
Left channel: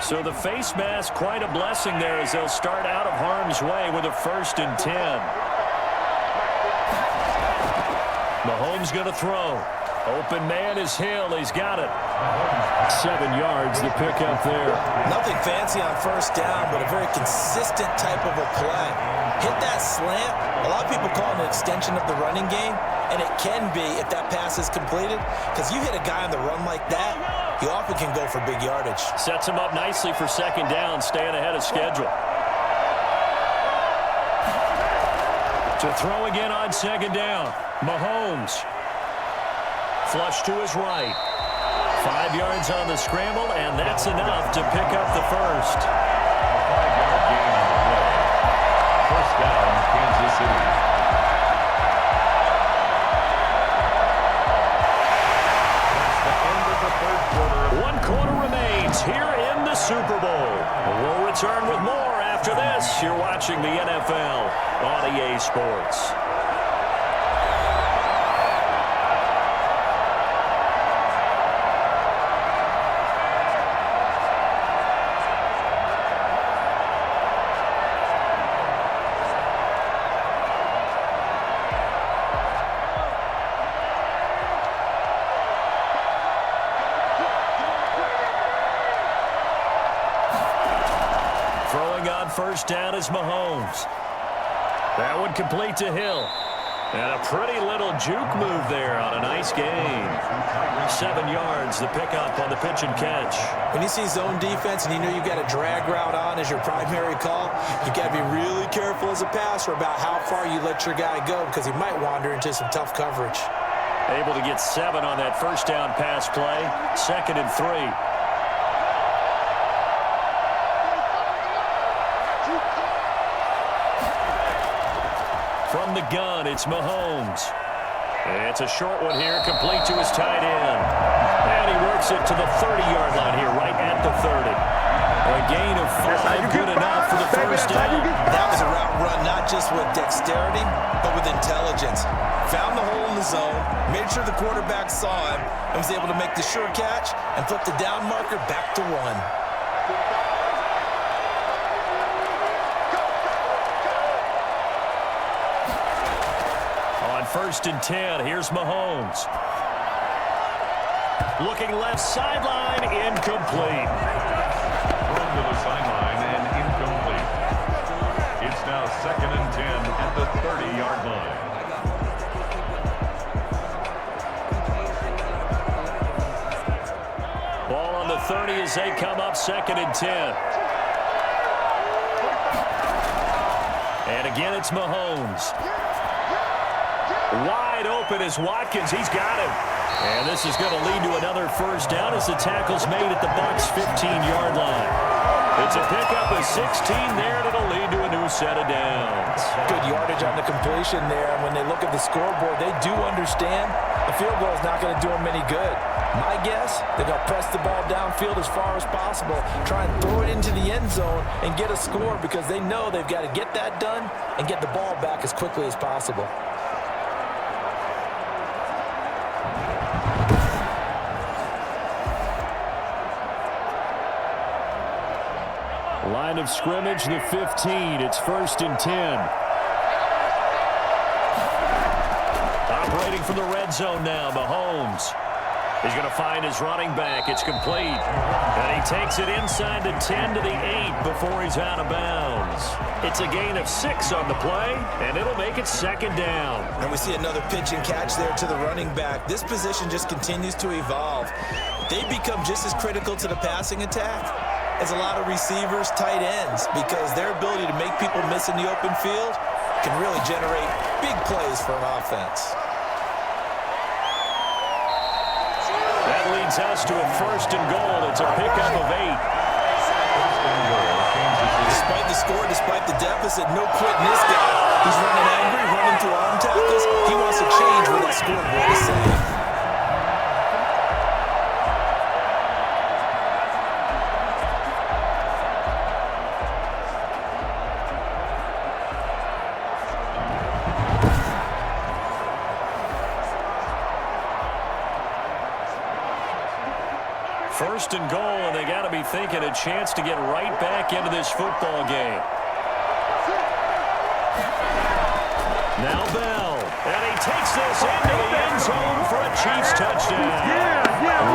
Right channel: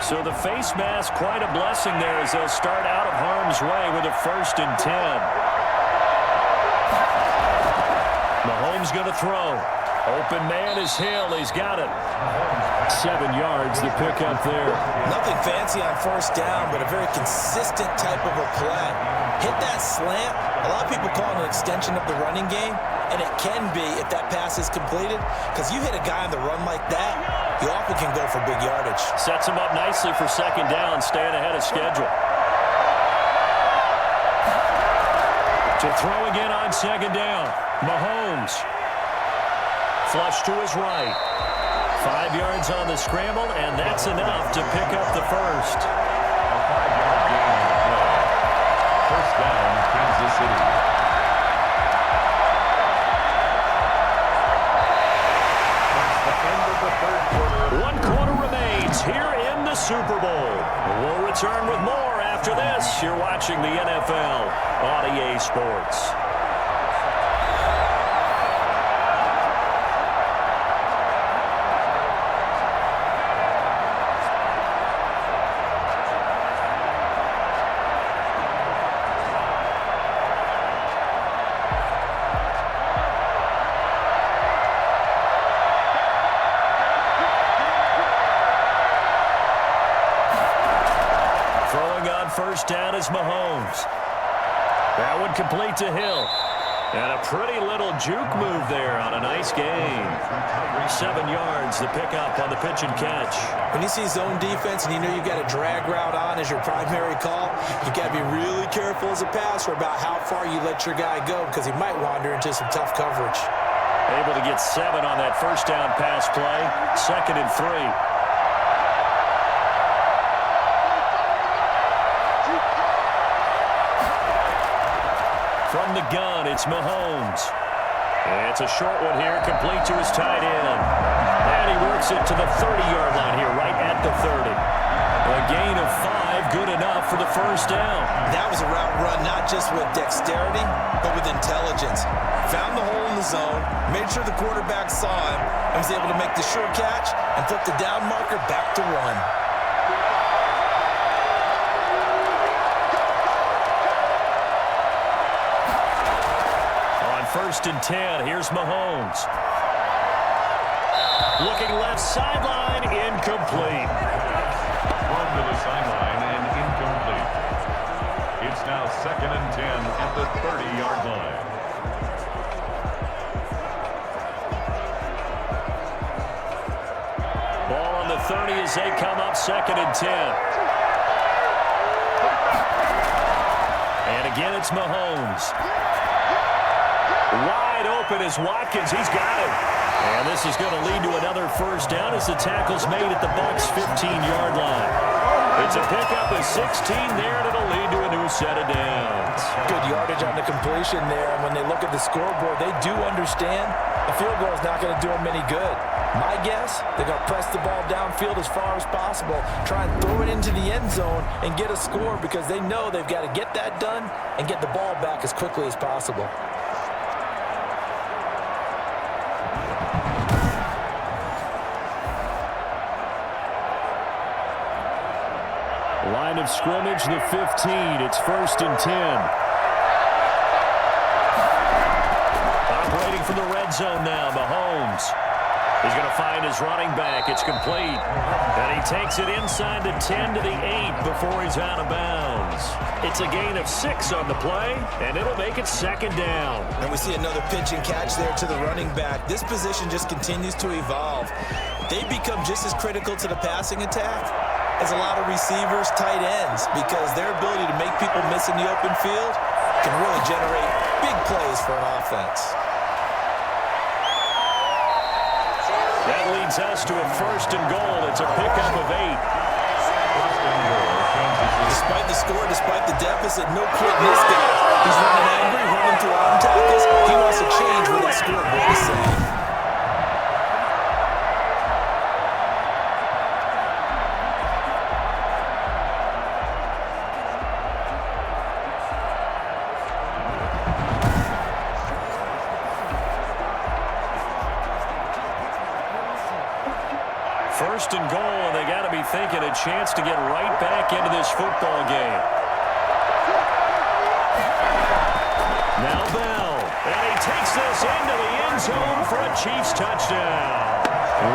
So the face mask, quite a blessing there as they'll start out of harm's way with a 1st and 10. Mahomes going to throw. Open man is Hill. He's got it. 7 yards, the pickup there. Nothing fancy on 1st down, but a very consistent type of a play. Hit that slant. A lot of people call it an extension of the running game, and it can be if that pass is completed, because you hit a guy on the run like that, he often can go for big yardage. Sets him up nicely for 2nd down, staying ahead of schedule. To throw again on 2nd down. Mahomes. Flush to his right. 5 yards on the scramble, and that's enough to pick up the 1st. A 5-yard gain on the play. 1st down, Kansas City. That's the end of the 3rd quarter. 1 quarter remains here in the Super Bowl. We'll return with more after this. You're watching the NFL on EA Sports. Throwing on 1st down is Mahomes. That one complete to Hill. And a pretty little juke move there on a nice gain. 7 yards, the pickup on the pitch and catch. When you see zone defense and you know you've got a drag route on as your primary call, you've got to be really careful as a passer about how far you let your guy go, because he might wander into some tough coverage. Able to get 7 on that 1st down pass play. 2nd and 3. From the gun, it's Mahomes. It's a short one here, complete to his tight end. And he works it to the 30-yard line here, right at the 30. A gain of 5, good enough for the 1st down. That was a route run not not just with dexterity, but with intelligence. Found the hole in the zone, made sure the quarterback saw him, and was able to make the sure catch and flip the down marker back to 1. On 1st and 10, here's Mahomes. Looking left sideline, incomplete. Thrown to the sideline and incomplete. It's now 2nd and 10 at the 30-yard line. Ball on the 30 as they come up 2nd and 10. And again, it's Mahomes. Wide open is Watkins. He's got him. And this is going to lead to another first down as the tackle's made at the Bucs' 15-yard line. It's a pickup of 16 there, and it'll lead to a new set of downs. Good yardage on the completion there, and when they look at the scoreboard, they do understand the field goal is not going to do them any good. My guess, they're going to press the ball downfield as far as possible, try and throw it into the end zone and get a score because they know they've got to get that done and get the ball back as quickly as possible. Line of scrimmage, the 15. It's 1st and 10. Operating from the red zone now, Mahomes. He's going to find his running back. It's complete. And he takes it inside the 10 to the 8 before he's out of bounds. It's a gain of 6 on the play, and it'll make it 2nd down. And we see another pitch and catch there to the running back. This position just continues to evolve. They become just as critical to the passing attack as a lot of receivers, tight ends, because their ability to make people miss in the open field can really generate big plays for an offense. That leads us to a 1st and goal. It's a pickup of 8. 1st and goal. Despite the score, despite the deficit, no quitting this guy. He's running angry, running through arm tackles. He wants to change what that scoreboard is saying. First and goal, and they got to be thinking a chance to get right back into this football game. Now Bell, and he takes this into the end zone for a Chiefs touchdown.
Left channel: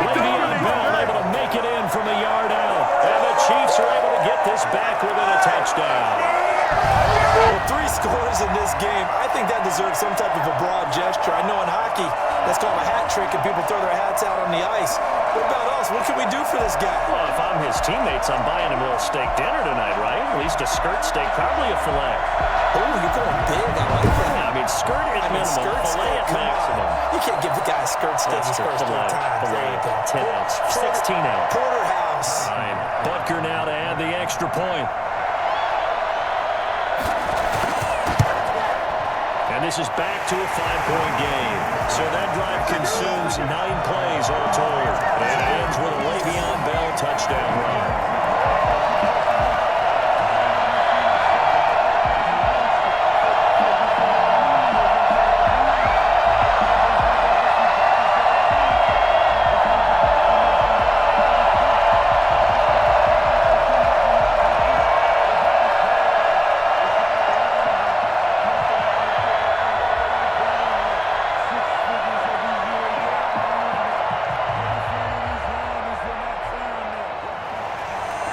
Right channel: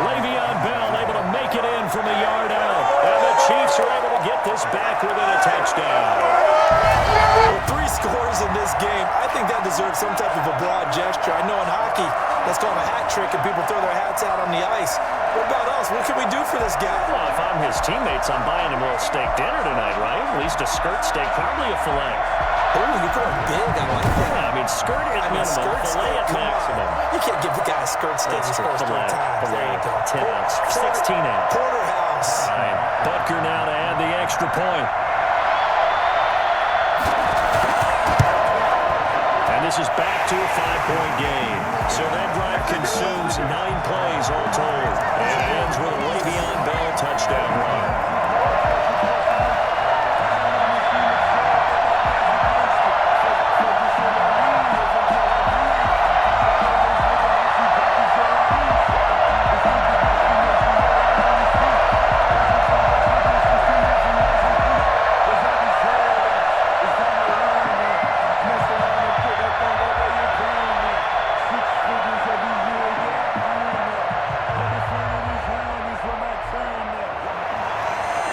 Le'Veon Bell able to make it in from a yard out, and the Chiefs are able to get this back within a touchdown. Well, 3 scores in this game. I think that deserves some type of a broad gesture. I know in hockey, that's called a hat trick, and people throw their hats out on the ice. What about us? What can we do for this guy? Well, if I'm his teammates, I'm buying him a little steak dinner tonight, right? At least a skirt steak, probably a filet. Oh, you're going big. I like that. Yeah, I mean, skirt at minimum, skirt filet steak, at maximum. You can't give the guy a skirt steak his first 3 times. Filet, 10 ounce, 16 ounce. Porterhouse. Fine. Butker now to add the extra point. And this is back to a 5-point game. So that drive consumes 9 plays all told. And it ends with a Le'Veon Bell touchdown run.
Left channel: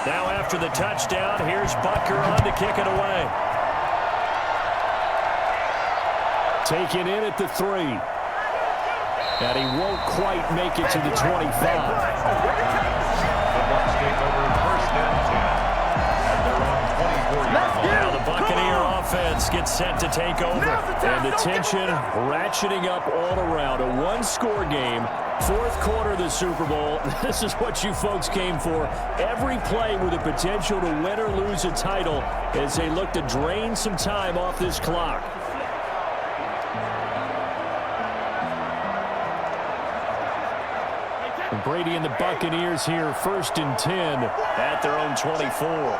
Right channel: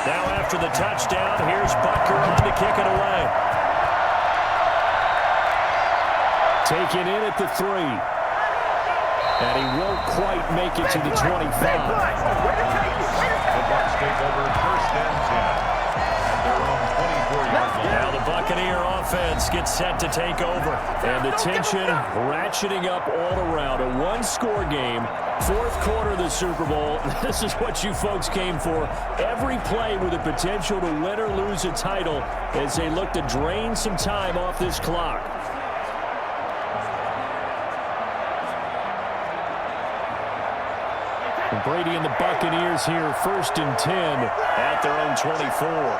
Now after the touchdown, here's Butker on to kick it away. Taken in at the 3. And he won't quite make it to the 25. The Bucs take over 1st and 10 at their own 24-yard line. Now the Buccaneer offense gets set to take over. And the tension ratcheting up all around. A 1-score game. 4th quarter of the Super Bowl. This is what you folks came for. Every play with the potential to win or lose a title as they look to drain some time off this clock. Brady and the Buccaneers here, 1st and 10 at their own 24.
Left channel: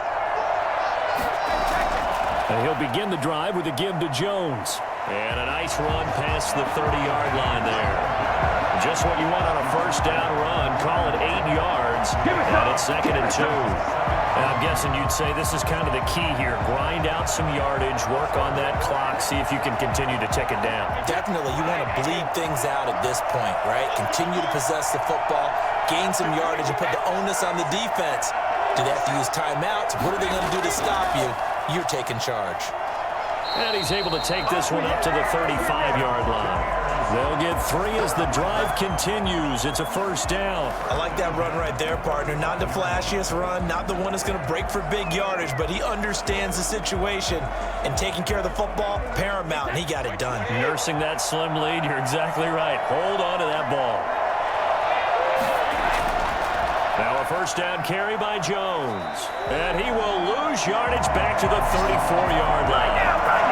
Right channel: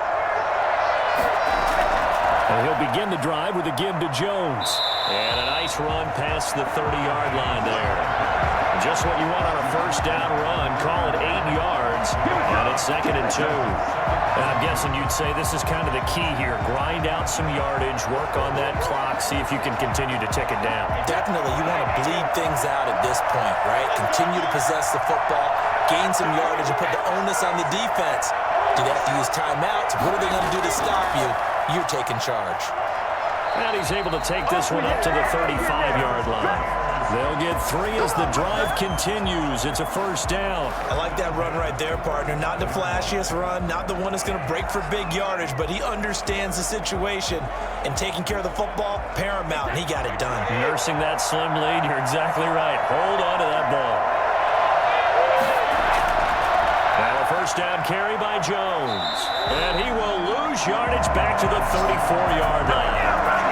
And he'll begin the drive with a give to Jones. And a nice run past the 30-yard line there. Just what you want on a first down run. Call it 8 yards. And it's 2nd and 2. And I'm guessing you'd say this is kind of the key here. Grind out some yardage, work on that clock, see if you can continue to tick it down. Definitely, you want to bleed things out at this point, right? Continue to possess the football, gain some yardage, and put the onus on the defense. Do they have to use timeouts? What are they going to do to stop you? You're taking charge. And he's able to take this one up to the 35-yard line. They'll get 3 as the drive continues. It's a first down. I like that run right there, partner. Not the flashiest run, not the one that's going to break for big yardage, but he understands the situation, and taking care of the football, paramount, and he got it done. Nursing that slim lead, you're exactly right. Hold on to that ball. Now a first down carry by Jones. And he will lose yardage back to the 34-yard line.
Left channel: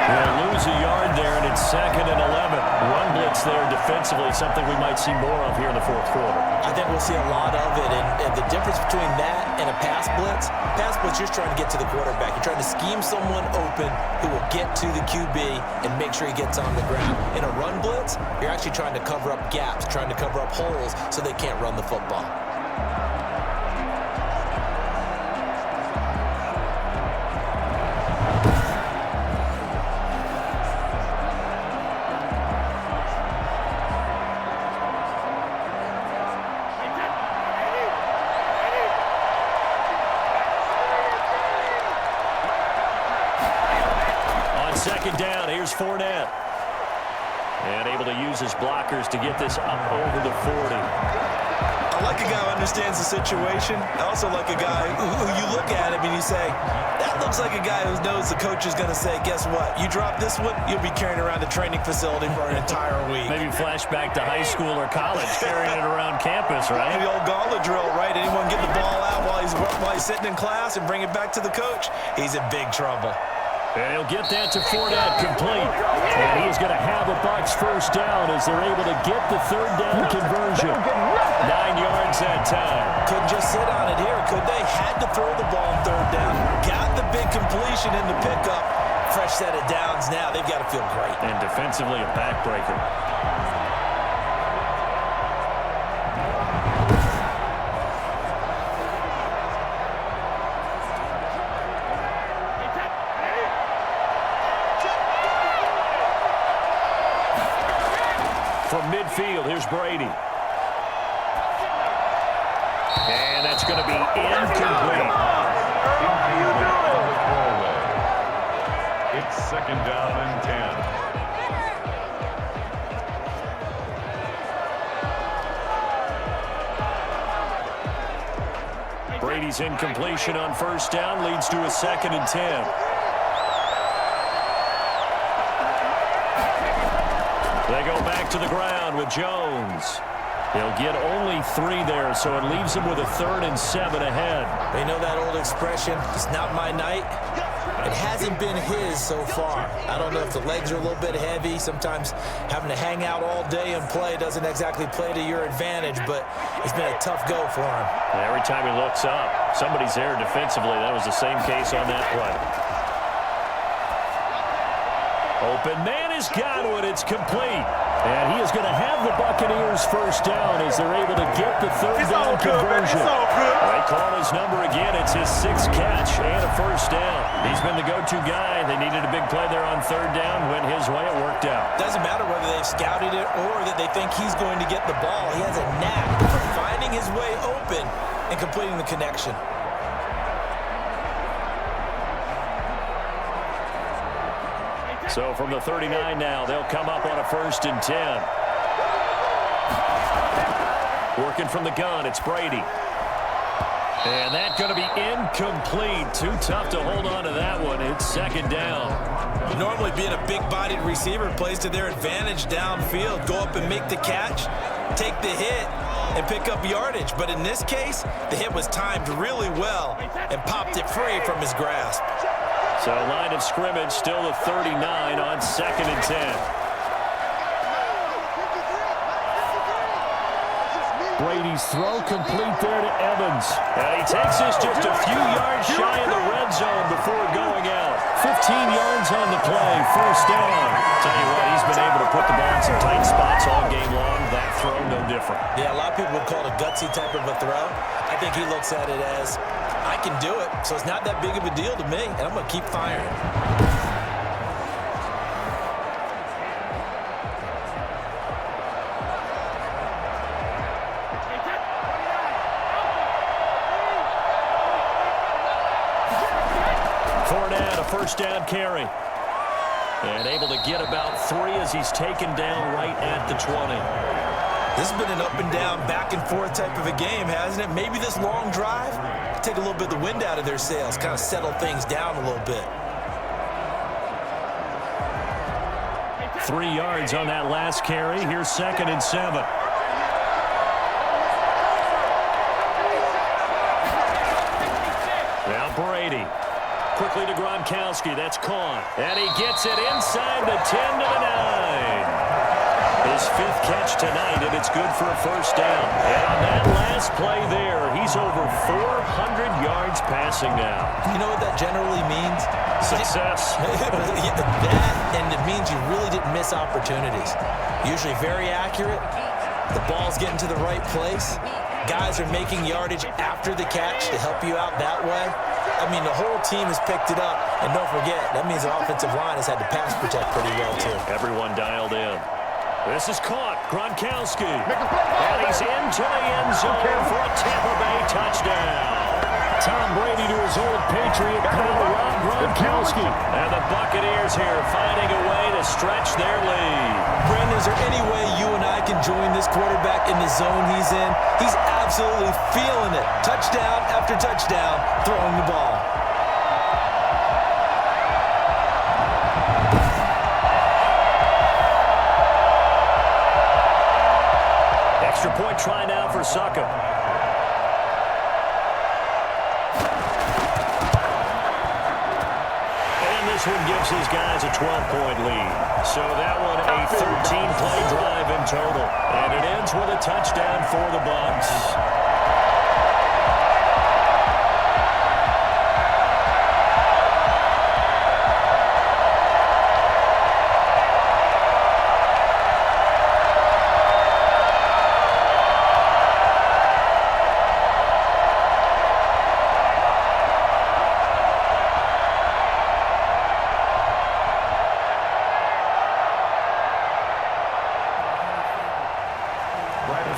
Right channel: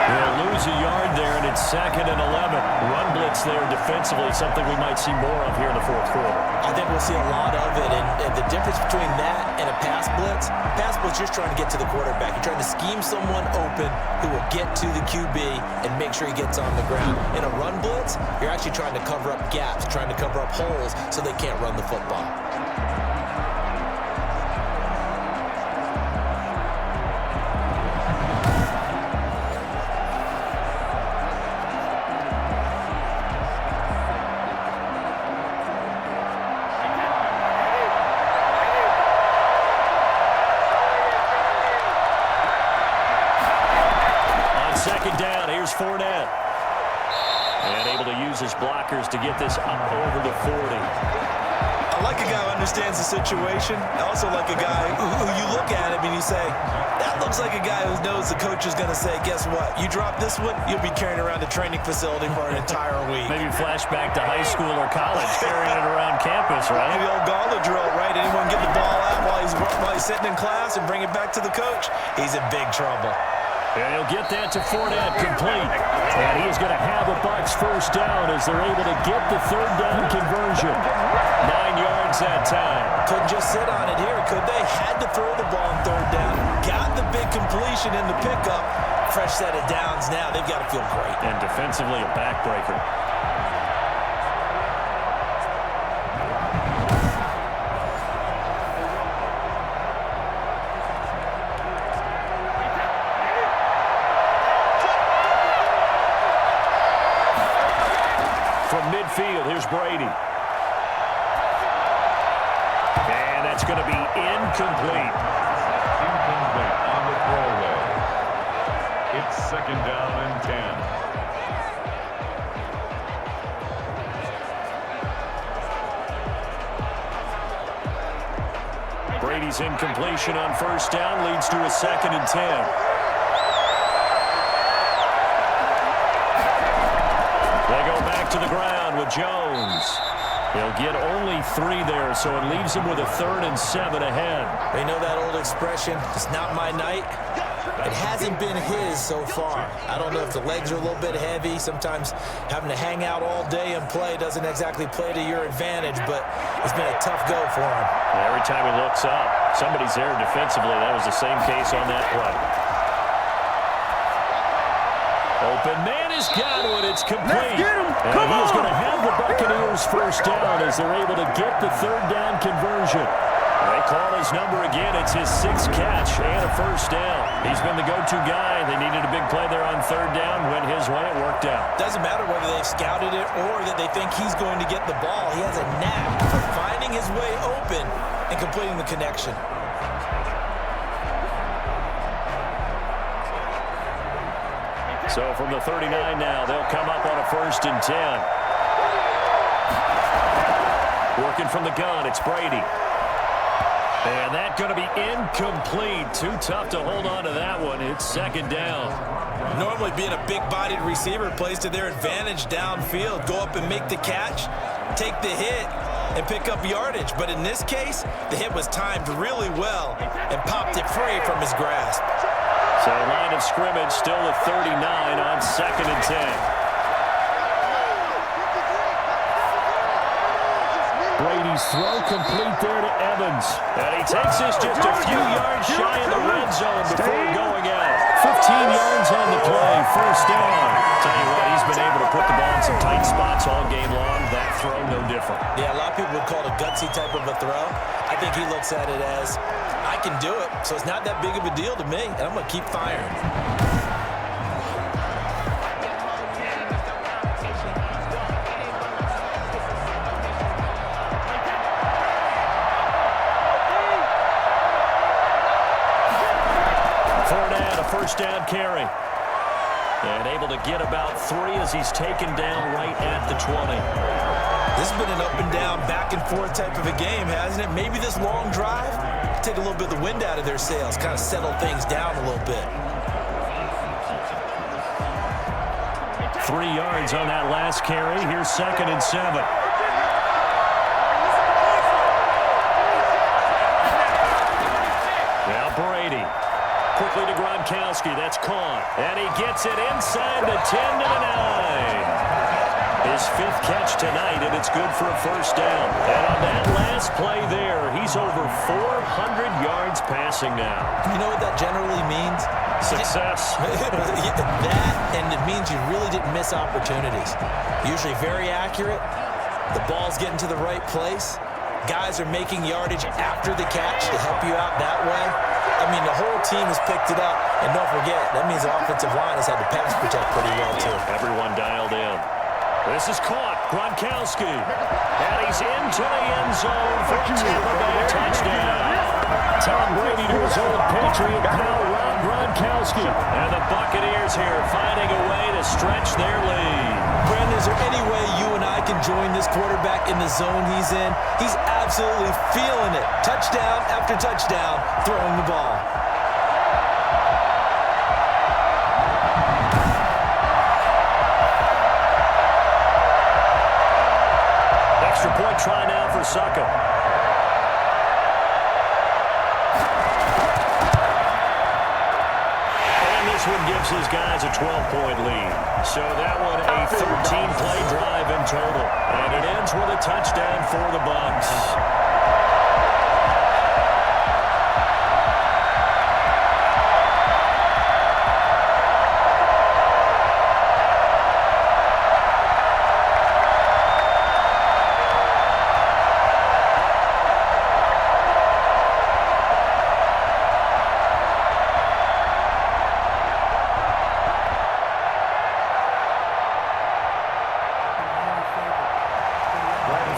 He'll lose a yard there, and it's 2nd and 11. Run blitz there defensively, something we might see more of here in the fourth quarter. I think we'll see a lot of it, and the difference between that and a pass blitz, you're just trying to get to the quarterback. You're trying to scheme someone open who will get to the QB and make sure he gets on the ground. In a run blitz, you're actually trying to cover up gaps, trying to cover up holes so they can't run the football. Second down, here's Fournette. And able to use his blockers to get this up over the 40. I like a guy who understands the situation. I also like a guy who you look at him and you say, that looks like a guy who knows the coach is going to say, guess what? You drop this one, you'll be carrying around the training facility for an entire week. Maybe flashback to high school or college, carrying it around campus, right? The old gauntlet drill, right? Anyone get the ball out while he's sitting in class and bring it back to the coach, he's in big trouble. And he'll get that to Fournette, complete. And he is going to have a Bucs first down as they're able to get the third down conversion. 9 yards that time. Couldn't just sit on it here, could they? Had to throw the ball on third down. Got the big completion in the pickup. Fresh set of downs now. They've got to feel great. And defensively, a backbreaker. From midfield, here's Brady. And that's going to be incomplete. Incomplete on the throwaway. It's 2nd down and 10. Brady's incompletion on first down leads to a 2nd and 10. They go back to the ground with Jones. He'll get only 3 there, so it leaves him with a 3rd and 7 ahead. They know that old expression, it's not my night. It hasn't been his so far. I don't know if the legs are a little bit heavy. Sometimes having to hang out all day and play doesn't exactly play to your advantage, but it's been a tough go for him. And every time he looks up, somebody's there defensively. That was the same case on that play. Open man has got one. It's complete. And he is going to have the Buccaneers first down as they're able to get the third down conversion. They call his number again. It's his 6th catch and a first down. He's been the go-to guy. They needed a big play there on third down. Went his way. It worked out. Doesn't matter whether they've scouted it or that they think he's going to get the ball. He has a knack for finding his way open and completing the connection. So from the 39 now, they'll come up on a 1st and 10. Working from the gun, it's Brady. And that's going to be incomplete. Too tough to hold on to that one. It's 2nd down. Normally being a big-bodied receiver plays to their advantage downfield. Go up and make the catch, take the hit, and pick up yardage. But in this case, the hit was timed really well and popped it free from his grasp. So line of scrimmage still the 39 on 2nd and 10. Brady's throw complete there to Evans. And he takes this just a few yards shy of the red zone before going out. 15 yards on the play, first down. Tell you what, he's been able to put the ball in some tight spots all game long. That throw, no different. Yeah, a lot of people would call it a gutsy type of a throw. I think he looks at it as, I can do it, so it's not that big of a deal to me, and I'm going to keep firing. Fournette, a first down carry. And able to get about 3 as he's taken down right at the 20. This has been an up and down, back and forth type of a game, hasn't it? Maybe this long drive, take a little bit of the wind out of their sails, kind of settle things down a little bit. 3 yards on that last carry. Here's 2nd and 7. Now Brady. Quickly to Gronkowski. That's caught. And he gets it inside the 10 to the 9. His 5th catch tonight, and it's good for a first down. And on that last play there, he's over 400 yards passing now. You know what that generally means? Success. That, and it means you really didn't miss opportunities. Usually very accurate. The ball's getting to the right place. Guys are making yardage after the catch to help you out that way. I mean, the whole team has picked it up. And don't forget, that means the offensive line has had to pass protect pretty well, too. Everyone dialed in. This is caught. Gronkowski. And he's into the end zone for a Tampa Bay touchdown. Tom Brady to his old Patriot pal, Rob Gronkowski. And the Buccaneers here finding a way to stretch their lead. Brandon, is there any way you and I can join this quarterback in the zone he's in? He's absolutely feeling it. Touchdown after touchdown, throwing the ball. Extra point try now for Suckup. And this one gives his guys a 12-point lead. So that one a 13-play drive in total. And it ends with a touchdown for the Bucs.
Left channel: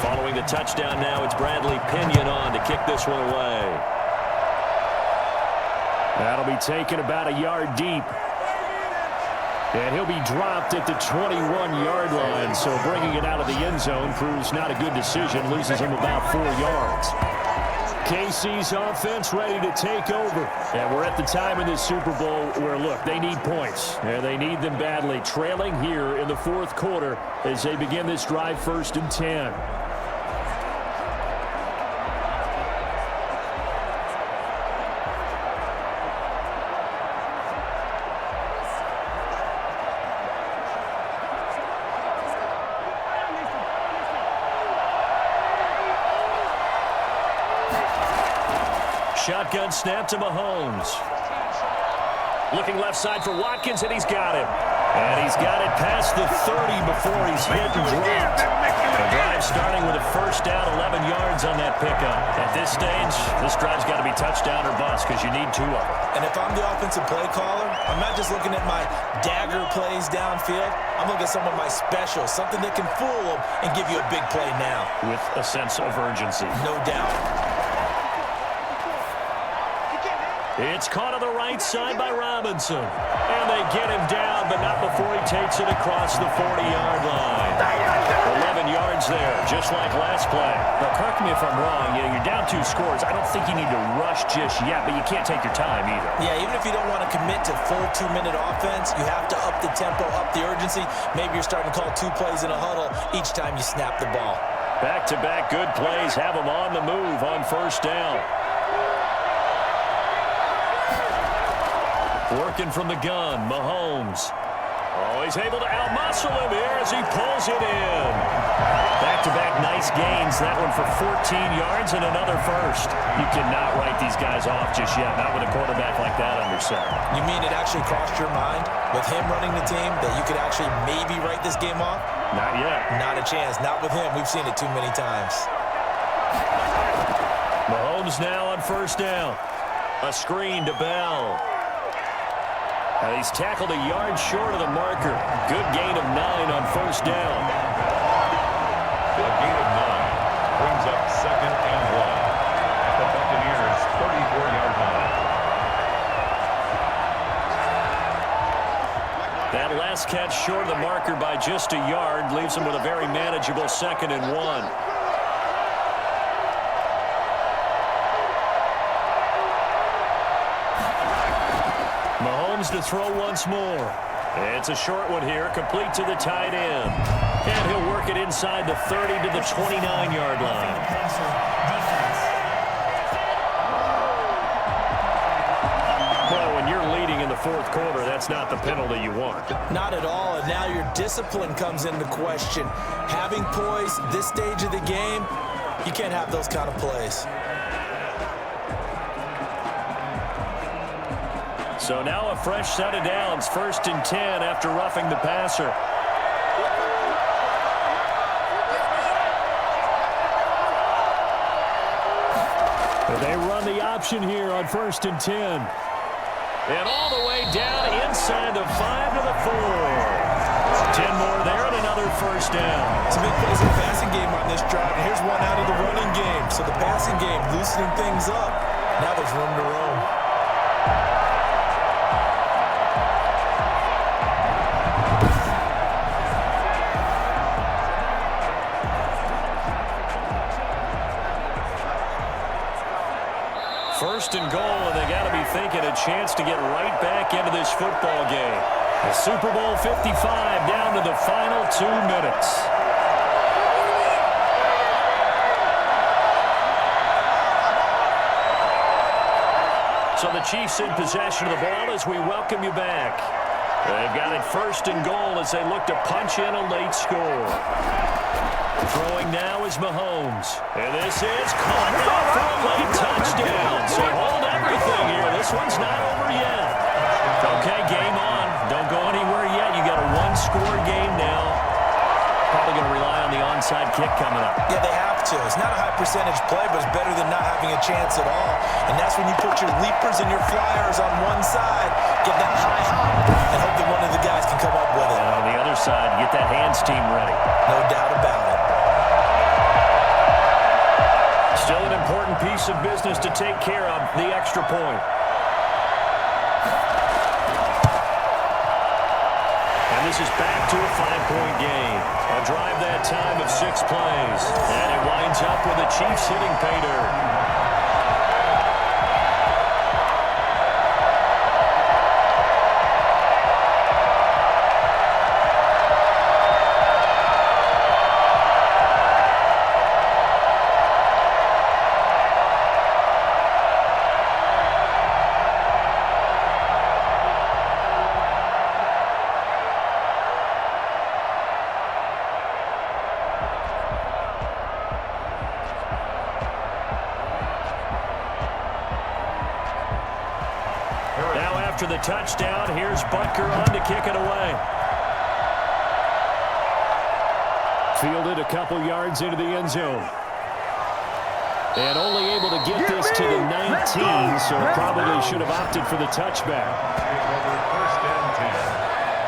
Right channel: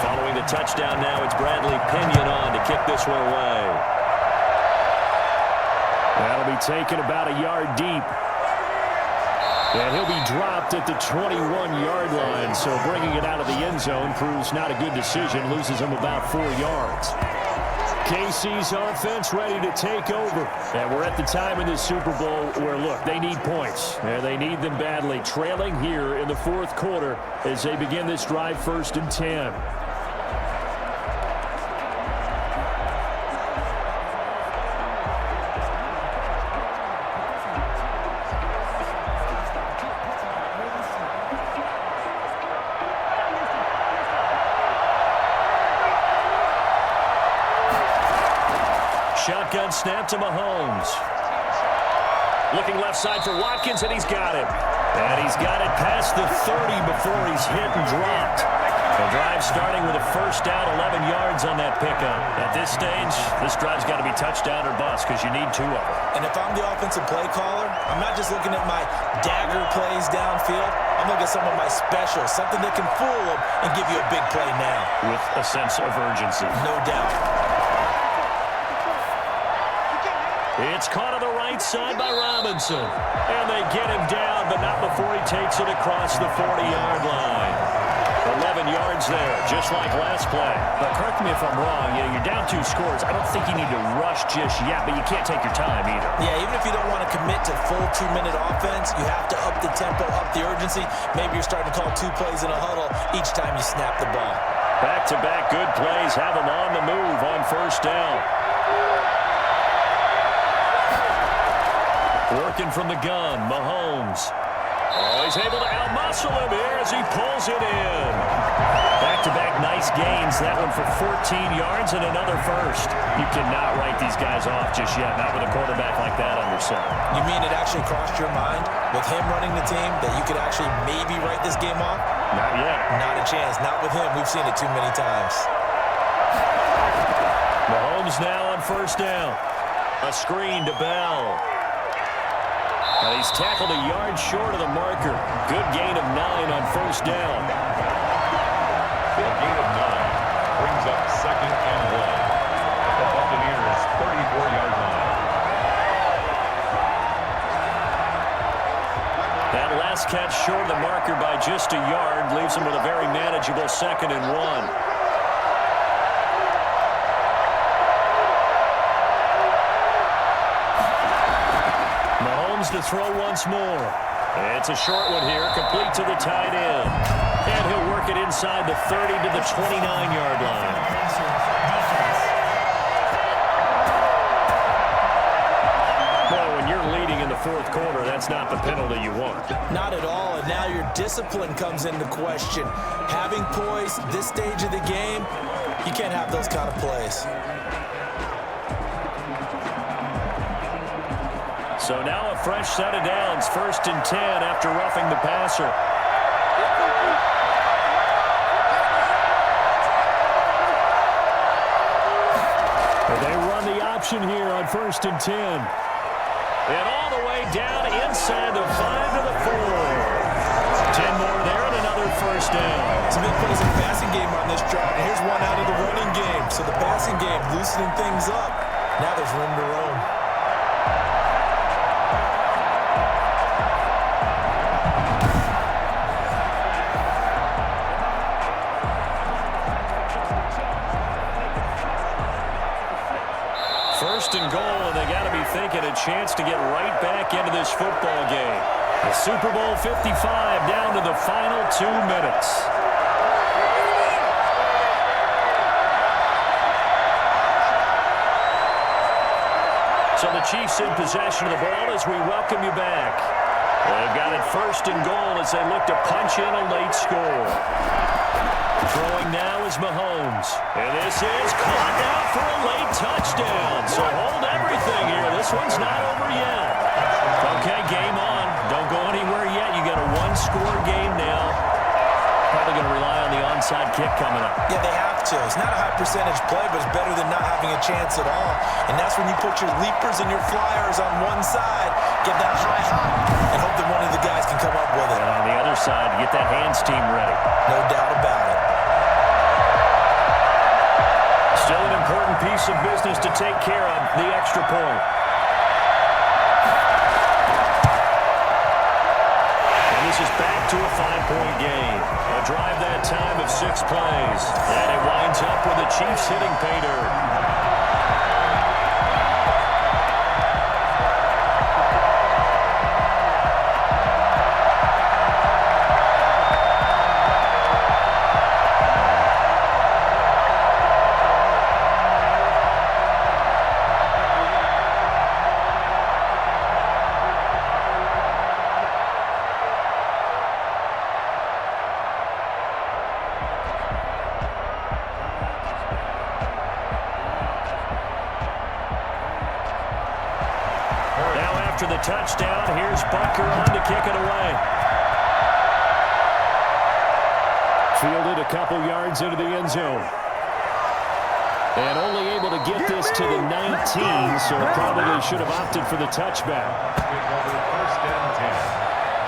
Following the touchdown now, it's Bradley Pinion on to kick this one away. That'll be taken about a yard deep. And he'll be dropped at the 21-yard line, so bringing it out of the end zone proves not a good decision, loses him about 4 yards. KC's offense ready to take over. And we're at the time in this Super Bowl where, look, they need points. And they need them badly. Trailing here in the 4th quarter as they begin this drive 1st and 10. Shotgun snap to Mahomes. Looking left side for Watkins, and he's got him. And he's got it past the 30 before he's hit and dropped. The drive starting with a first down, 11 yards on that pickup. At this stage, this drive's got to be touchdown or bust because you need 2 of them. And if I'm the offensive play caller, I'm not just looking at my dagger plays downfield. I'm looking at some of my specials, something that can fool them and give you a big play now. With a sense of urgency. No doubt. It's caught on the right side by Robinson. And they get him down, but not before he takes it across the 40-yard line. 11 yards there, just like last play. But correct me if I'm wrong, you're down 2 scores. I don't think you need to rush just yet, but you can't take your time either. Yeah, even if you don't want to commit to full 2-minute offense, you have to up the tempo, up the urgency. Maybe you're starting to call 2 plays in a huddle each time you snap the ball. Back-to-back good plays have them on the move on first down. Working from the gun, Mahomes. Oh, he's able to outmuscle him here as he pulls it in. Back-to-back nice gains. That one for 14 yards and another first. You cannot write these guys off just yet, not with a quarterback like that under center. You mean it actually crossed your mind with him running the team that you could actually maybe write this game off? Not yet. Not a chance. Not with him. We've seen it too many times. Mahomes now on first down. A screen to Bell. And he's tackled a yard short of the marker. Good gain of 9 on first down. A gain of 9 brings up 2nd and 1 at the Buccaneers' 34-yard line. That last catch short of the marker by just a yard leaves him with a very manageable 2nd and 1. Mahomes to throw once more. It's a short one here, complete to the tight end. And he'll work it inside the 30 to the 29-yard line. Well, when you're leading in the fourth quarter, that's not the penalty you want. Not at all, and now your discipline comes into question. Having poise this stage of the game, you can't have those kind of plays. So now a fresh set of downs, 1st and 10 after roughing the passer. They run the option here on 1st and 10. And all the way down inside the 5 to the 4. 10 more there and another first down. Some big plays in the passing game on this drive. And here's one out of the running game. So the passing game loosening things up. Now there's room to roam. First and goal, and they got to be thinking a chance to get right back into this football game. The Super Bowl 55 down to the final 2 minutes. So the Chiefs in possession of the ball as we welcome you back. They've got it 1st and goal as they look to punch in a late score. Throwing now is Mahomes. And this is caught now for a late touchdown. So hold everything here. This one's not over yet. Okay, game on. Don't go anywhere yet. You got a 1-score game now. Probably going to rely on the onside kick coming up. Yeah, they have to. It's not a high percentage play, but it's better than not having a chance at all. And that's when you put your leapers and your flyers on one side, get that high hop, and hope that one of the guys can come up with it. And on the other side, get that hands team ready. No doubt about it. Still an important piece of business to take care of, the extra point. And this is back to a 5-point game. A drive that time of 6 plays. And it winds up with the Chiefs hitting pay dirt. Now after the touchdown, here's Butker on to kick it away. Fielded a couple yards into the end zone. And only able to get this to the 19, so probably should have opted for the touchback. Over 1st and 10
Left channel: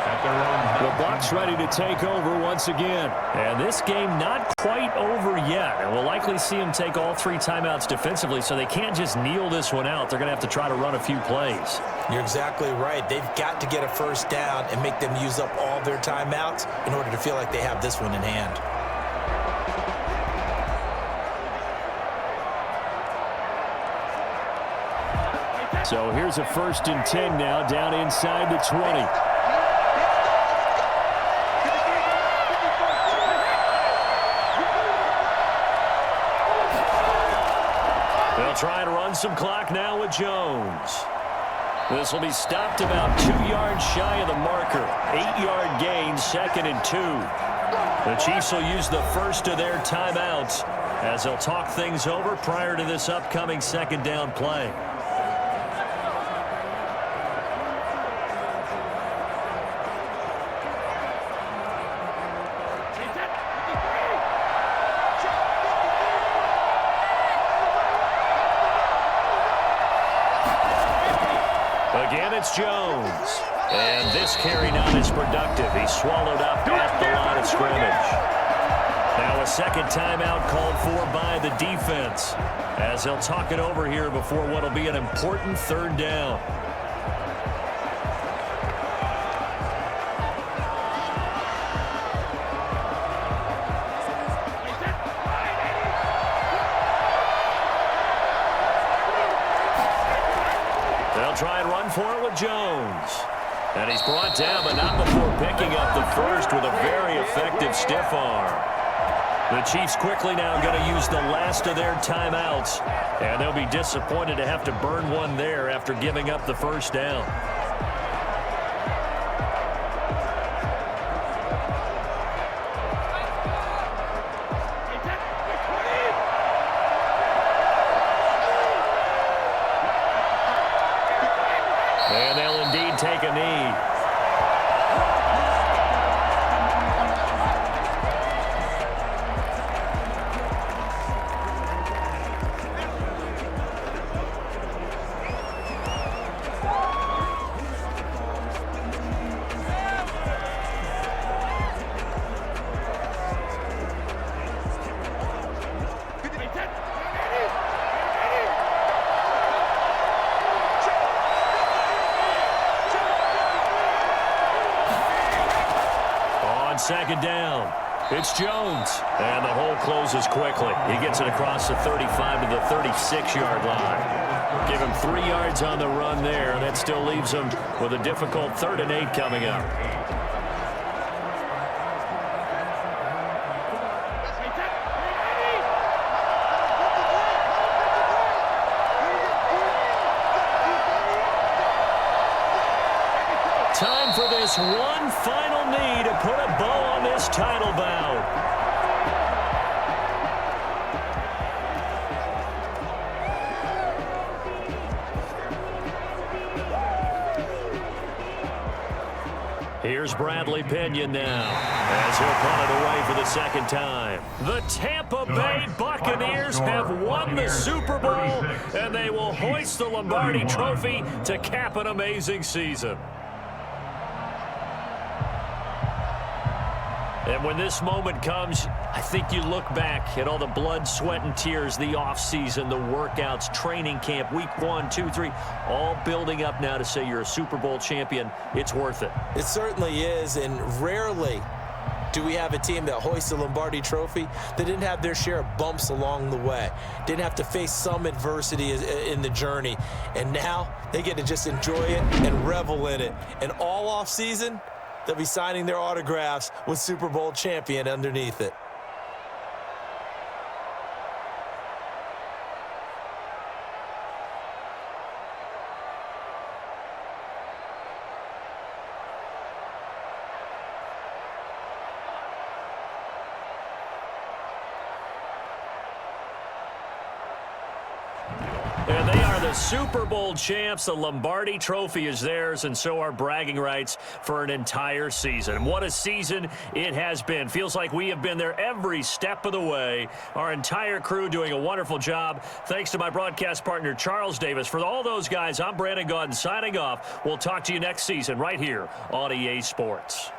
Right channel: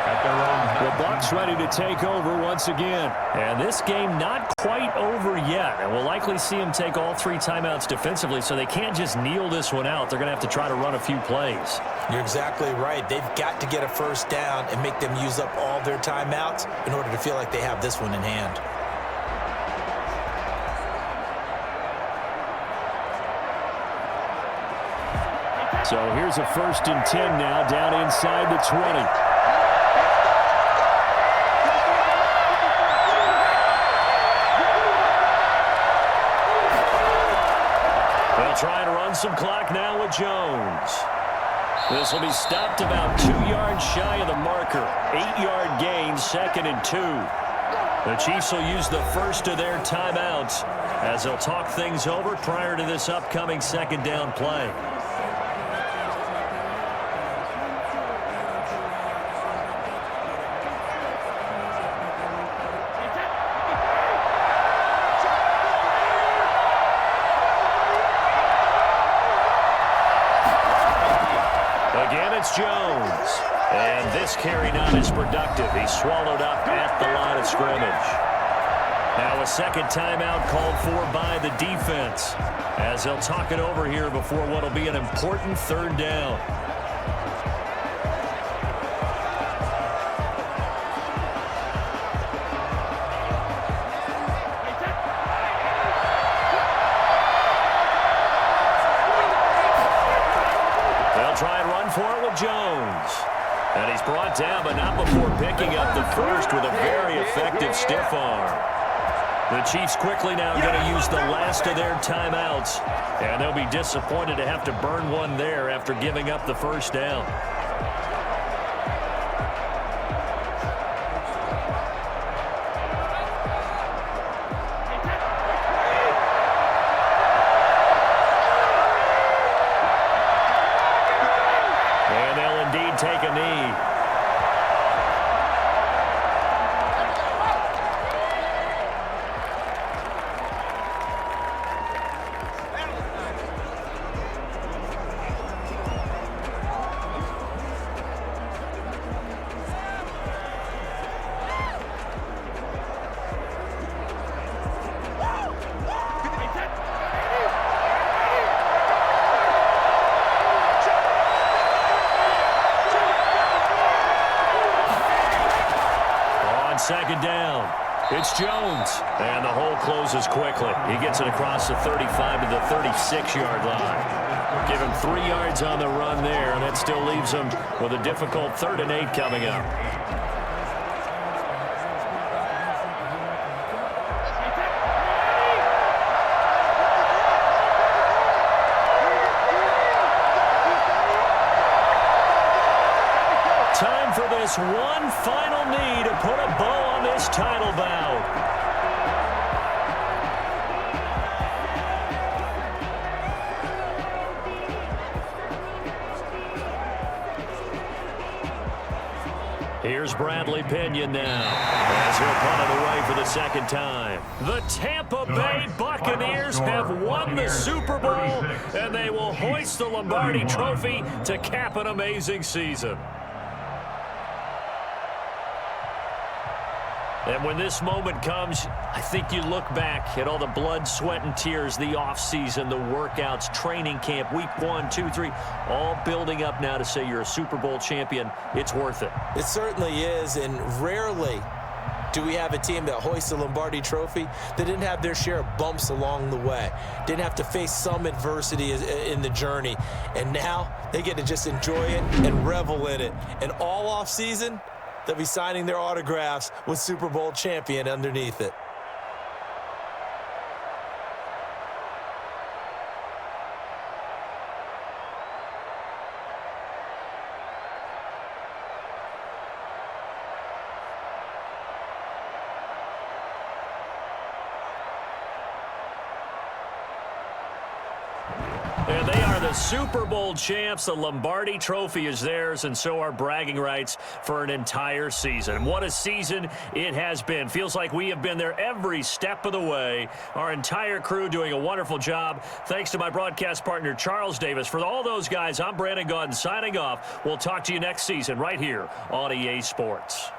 at their own. The Bucs ready to take over once again. And this game not quite over yet. And we'll likely see them take all 3 timeouts defensively, so they can't just kneel this one out. They're going to have to try to run a few plays. You're exactly right. They've got to get a first down and make them use up all their timeouts in order to feel like they have this one in hand. So here's a 1st and 10 now down inside the 20. They'll try and run some clock now with Jones. This will be stopped about 2 yards shy of the marker. 8-yard gain, 2nd and 2. The Chiefs will use the first of their timeouts as they'll talk things over prior to this upcoming 2nd down play. Again, it's Jones. And this carry not as productive. He's swallowed up at the line of scrimmage. Now a second timeout called for by the defense as they'll talk it over here before what will be an important 3rd down. They'll try and run for it with Jones. And he's brought down, but not before picking up the first with a very effective stiff arm. The Chiefs quickly now going to use the last of their timeouts, and they'll be disappointed to have to burn one there after giving up the first down. And they'll indeed take a knee. Second down. It's Jones. And the hole closes quickly. He gets it across the 35 to the 36-yard line. Give him 3 yards on the run there, and that still leaves him with a difficult 3rd and 8 coming up. Time for this one final knee to put a bow on this title bout. Here's Bradley Pinion now as he'll punt it away for the 2nd time. The Tampa Bay Buccaneers have won the Super Bowl, and they will hoist the Lombardi Trophy to cap an amazing season. And when this moment comes, I think you look back at all the blood, sweat, and tears, the offseason, the workouts, training camp, week 1, 2, 3, all building up now to say you're a Super Bowl champion. It's worth it. It certainly is, and rarely do we have a team that hoists the Lombardi Trophy that didn't have their share of bumps along the way, didn't have to face some adversity in the journey, and now they get to just enjoy it and revel in it. And all offseason, they'll be signing their autographs with Super Bowl champion underneath it. And they are the Super Bowl champs. The Lombardi Trophy is theirs, and so are bragging rights for an entire season. What a season it has been. Feels like we have been there every step of the way. Our entire crew doing a wonderful job. Thanks to my broadcast partner, Charles Davis. For all those guys, I'm Brandon Gaudin signing off. We'll talk to you next season right here on EA Sports.